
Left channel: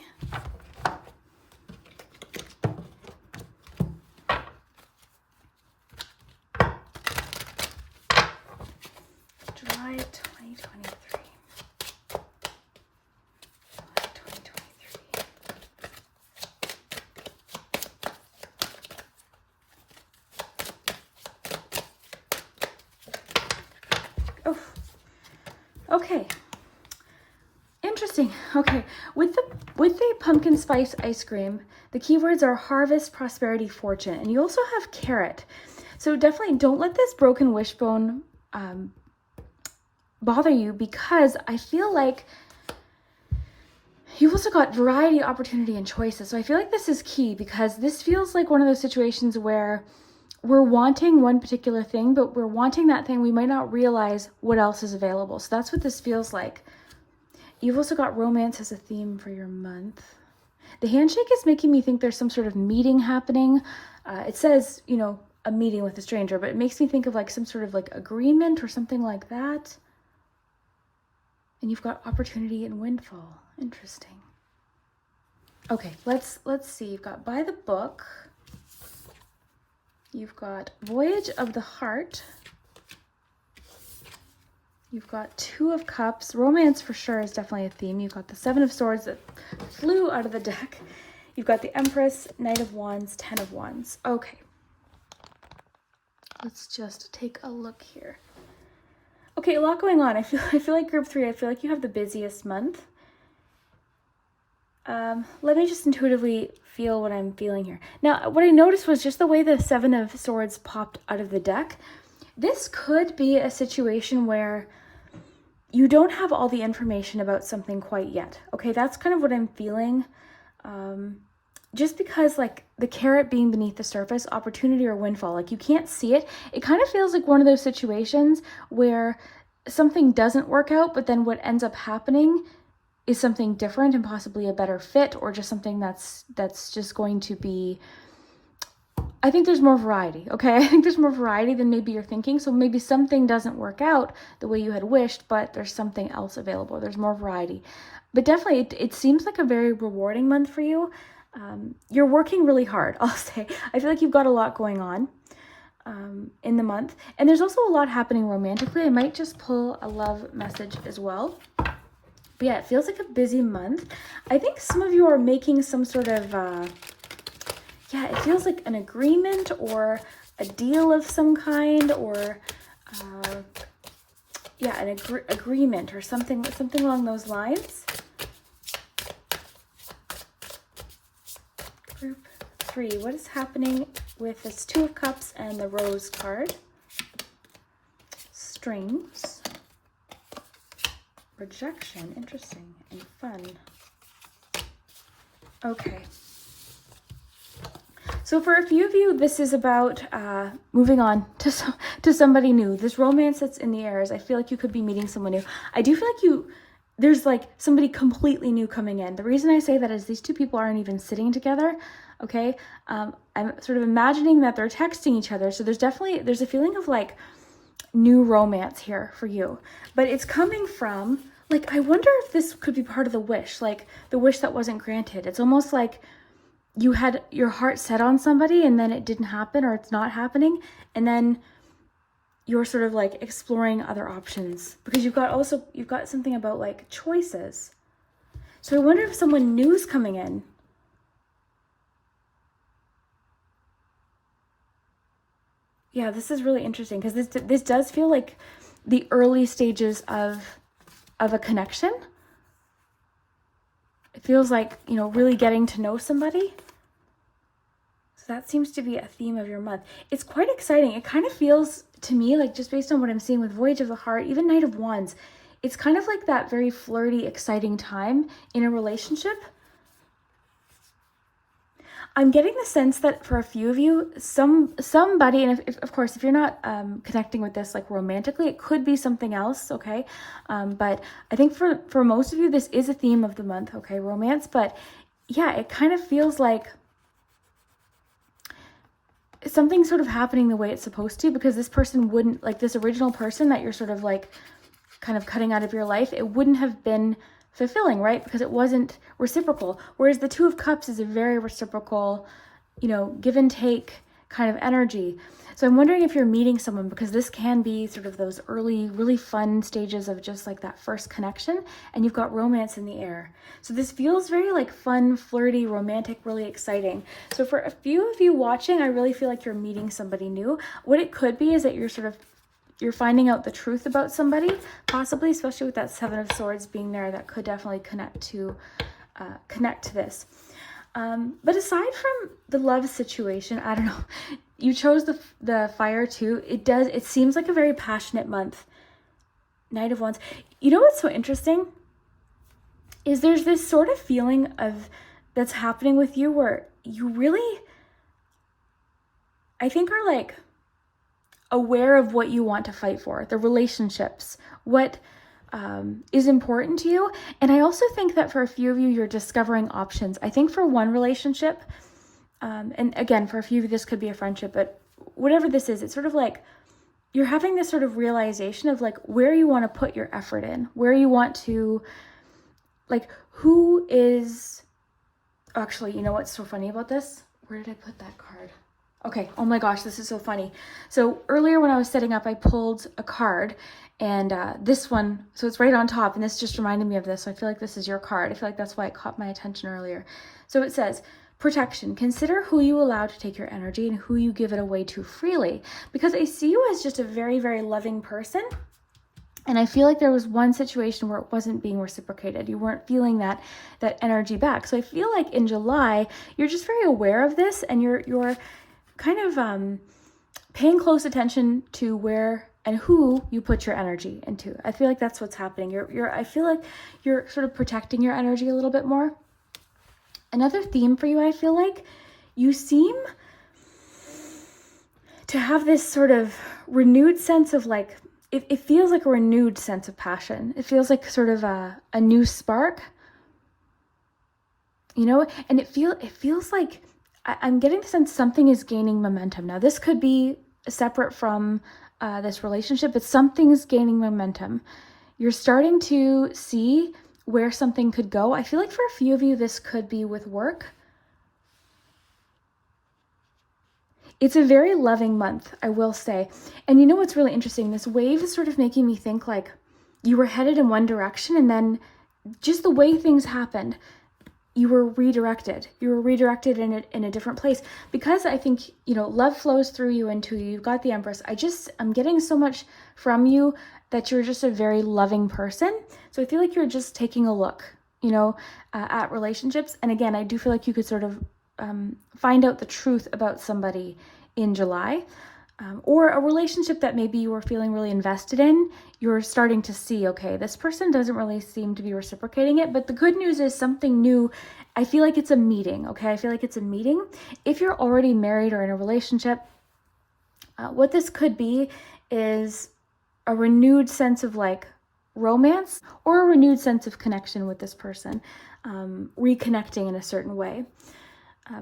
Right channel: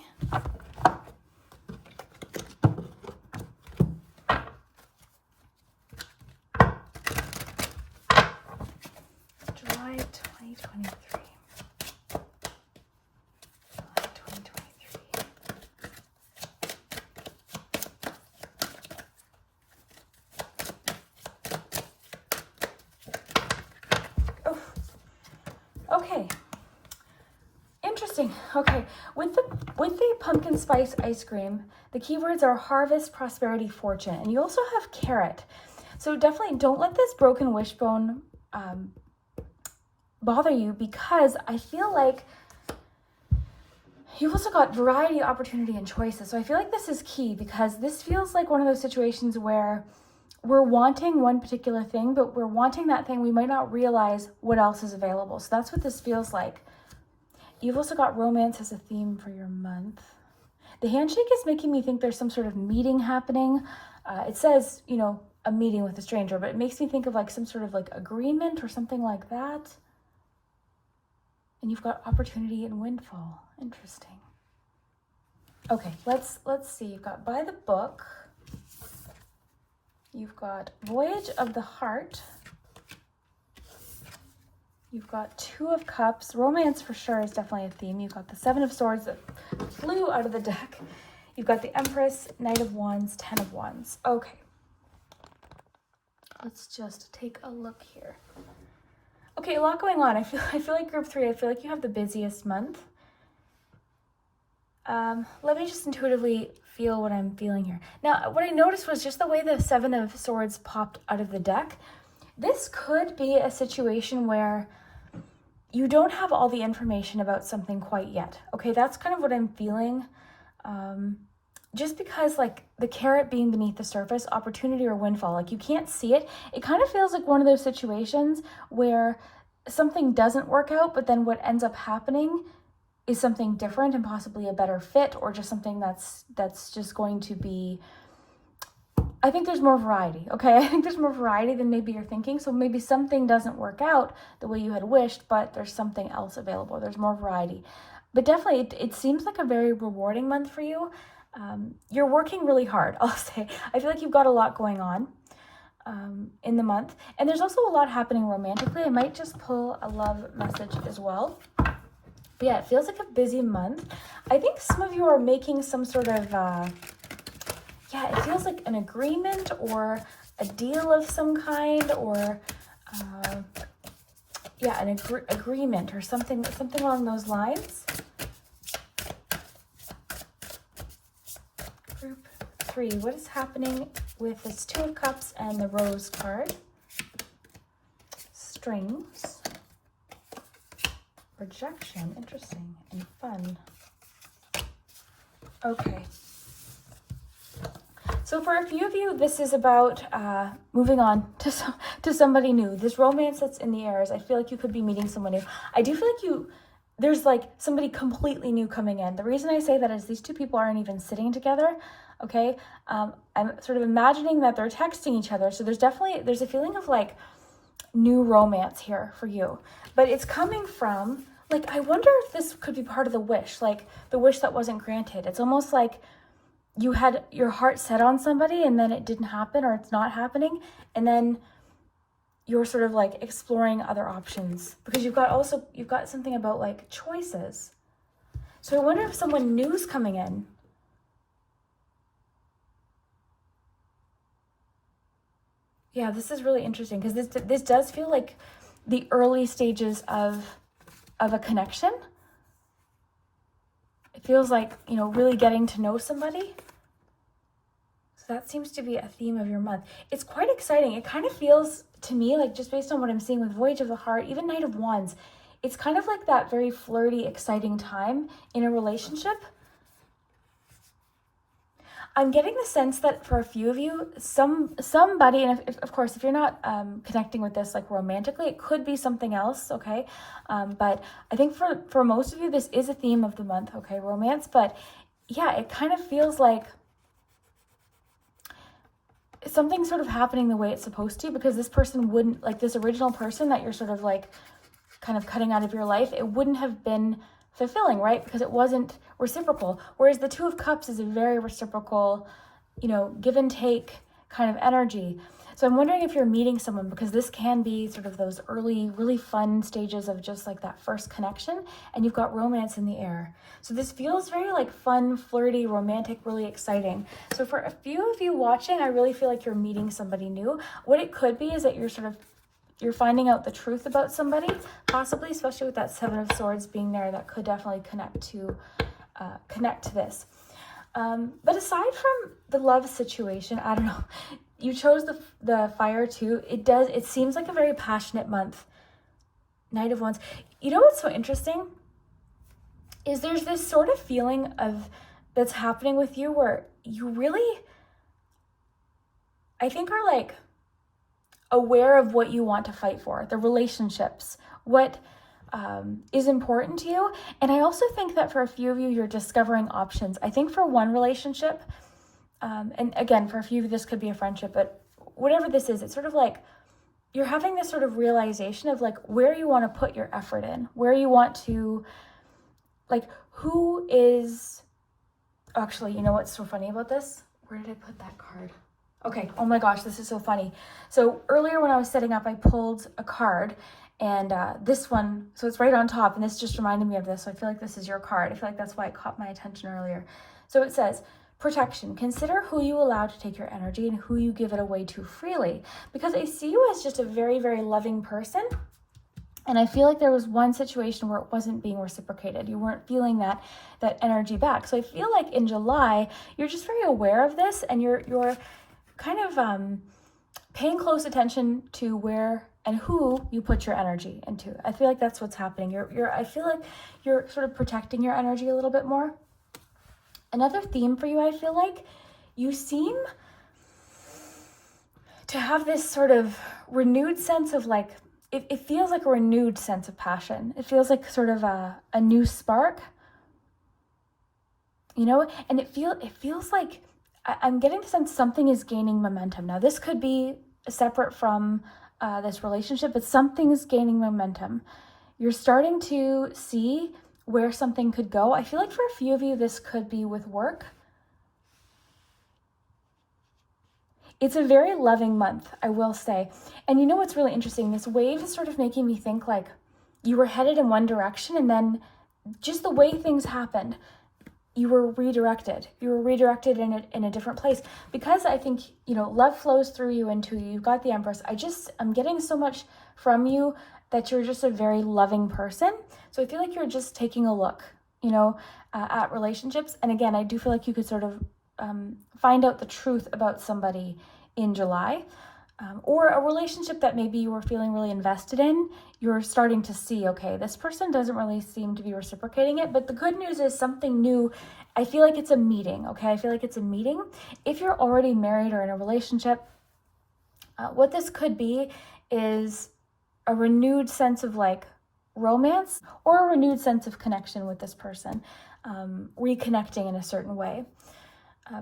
July 2023. July 2023. Oh, okay. Interesting. Okay, with the pumpkin spice ice cream, the keywords are harvest, prosperity, fortune, and you also have carrot. So definitely don't let this broken wishbone bother you, because I feel like you've also got variety, opportunity, and choices. So I feel like this is key, because this feels like one of those situations where we're wanting one particular thing, but we're wanting that thing, we might not realize what else is available. So that's what this feels like. You've also got romance as a theme for your month. The handshake is making me think there's some sort of meeting happening. It says, you know, a meeting with a stranger, but it makes me think of like some sort of like agreement or something like that. And you've got opportunity and windfall. Interesting. Okay, let's see. You've got by the book. You've got Voyage of the Heart. You've got Two of Cups. Romance for sure is definitely a theme. You've got the Seven of Swords that flew out of the deck. You've got the Empress, Knight of Wands, Ten of Wands. Okay. Let's just take a look here. Okay, a lot going on. I feel like Group 3, I feel like you have the busiest month. Let me just intuitively feel what I'm feeling here. Now, what I noticed was just the way the Seven of Swords popped out of the deck. This could be a situation where you don't have all the information about something quite yet. Okay, that's kind of what I'm feeling. Just because like the carrot being beneath the surface, opportunity or windfall, like you can't see it. It kind of feels like one of those situations where something doesn't work out, but then what ends up happening is something different and possibly a better fit, or just something that's just going to be I think there's more variety, okay? I think there's more variety than maybe you're thinking. So maybe something doesn't work out the way you had wished, but there's something else available. There's more variety. But definitely, it seems like a very rewarding month for you. You're working really hard, I'll say. I feel like you've got a lot going on in the month. And there's also a lot happening romantically. I might just pull a love message as well. But yeah, it feels like a busy month. I think some of you are making some sort of... yeah, it feels like an agreement or a deal of some kind, or yeah, an agreement or something along those lines. Group 3, what is happening with this 2 of Cups and the Rose card? Strings, rejection, interesting, and fun. Okay. So for a few of you, this is about moving on to somebody new. This romance that's in the airs, I feel like you could be meeting someone new. I do feel like there's like somebody completely new coming in. The reason I say that is these two people aren't even sitting together, okay? I'm sort of imagining that they're texting each other. So there's a feeling of like new romance here for you. But it's coming from, like, I wonder if this could be part of the wish, like the wish that wasn't granted. It's almost like you had your heart set on somebody and then it didn't happen, or it's not happening, and then you're sort of like exploring other options, because you've got something about like choices. So I wonder if someone new is coming in. Yeah, this is really interesting, because this does feel like the early stages of a connection. It feels like, you know, really getting to know somebody. So that seems to be a theme of your month. It's quite exciting. It kind of feels to me like, just based on what I'm seeing with Voyage of the Heart, even Knight of Wands, it's kind of like that very flirty, exciting time in a relationship. I'm getting the sense that for a few of you, somebody, and if of course, if you're not connecting with this like romantically, it could be something else, okay? But I think for most of you, this is a theme of the month, okay? Romance, but yeah, it kind of feels like something's sort of happening the way it's supposed to, because this person wouldn't, like this original person that you're sort of like kind of cutting out of your life, it wouldn't have been fulfilling, right? Because it wasn't reciprocal. Whereas the 2 of Cups is a very reciprocal, you know, give and take kind of energy. So I'm wondering if you're meeting someone, because this can be sort of those early, really fun stages of just like that first connection, and you've got romance in the air. So this feels very like fun, flirty, romantic, really exciting. So for a few of you watching, I really feel like you're meeting somebody new. What it could be is that you're finding out the truth about somebody, possibly, especially with that 7 of Swords being there. That could definitely connect to this. But aside from the love situation, I don't know, you chose the Fire too. It seems like a very passionate month. Knight of Wands. You know what's so interesting is there's this sort of feeling that's happening with you where you really, I think, are like aware of what you want to fight for, the relationships, what is important to you. And I also think that for a few of you, you're discovering options. I think for one relationship, and again, for a few of you, this could be a friendship, but whatever this is, it's sort of like you're having this sort of realization of like where you want to put your effort in, where you want to, like, who is, actually, you know what's so funny about this? Where did I put that card? Okay, oh my gosh, this is so funny. So earlier when I was setting up, I pulled a card, and this one, so it's right on top, and this just reminded me of this, so I feel like this is your card. I feel like that's why it caught my attention earlier. So it says, protection. Consider who you allow to take your energy and who you give it away to freely. Because I see you as just a very, very loving person, and I feel like there was one situation where it wasn't being reciprocated. You weren't feeling that energy back. So I feel like in July, you're just very aware of this, and you're kind of paying close attention to where and who you put your energy into. I feel like that's what's happening. I feel like you're sort of protecting your energy a little bit more. Another theme for you, I feel like you seem to have this sort of renewed sense of like, it feels like a renewed sense of passion. It feels like sort of a new spark, you know, and it feels like I'm getting the sense something is gaining momentum. Now, this could be separate from this relationship, but something is gaining momentum. You're starting to see where something could go. I feel like for a few of you, this could be with work. It's a very loving month, I will say. And you know what's really interesting? This wave is sort of making me think like you were headed in one direction, and then just the way things happened, you were redirected. You were redirected in a different place. Because I think, you know, love flows through you into you. You've got the Empress. I'm getting so much from you that you're just a very loving person. So I feel like you're just taking a look, you know, at relationships. And again, I do feel like you could sort of find out the truth about somebody in July, or a relationship that maybe you were feeling really invested in. You're starting to see, okay, this person doesn't really seem to be reciprocating it, but the good news is something new. I feel like it's a meeting, okay? I feel like it's a meeting. If you're already married or in a relationship, what this could be is a renewed sense of like romance, or a renewed sense of connection with this person, reconnecting in a certain way.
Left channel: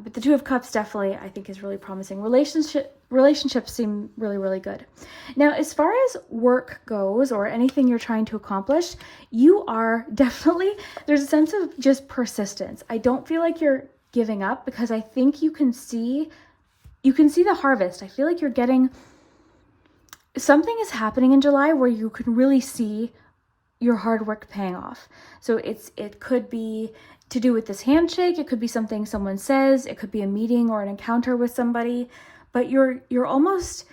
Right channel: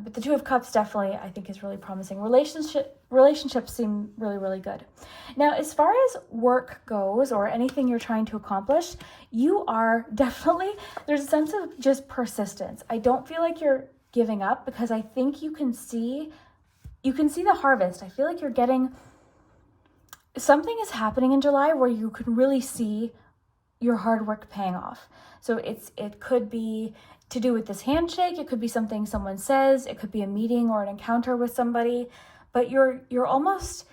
But the Two of Cups definitely, I think, is really promising. Relationships seem really, really good. Now, as far as work goes, or anything you're trying to accomplish, you are definitely, there's a sense of just persistence. I don't feel like you're giving up, because I think you can see the harvest. I feel like you're getting, something is happening in July where you can really see your hard work paying off. So it could be to do with this handshake, it could be something someone says, it could be a meeting or an encounter with somebody, but you're almost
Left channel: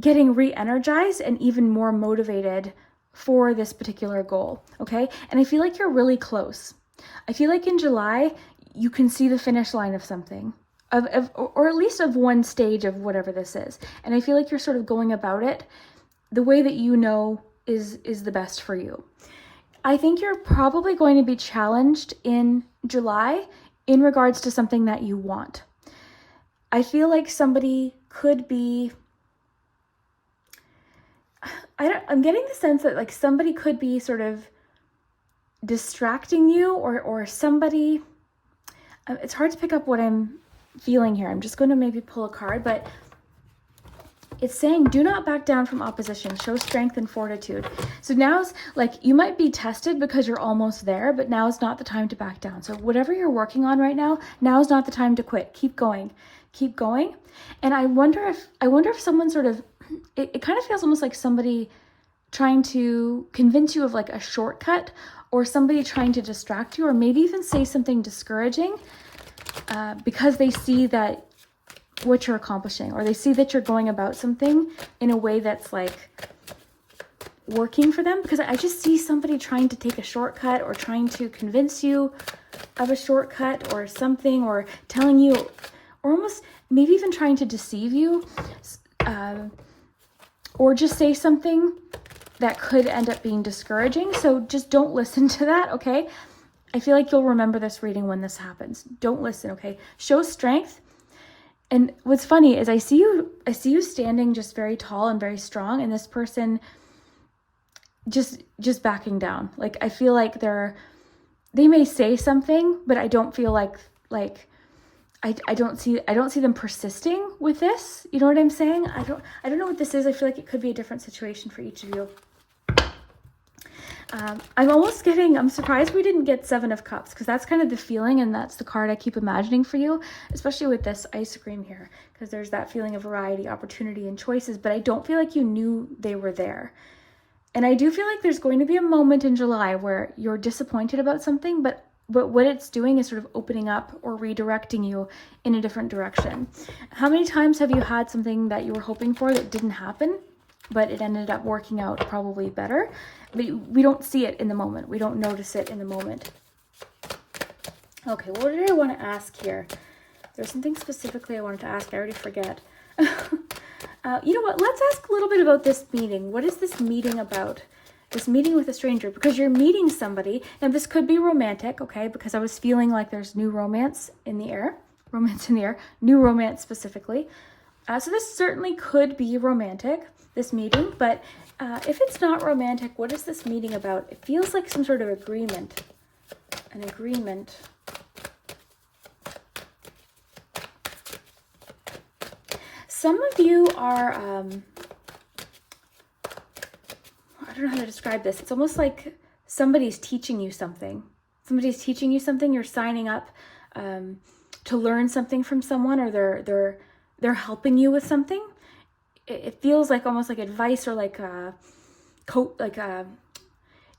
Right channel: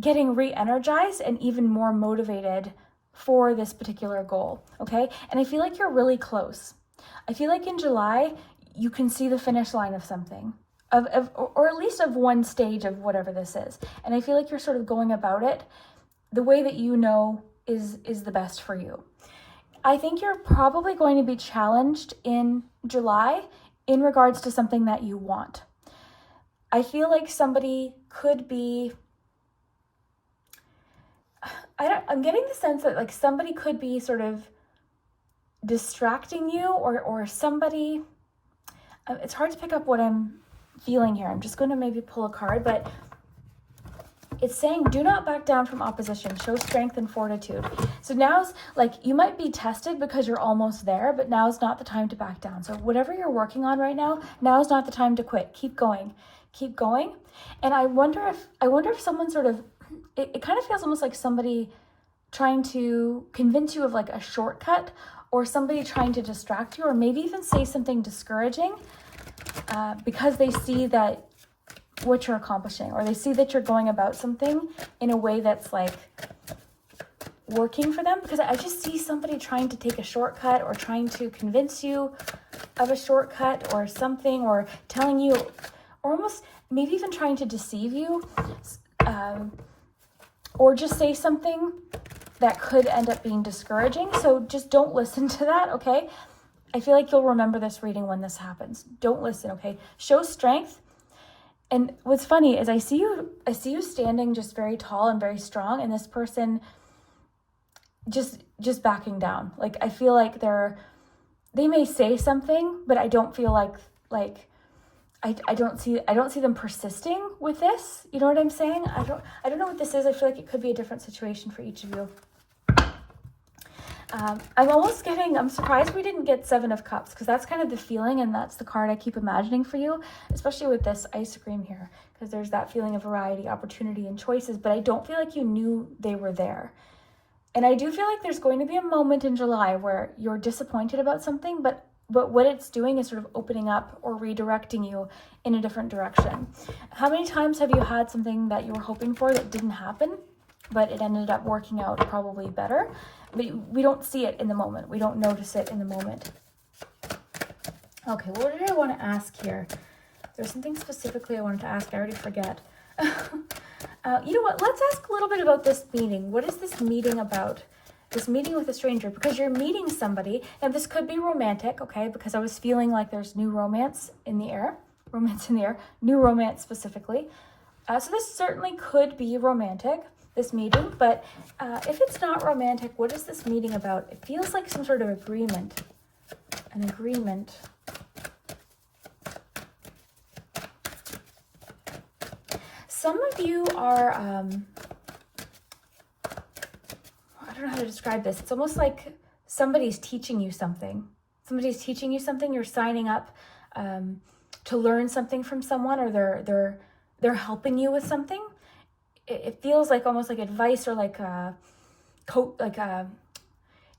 getting re-energized and even more motivated for this particular goal, okay? And I feel like you're really close. I feel like in July, you can see the finish line of something, or at least of one stage of whatever this is. And I feel like you're sort of going about it the way that you know is the best for you. I think you're probably going to be challenged in July in regards to something that you want. I feel like somebody could be, I'm getting the sense that like somebody could be sort of distracting you, or somebody, it's hard to pick up what I'm feeling here. I'm just going to maybe pull a card, but it's saying, do not back down from opposition, show strength and fortitude. So now's like, you might be tested because you're almost there, but now's not the time to back down. So whatever you're working on right now, now's not the time to quit. Keep going, keep going. And I wonder if someone sort of, it kind of feels almost like somebody trying to convince you of like a shortcut, or somebody trying to distract you, or maybe even say something discouraging, because they see that what you're accomplishing, or they see that you're going about something in a way that's like working for them. Because I just see somebody trying to take a shortcut, or trying to convince you of a shortcut or something, or telling you, or almost maybe even trying to deceive you, or just say something that could end up being discouraging. So just don't listen to that, okay? I feel like you'll remember this reading when this happens. Don't listen, okay? Show strength. And what's funny is I see you standing just very tall and very strong, and this person just backing down. Like, I feel like they may say something, but I don't feel like I don't see them persisting with this. You know what I'm saying? I don't know what this is. I feel like it could be a different situation for each of you. I'm surprised we didn't get Seven of Cups, because that's kind of the feeling, and that's the card I keep imagining for you, especially with this ice cream here, because there's that feeling of variety, opportunity, and choices, but I don't feel like you knew they were there. And I do feel like there's going to be a moment in July where you're disappointed about something, but what it's doing is sort of opening up or redirecting you in a different direction. How many times have you had something that you were hoping for that didn't happen, but it ended up working out probably better? We don't see it in the moment. We don't notice it in the moment. Okay, what did I want to ask here? There's something specifically I wanted to ask. I already forget. You know what? Let's ask a little bit about this meeting. What is this meeting about? This meeting with a stranger, because you're meeting somebody, and this could be romantic, okay? Because I was feeling like there's new romance in the air. New romance specifically. So this certainly could be romantic, this meeting, but if it's not romantic, what is this meeting about? It feels like some sort of agreement. An agreement. Some of you are, I don't know how to describe this. It's almost like somebody's teaching you something. Somebody's teaching you something. You're signing up to learn something from someone, or they're helping you with something. It feels like almost like advice, or like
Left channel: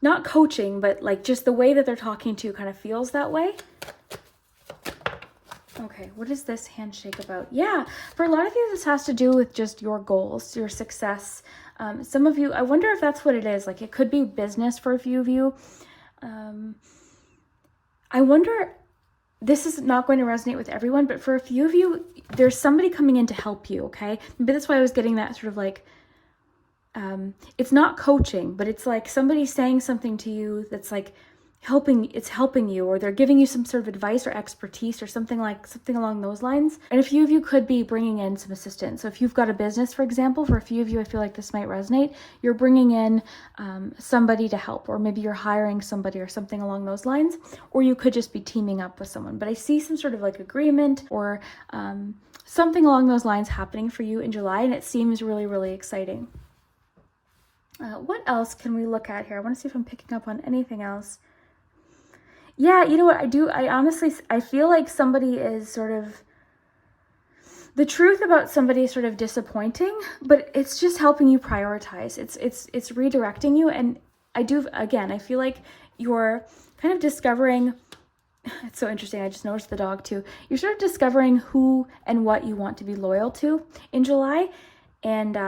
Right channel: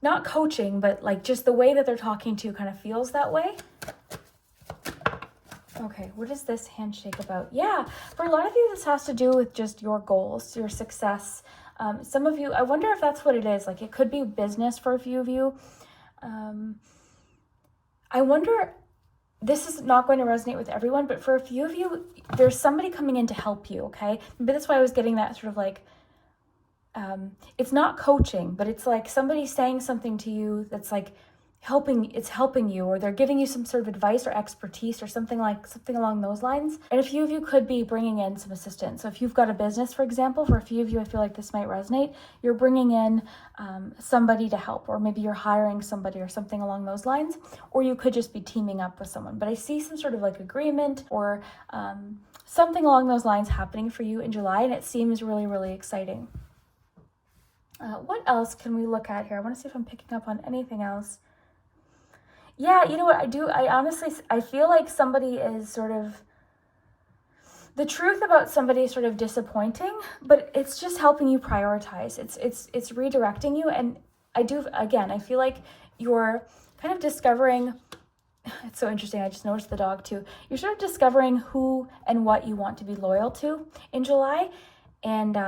not coaching, but like just the way that they're talking to you kind of feels that way. Okay, what is this handshake about? Yeah, for a lot of you, this has to do with just your goals, your success. Some of you, I wonder if that's what it is. Like, it could be business for a few of you. I wonder, this is not going to resonate with everyone, but for a few of you, there's somebody coming in to help you, okay? Maybe that's why I was getting that sort of like, it's not coaching, but it's like somebody saying something to you that's like helping you, or they're giving you some sort of advice or expertise or something along those lines. And a few of you could be bringing in some assistance. So if you've got a business, for example, for a few of you, I feel like this might resonate. You're bringing in somebody to help, or maybe you're hiring somebody or something along those lines, or you could just be teaming up with someone. But I see some sort of like agreement or something along those lines happening for you in July, and it seems really, really exciting. What else can we look at here? I want to see if I'm picking up on anything else. Yeah, you know what I do? I feel like somebody is sort of, the truth about somebody is sort of disappointing, but it's just helping you prioritize. It's redirecting you. And I feel like you're kind of discovering, it's so interesting. I just noticed the dog too. You're sort of discovering who and what you want to be loyal to in July. And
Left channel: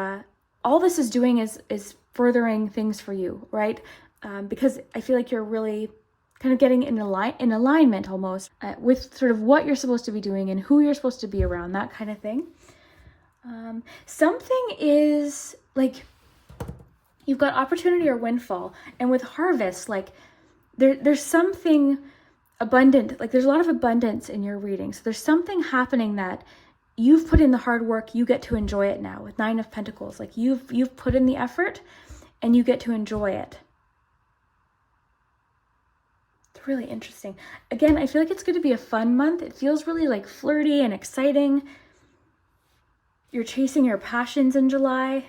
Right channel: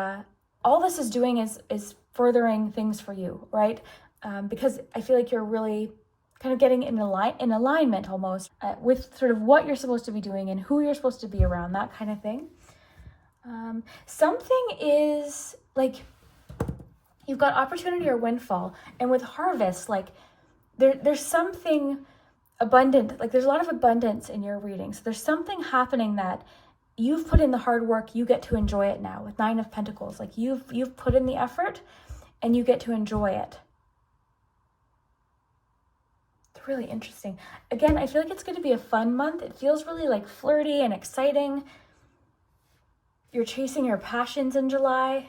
all this is doing is furthering things for you, right? Because I feel like you're really kind of getting in alignment almost with sort of what you're supposed to be doing and who you're supposed to be around, that kind of thing. Something is like, you've got opportunity or windfall, and with harvest, like there's something abundant, like there's a lot of abundance in your reading. So there's something happening that you've put in the hard work, you get to enjoy it now with 9 of Pentacles. Like you've put in the effort and you get to enjoy it. It's really interesting. Again, I feel like it's going to be a fun month. It feels really like flirty and exciting. You're chasing your passions in July.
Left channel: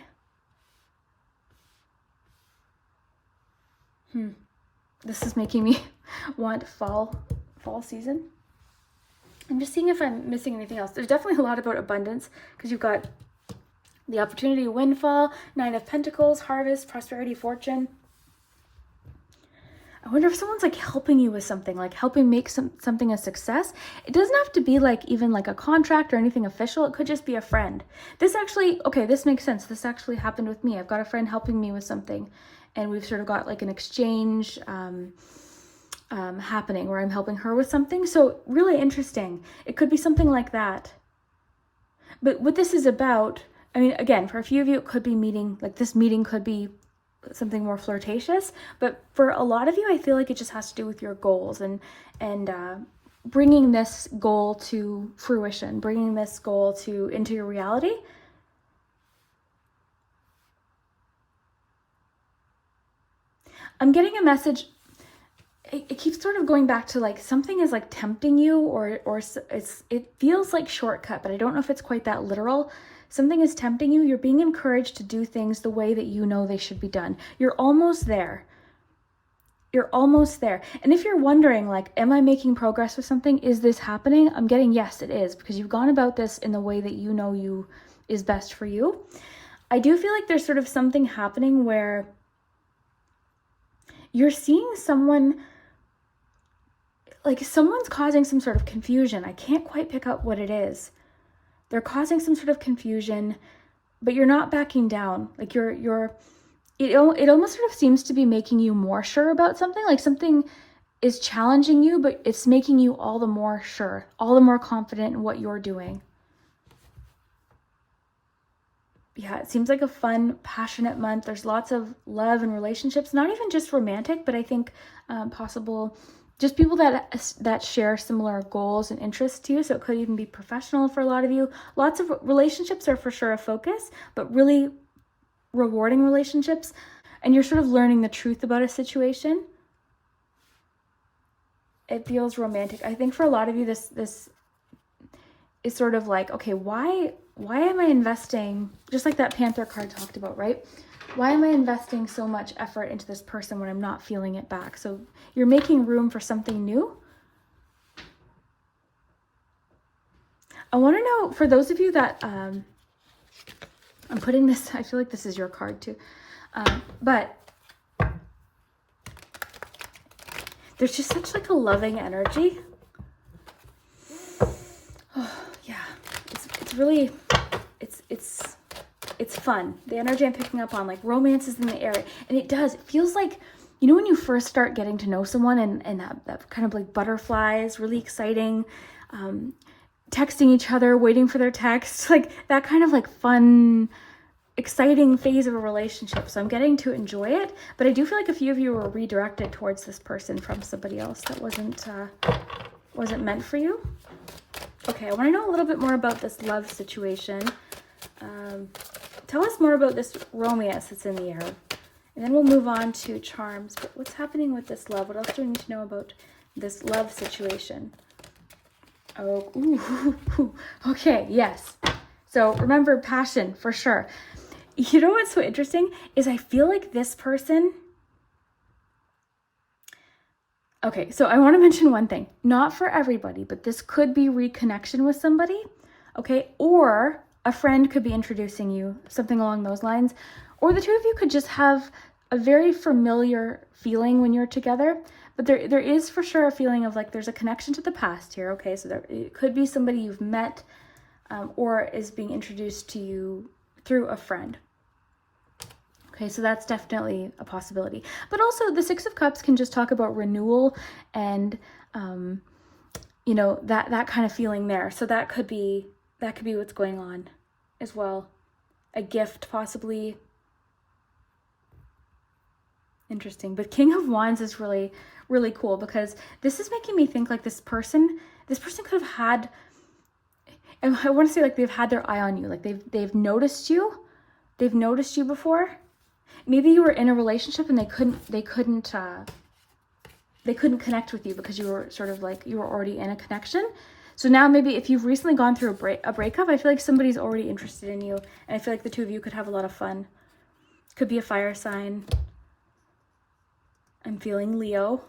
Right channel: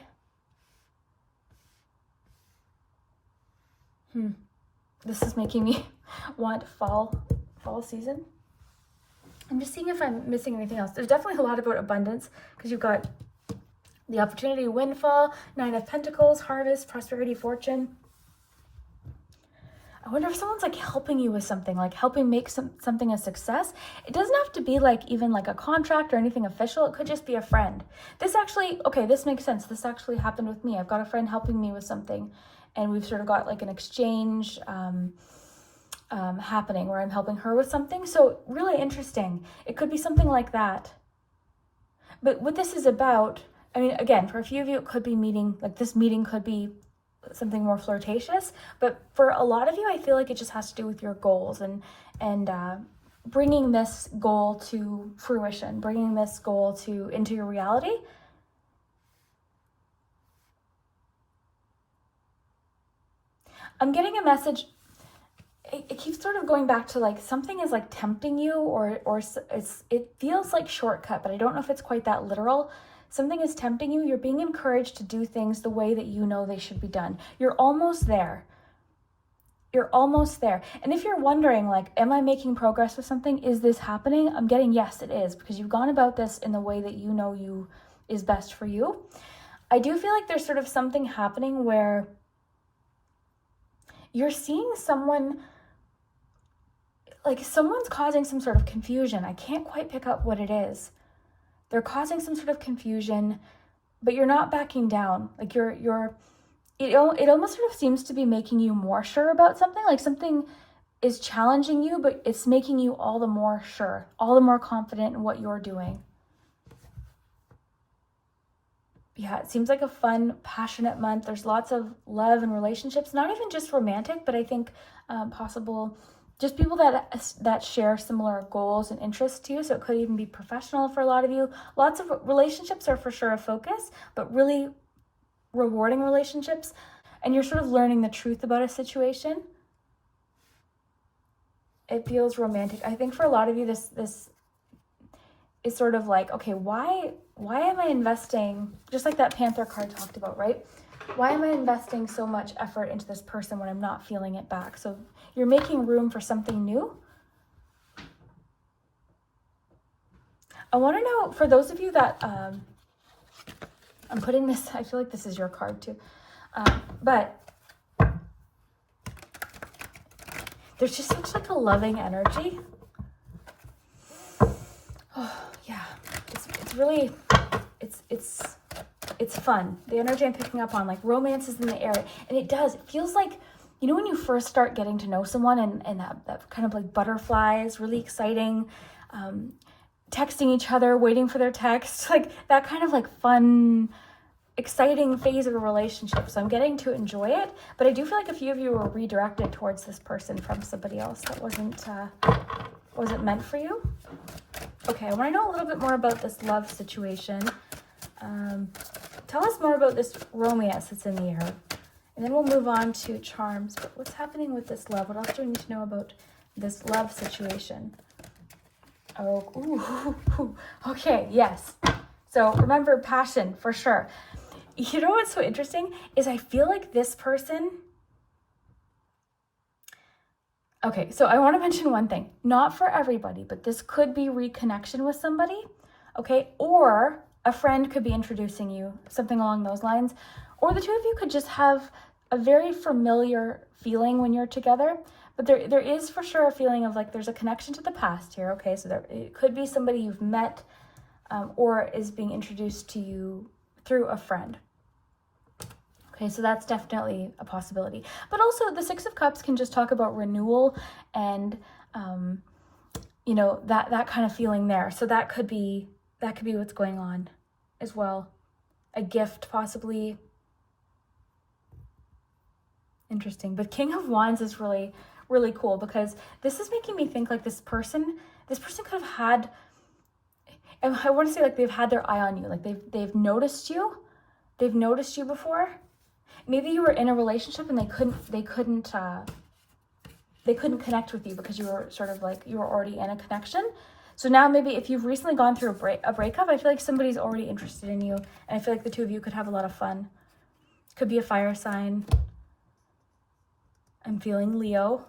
This is making me want fall season. I'm just seeing if I'm missing anything else. There's definitely a lot about abundance, because you've got the opportunity, windfall, 9 of Pentacles, harvest, prosperity, fortune. I wonder if someone's like helping you with something, like helping make something a success. It doesn't have to be like even like a contract or anything official. It could just be a friend. This actually, okay, this makes sense. This actually happened with me. I've got a friend helping me with something, and we've sort of got like an exchange happening where I'm helping her with something. So really interesting. It could be something like that. But what this is about, I mean, again, for a few of you, it could be meeting, like this meeting could be something more flirtatious, but for a lot of you, I feel like it just has to do with your goals and bringing this goal to fruition, bringing this goal into your reality. I'm getting a message. It keeps sort of going back to like something is like tempting you, or it feels like shortcut, but I don't know if it's quite that literal. Something is tempting you. You're being encouraged to do things the way that you know they should be done. You're almost there. You're almost there. And if you're wondering, like, am I making progress with something? Is this happening? I'm getting yes, it is, because you've gone about this in the way that you know is best for you. I do feel like there's sort of something happening where you're seeing someone, like someone's causing some sort of confusion. I can't quite pick up what it is. They're causing some sort of confusion, but you're not backing down. Like it almost sort of seems to be making you more sure about something. Like something is challenging you, but it's making you all the more sure, all the more confident in what you're doing. Yeah, it seems like a fun, passionate month. There's lots of love and relationships, not even just romantic, but I think possible just people that share similar goals and interests to you. So it could even be professional for a lot of you. Lots of relationships are for sure a focus, but really rewarding relationships. And you're sort of learning the truth about a situation. It feels romantic. I think for a lot of you, this is sort of like, okay, why why am I investing, just like that Panther card talked about, right? Why am I investing so much effort into this person when I'm not feeling it back? So you're making room for something new. I want to know, for those of you that, I'm putting this, I feel like this is your card too, but there's just such like a loving energy. Oh, yeah, it's really, it's fun. The energy I'm picking up on, like romance is in the air, and it feels like, you know, when you first start getting to know someone and that kind of like butterflies, really exciting, texting each other, waiting for their text, like that kind of like fun, exciting phase of a relationship. So I'm getting to enjoy it, but I do feel like a few of you were redirected towards this person from somebody else that wasn't meant for you. Okay, I want to know a little bit more about this love situation. Tell us more about this romance that's in the air. And then we'll move on to charms. But what's happening with this love? What else do we need to know about this love situation? Oh, ooh, okay, yes. So remember, passion, for sure. You know what's so interesting is I feel like this person... Okay, so I want to mention one thing. Not for everybody, but this could be reconnection with somebody, okay? Or a friend could be introducing you, something along those lines. Or the two of you could just have a very familiar feeling when you're together. But there is for sure a feeling of like there's a connection to the past here, okay? So it could be somebody you've met or is being introduced to you through a friend. Okay, so that's definitely a possibility. But also the Six of Cups can just talk about renewal and, you know, that kind of feeling there. So that could be what's going on as well. A gift possibly. Interesting. But King of Wands is really, really cool because this is making me think like this person could have had, and I want to say like they've had their eye on you. Like they've noticed you. They've noticed you before. Maybe you were in a relationship and they couldn't connect with you because you were sort of like, you were already in a connection. So now maybe if you've recently gone through a breakup, I feel like somebody's already interested in you. And I feel like the two of you could have a lot of fun. Could be a fire sign. I'm feeling Leo.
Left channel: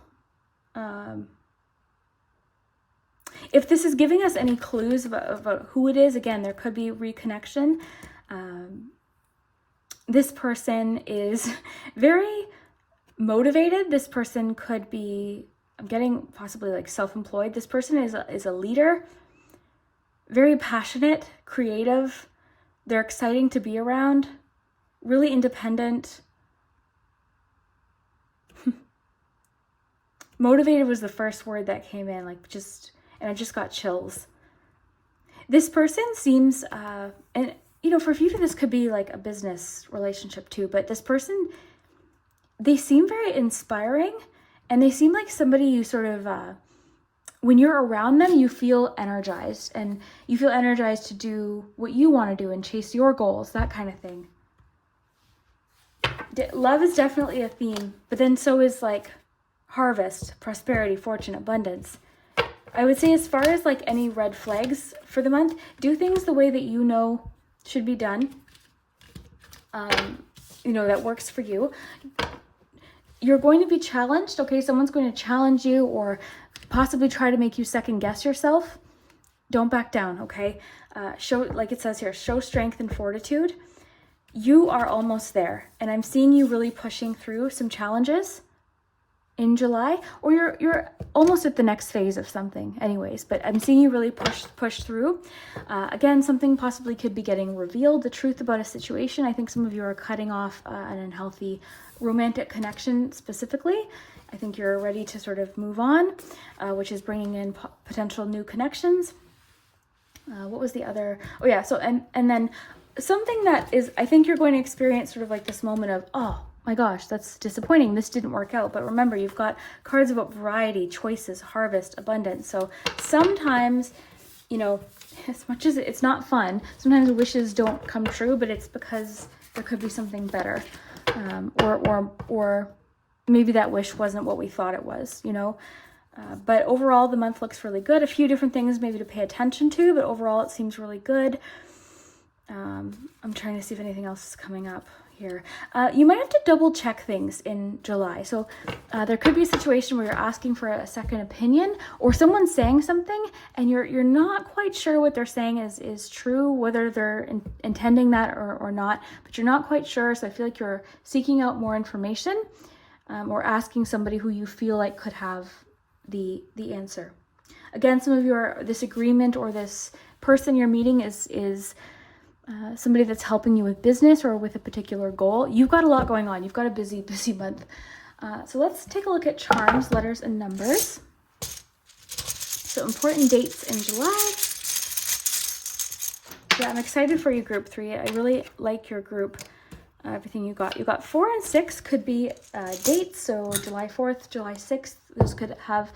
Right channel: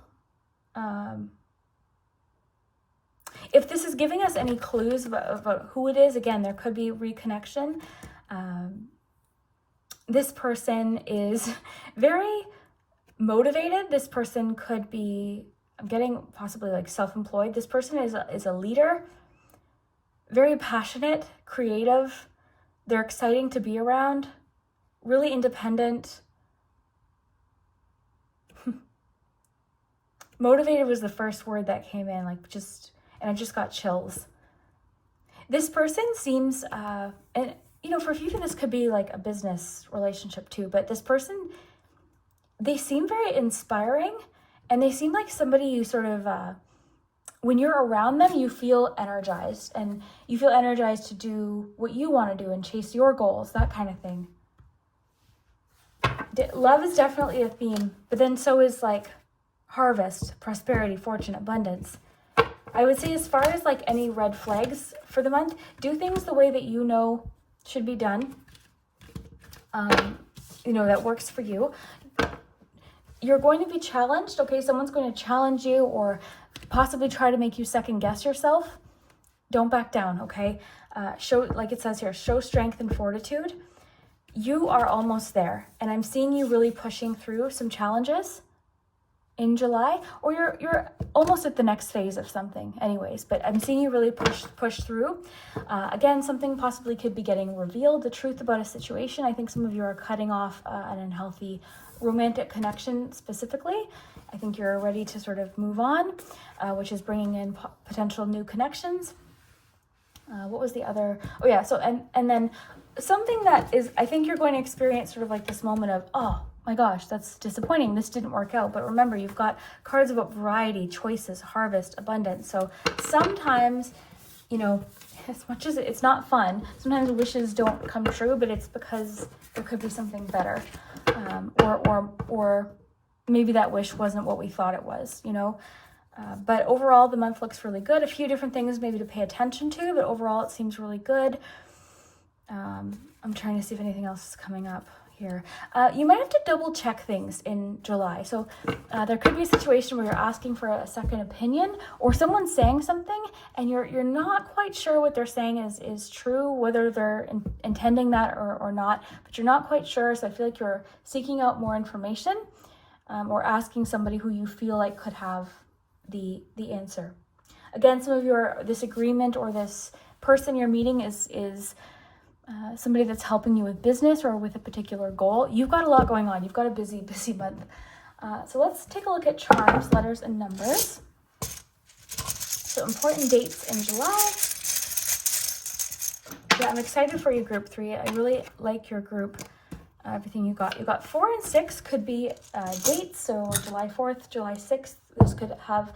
If this is giving us any clues about who it is, again, there could be reconnection. This person is very motivated. This person could be, I'm getting possibly like self-employed. This person is a leader, very passionate, creative. They're exciting to be around, really independent. Motivated was the first word that came in, like just, and I just got chills. This person seems, and you know, for a few of you, this could be like a business relationship too, but this person, they seem very inspiring and they seem like somebody you sort of, when you're around them, you feel energized and you feel energized to do what you want to do and chase your goals, that kind of thing. Love is definitely a theme, but then so is like harvest, prosperity, fortune, abundance. I would say as far as like any red flags for the month, do things the way that you know should be done, you know, that works for you. You're going to be challenged, okay? Someone's going to challenge you or possibly try to make you second guess yourself. Don't back down, okay? Show, like it says here, show strength and fortitude. You are almost there, and I'm seeing you really pushing through some challenges in July, or you're almost at the next phase of something anyways, but I'm seeing you really push through. Again, something possibly could be getting revealed, the truth about a situation. I think some of you are cutting off an unhealthy romantic connection specifically. I think you're ready to sort of move on, which is bringing in potential new connections. What was the other? Oh yeah, so and then something that is, I think you're going to experience sort of like this moment of, oh my gosh, that's disappointing. This didn't work out. But remember, you've got cards about variety, choices, harvest, abundance. So sometimes, you know, as much as it's not fun, sometimes wishes don't come true, but it's because there could be something better. Or maybe that wish wasn't what we thought it was, you know. But overall, the month looks really good. A few different things maybe to pay attention to, but overall it seems really good. I'm trying to see if anything else is coming up here. You might have to double check things in July. So there could be a situation where you're asking for a second opinion, or someone's saying something and you're not quite sure what they're saying is true, whether they're intending that or not, but you're not quite sure. So I feel like you're seeking out more information, or asking somebody who you feel like could have the answer. Again, some of your disagreement or this person you're meeting is somebody that's helping you with business or with a particular goal. You've got a lot going on. You've got a busy month. So let's take a look at charms, letters, and numbers. So important dates in July. Yeah, I'm excited for you, group 3. I really like your group. Everything you got. You got 4 and 6 could be dates. So July 4th, July 6th, those could have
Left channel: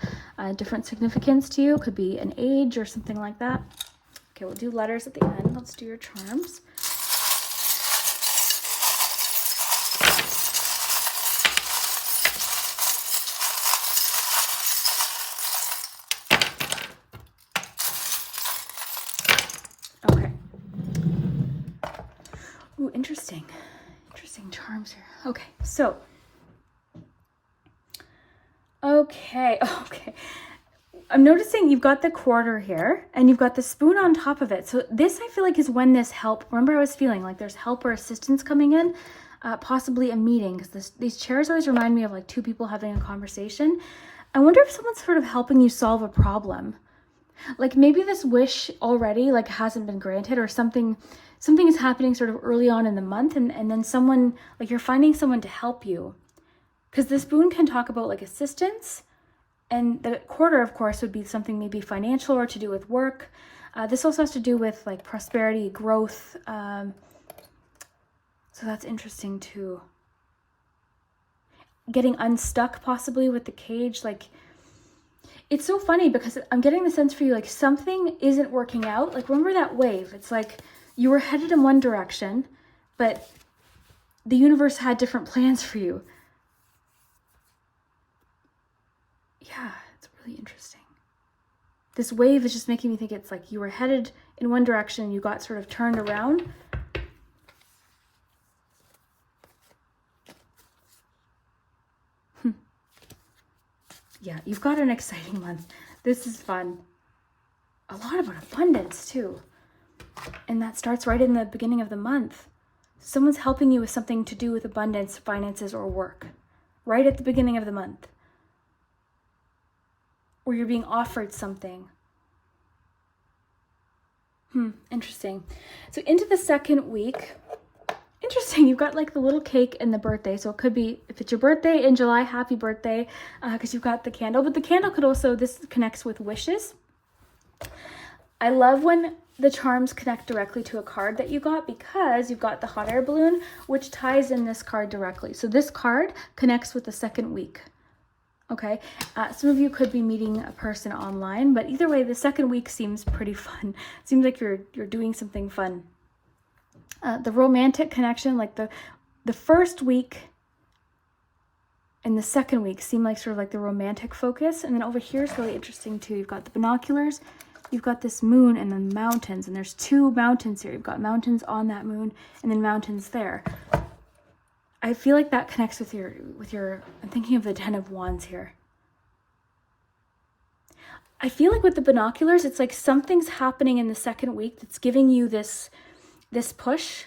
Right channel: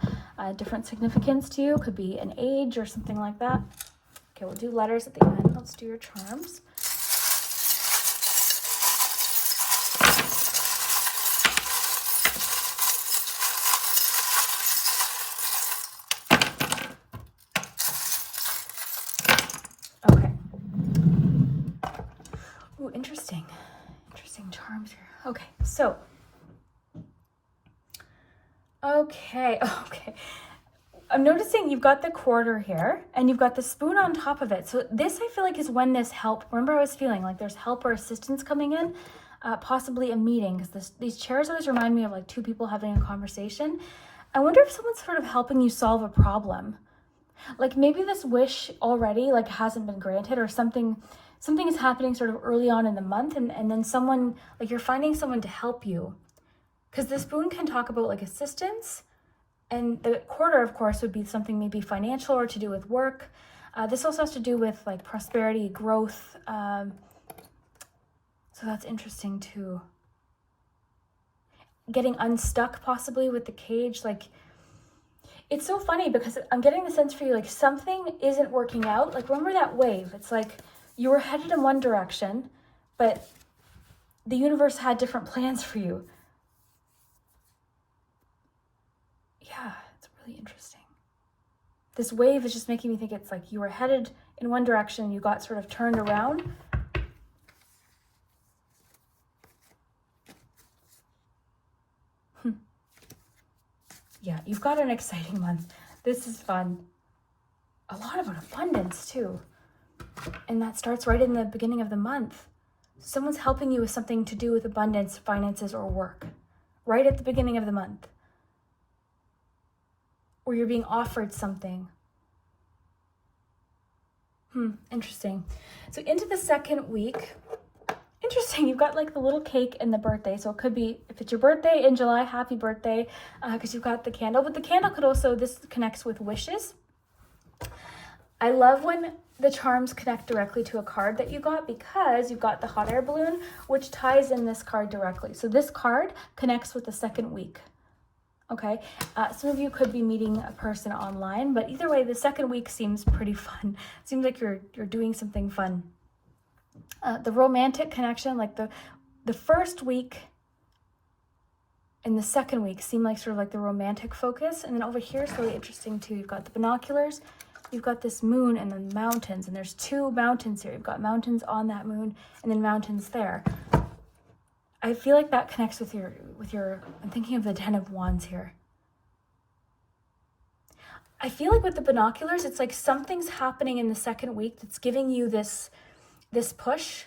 different significance to you. Could be an age or something like that. Okay, we'll do letters at the end. Let's do your charms. Okay. Ooh, interesting. Interesting charms here. Okay, so. Okay. I'm noticing you've got the quarter here and you've got the spoon on top of it. So this, I feel like, is when this help, remember I was feeling like there's help or assistance coming in, possibly a meeting, because these chairs always remind me of like two people having a conversation. I wonder if someone's sort of helping you solve a problem. Like maybe this wish already like hasn't been granted, or something is happening sort of early on in the month, and then someone, like you're finding someone to help you. Because the spoon can talk about like assistance, and the quarter, of course, would be something maybe financial or to do with work. This also has to do with like prosperity, growth. So that's interesting too. Getting unstuck possibly with the cage. Like, it's so funny because I'm getting the sense for you, like something isn't working out. Like remember that wave? It's like you were headed in one direction, but the universe had different plans for you. Yeah, it's really interesting. This wave is just making me think it's like you were headed in one direction and you got sort of turned around. Yeah, you've got an exciting month. This is fun. A lot about abundance too. And that starts right in the beginning of the month. Someone's helping you with something to do with abundance, finances, or work. Right at the beginning of the month. Or you're being offered something. Interesting. So into the second week, interesting, you've got like the little cake and the birthday. So it could be, if it's your birthday in July, happy birthday, because you've got the candle. But the candle could also, this connects with wishes. I love when the charms connect directly to a card that you got, because you've got the hot air balloon, which ties in this card directly. So this card connects with the second week. Okay, some of you could be meeting a person online, but either way, the second week seems pretty fun. It seems like you're doing something fun. The romantic connection, like the first week and the second week seem like sort of like the romantic focus. And then over here is really interesting too. You've got the binoculars, you've got this moon, and then mountains. And there's two mountains here. You've got mountains on that moon and then mountains there. I feel like that connects with your, I'm thinking of the 10 of Wands here. I feel like with the binoculars, it's like something's happening in the second week that's giving you this push.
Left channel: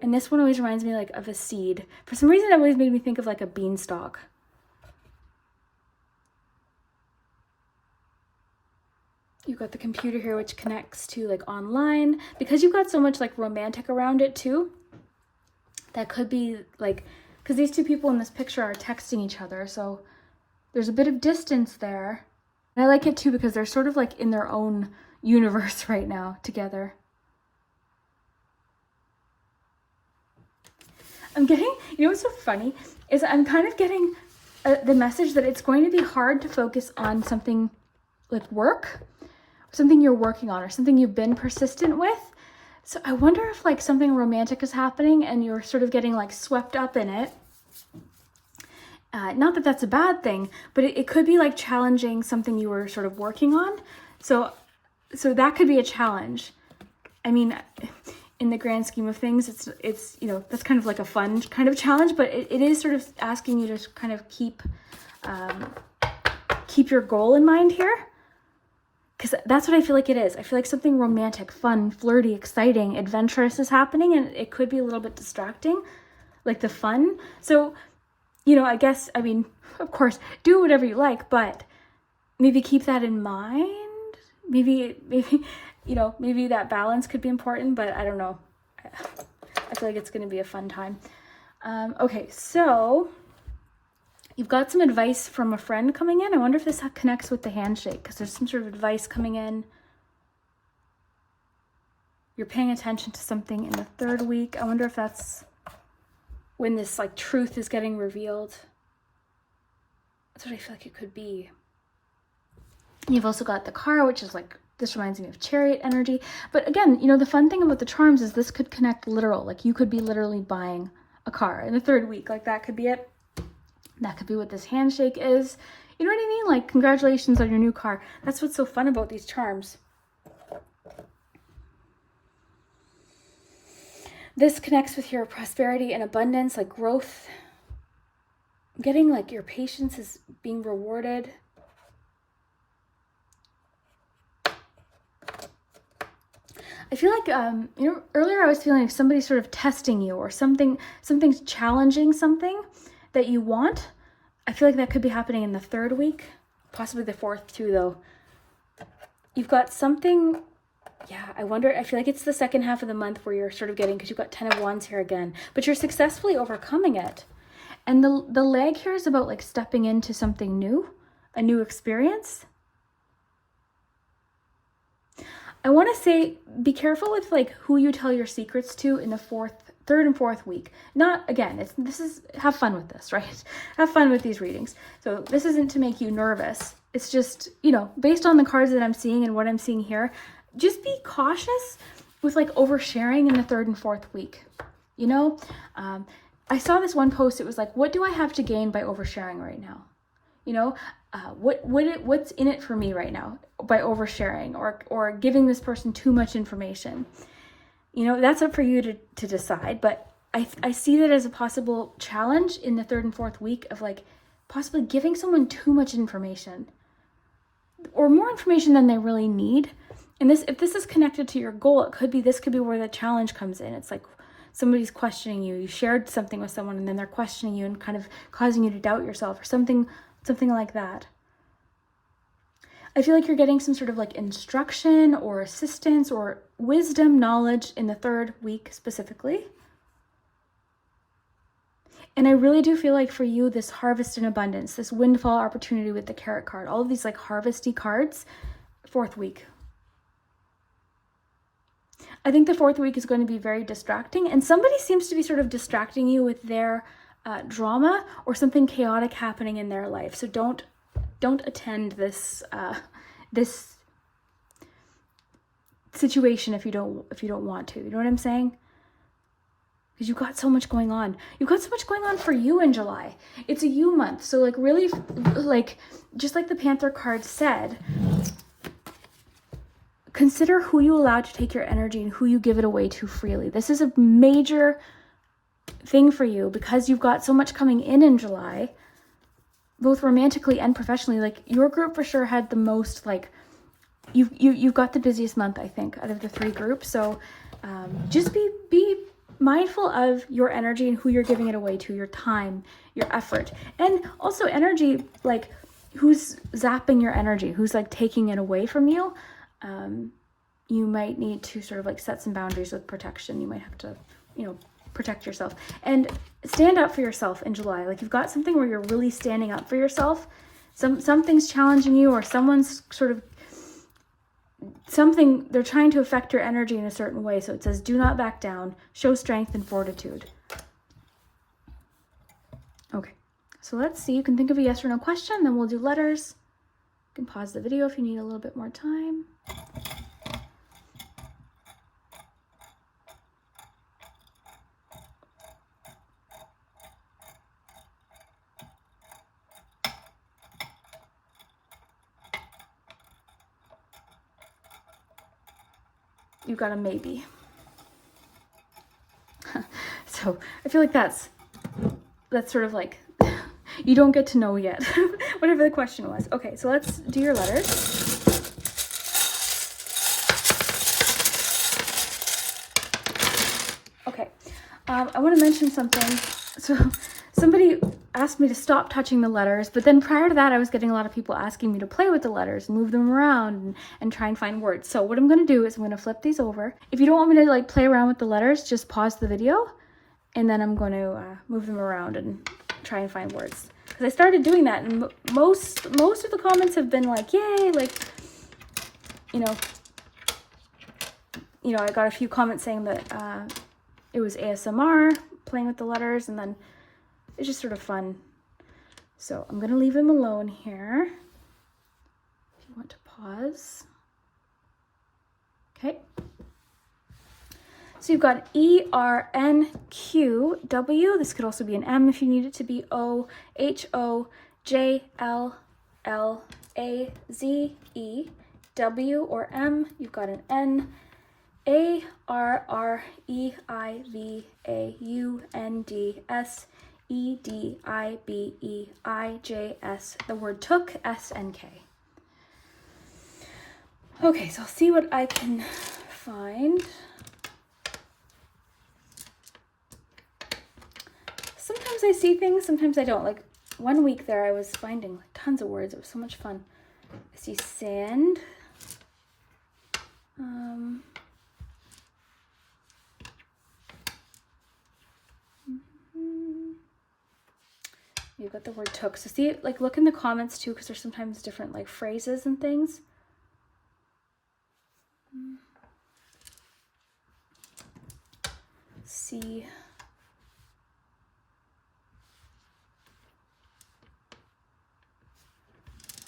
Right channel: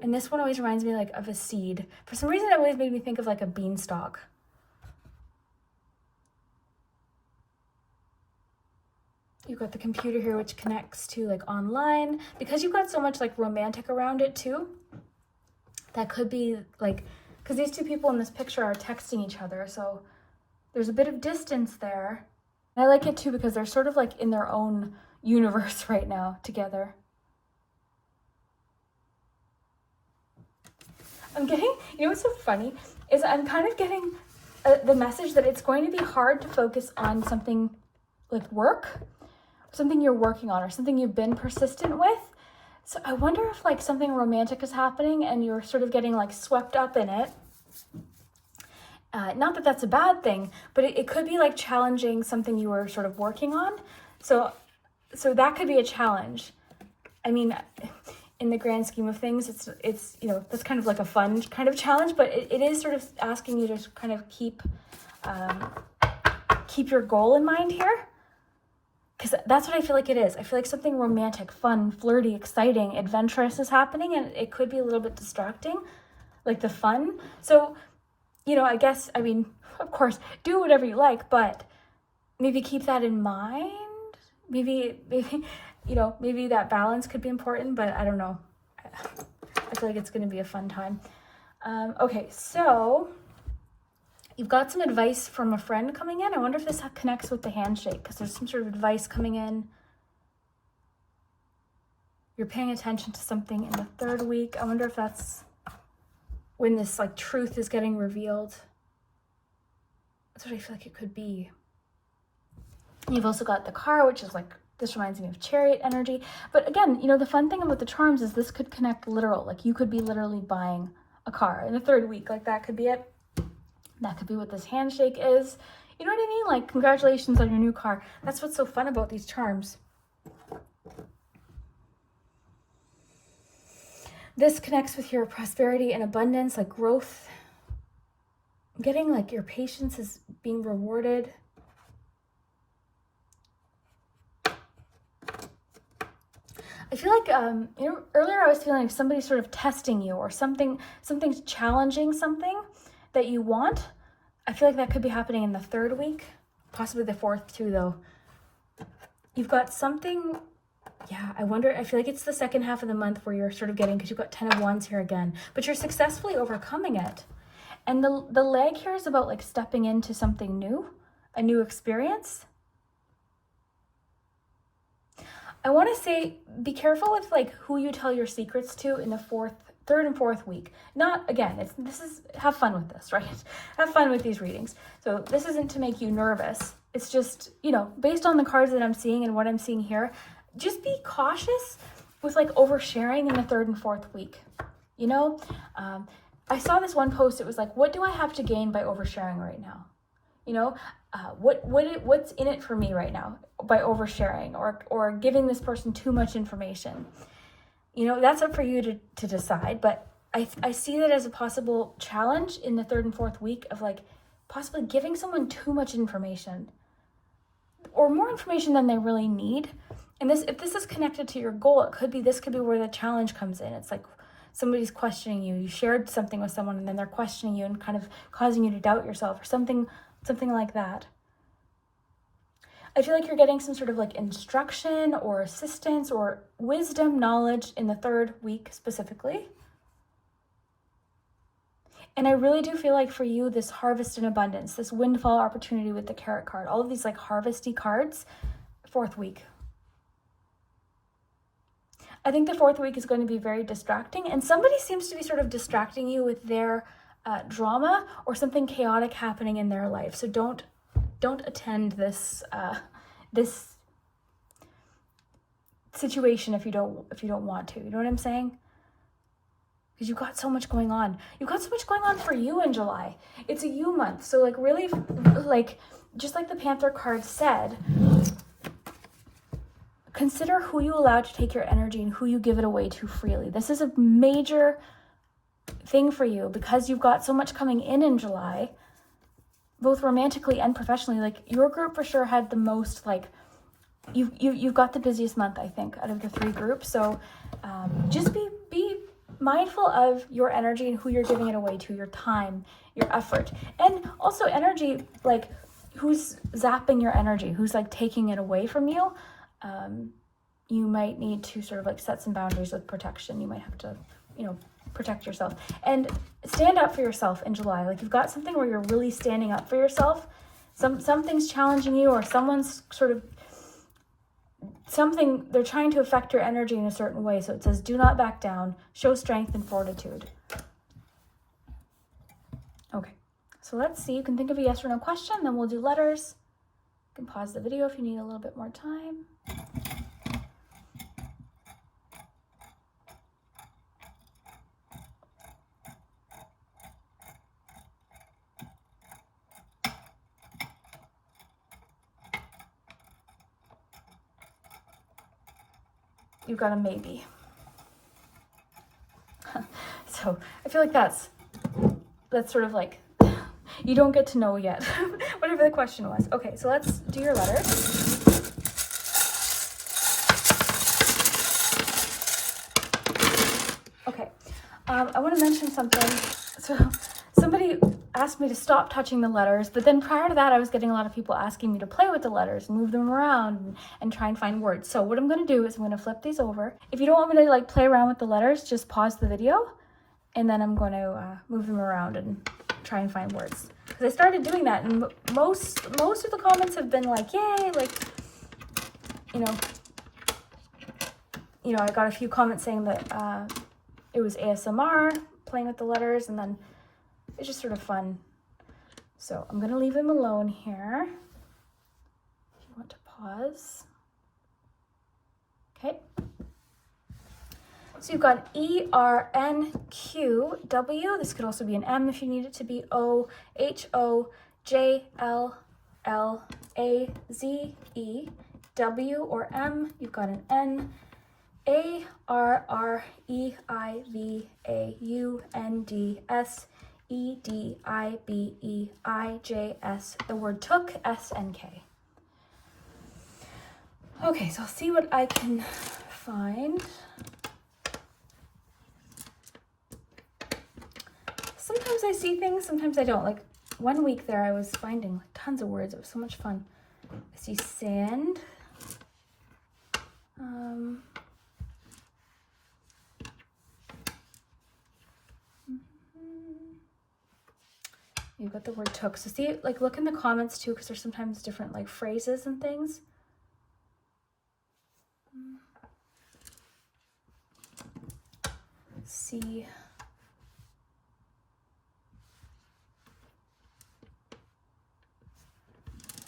And this one always reminds me like of a seed. For some reason, it always made me think of like a beanstalk. You've got the computer here, which connects to like online, because you've got so much like romantic around it too. That could be like, because these two people in this picture are texting each other, so there's a bit of distance there. And I like it too because they're sort of like in their own universe right now together. I'm getting, you know what's so funny is I'm kind of getting the message that it's going to be hard to focus on something like work, something you're working on, or something you've been persistent with. So I wonder if like something romantic is happening and you're sort of getting like swept up in it. Not that that's a bad thing, but it could be like challenging something you were sort of working on. So that could be a challenge. I mean, in the grand scheme of things, it's you know, that's kind of like a fun kind of challenge, but it is sort of asking you to kind of keep your goal in mind here. Because that's what I feel like it is. I feel like something romantic, fun, flirty, exciting, adventurous is happening, and it could be a little bit distracting, like the fun. So, you know, I guess, I mean, of course, do whatever you like, but maybe keep that in mind. Maybe, you know, maybe that balance could be important, but I don't know. I feel like it's going to be a fun time. Okay, so you've got some advice from a friend coming in. I wonder if this connects with the handshake, because there's some sort of advice coming in. You're paying attention to something in the third week. I wonder if that's when this like truth is getting revealed. That's what I feel like it could be. You've also got the car, which is like, this reminds me of chariot energy. But again, you know, the fun thing about the charms is this could connect literal. Like you could be literally buying a car in the third week. Like that could be it. That could be what this handshake is. You know what I mean? Like, congratulations on your new car. That's what's so fun about these charms. This connects with your prosperity and abundance, like growth. Getting like your patience is being rewarded. I feel like, you know, earlier I was feeling like somebody's sort of testing you, or something's challenging something that you want. I feel like that could be happening in the third week, possibly the fourth too, though. You've got something, yeah, I wonder, I feel like it's the second half of the month where you're sort of getting, because you've got 10 of Wands here again, but you're successfully overcoming it. And the leg here is about like stepping into something new, a new experience. I want to say, be careful with like who you tell your secrets to in the third and fourth week. Not, again, have fun with this, right? Have fun with these readings. So this isn't to make you nervous. It's just, you know, based on the cards that I'm seeing and what I'm seeing here, just be cautious with like oversharing in the third and fourth week. You know, I saw this one post. It was like, what do I have to gain by oversharing right now? You know, what's in it for me right now by oversharing or giving this person too much information? You know, that's up for you to decide, but I see that as a possible challenge in the third and fourth week of like possibly giving someone too much information or more information than they really need. And if this is connected to your goal, this could be where the challenge comes in. It's like somebody's questioning you. You shared something with someone and then they're questioning you and kind of causing you to doubt yourself or something like that. I feel like you're getting some sort of like instruction or assistance or wisdom, knowledge in the third week specifically. And I really do feel like for you, this harvest in abundance, this windfall opportunity with the carrot card, all of these like harvesty cards, fourth week. I think the fourth week is going to be very distracting, and somebody seems to be sort of distracting you with their drama or something chaotic happening in their life. So don't attend this situation if you don't want to. You know what I'm saying? Because you've got so much going on. You've got so much going on for you in July. It's a you month. So like really, like just like the Panther card said, consider who you allow to take your energy and who you give it away to freely. This is a major thing for you because you've got so much coming in July, both romantically and professionally. Like your group for sure had the most, like you've got the busiest month, I think, out of the three groups. So just be mindful of your energy and who you're giving it away to, your time, your effort, and also energy, like who's zapping your energy, who's like taking it away from you. You might need to sort of like set some boundaries with protection. You might have to, protect yourself and stand up for yourself in July. Like you've got something where you're really standing up for yourself. Something's challenging you, or someone's sort of they're trying to affect your energy in a certain way. So it says, do not back down, show strength and fortitude. Okay, so let's see. You can think of a yes or no question, then we'll do letters. You can pause the video if you need a little bit more time. you've got a maybe. So I feel like that's sort of like, you don't get to know yet, whatever the question was. Okay, so let's do your letters. Okay, I want to mention something. So somebody asked me to stop touching the letters, but then prior to that, I was getting a lot of people asking me to play with the letters, move them around, and try and find words. So what I'm going to do is I'm going to flip these over. If you don't want me to like play around with the letters, just pause the video, and then I'm going to move them around and try and find words. Because I started doing that, and most of the comments have been like, yay, like, you know, I got a few comments saying that it was ASMR, playing with the letters, and then it's just sort of fun. So I'm gonna leave them alone here. If you want to pause. Okay. So you've got E-R-N-Q-W. This could also be an M if you need it to be O-H-O-J-L-L-A-Z-E. W or M, you've got an N. A-R-R-E-I-V-A-U-N-D-S. E-D-I-B-E-I-J-S. The word took, S-N-K. Okay, so I'll see what I can find. Sometimes I see things, sometimes I don't. Like one week there I was finding like tons of words. It was so much fun. I see sand. You've got the word took. So see, like look in the comments too, because there's sometimes different like phrases and things. See.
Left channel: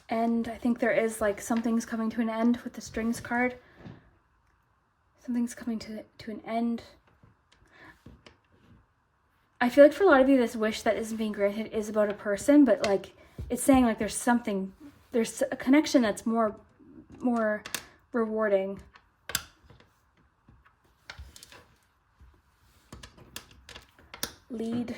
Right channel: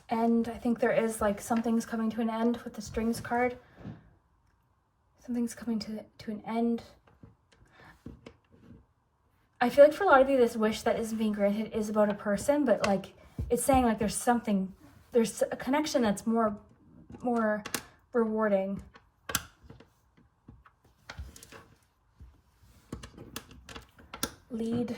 End. I think there is like something's coming to an end with the strings card. Something's coming to an end. I feel like for a lot of you, this wish that isn't being granted is about a person, but like it's saying like there's a connection that's more rewarding. Lead.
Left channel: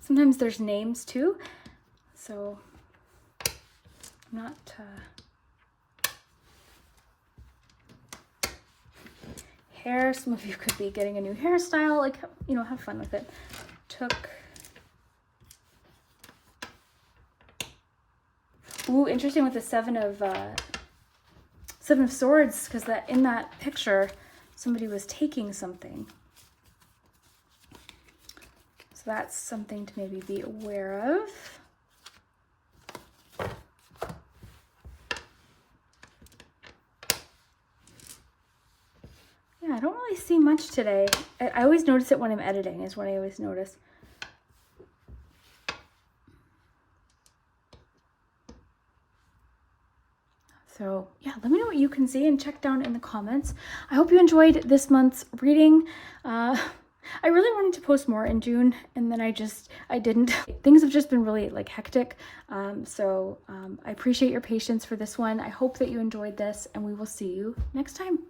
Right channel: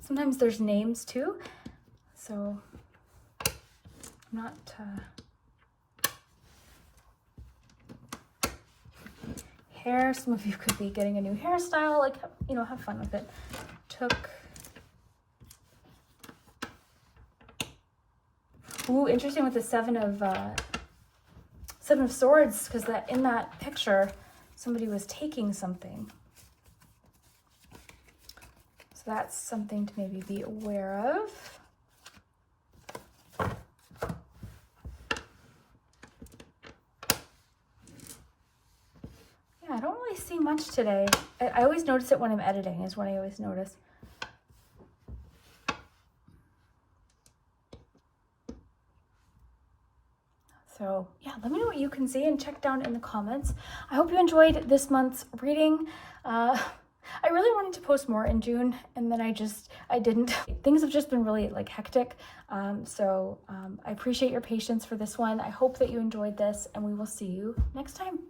Sometimes there's names too, so not hair. Some of you could be getting a new hairstyle, like, you know, have fun with it. Took. Ooh, interesting with the Seven of Swords, because that in that picture somebody was taking something. So that's something to maybe be aware of. Yeah, I don't really see much today. I always notice it when I'm editing, is what I always notice. So yeah, let me know what you can see and check down in the comments. I hope you enjoyed this month's reading. I really wanted to post more in June, and then I didn't. Things have just been really like hectic. I appreciate your patience for this one. I hope that you enjoyed this, and we will see you next time.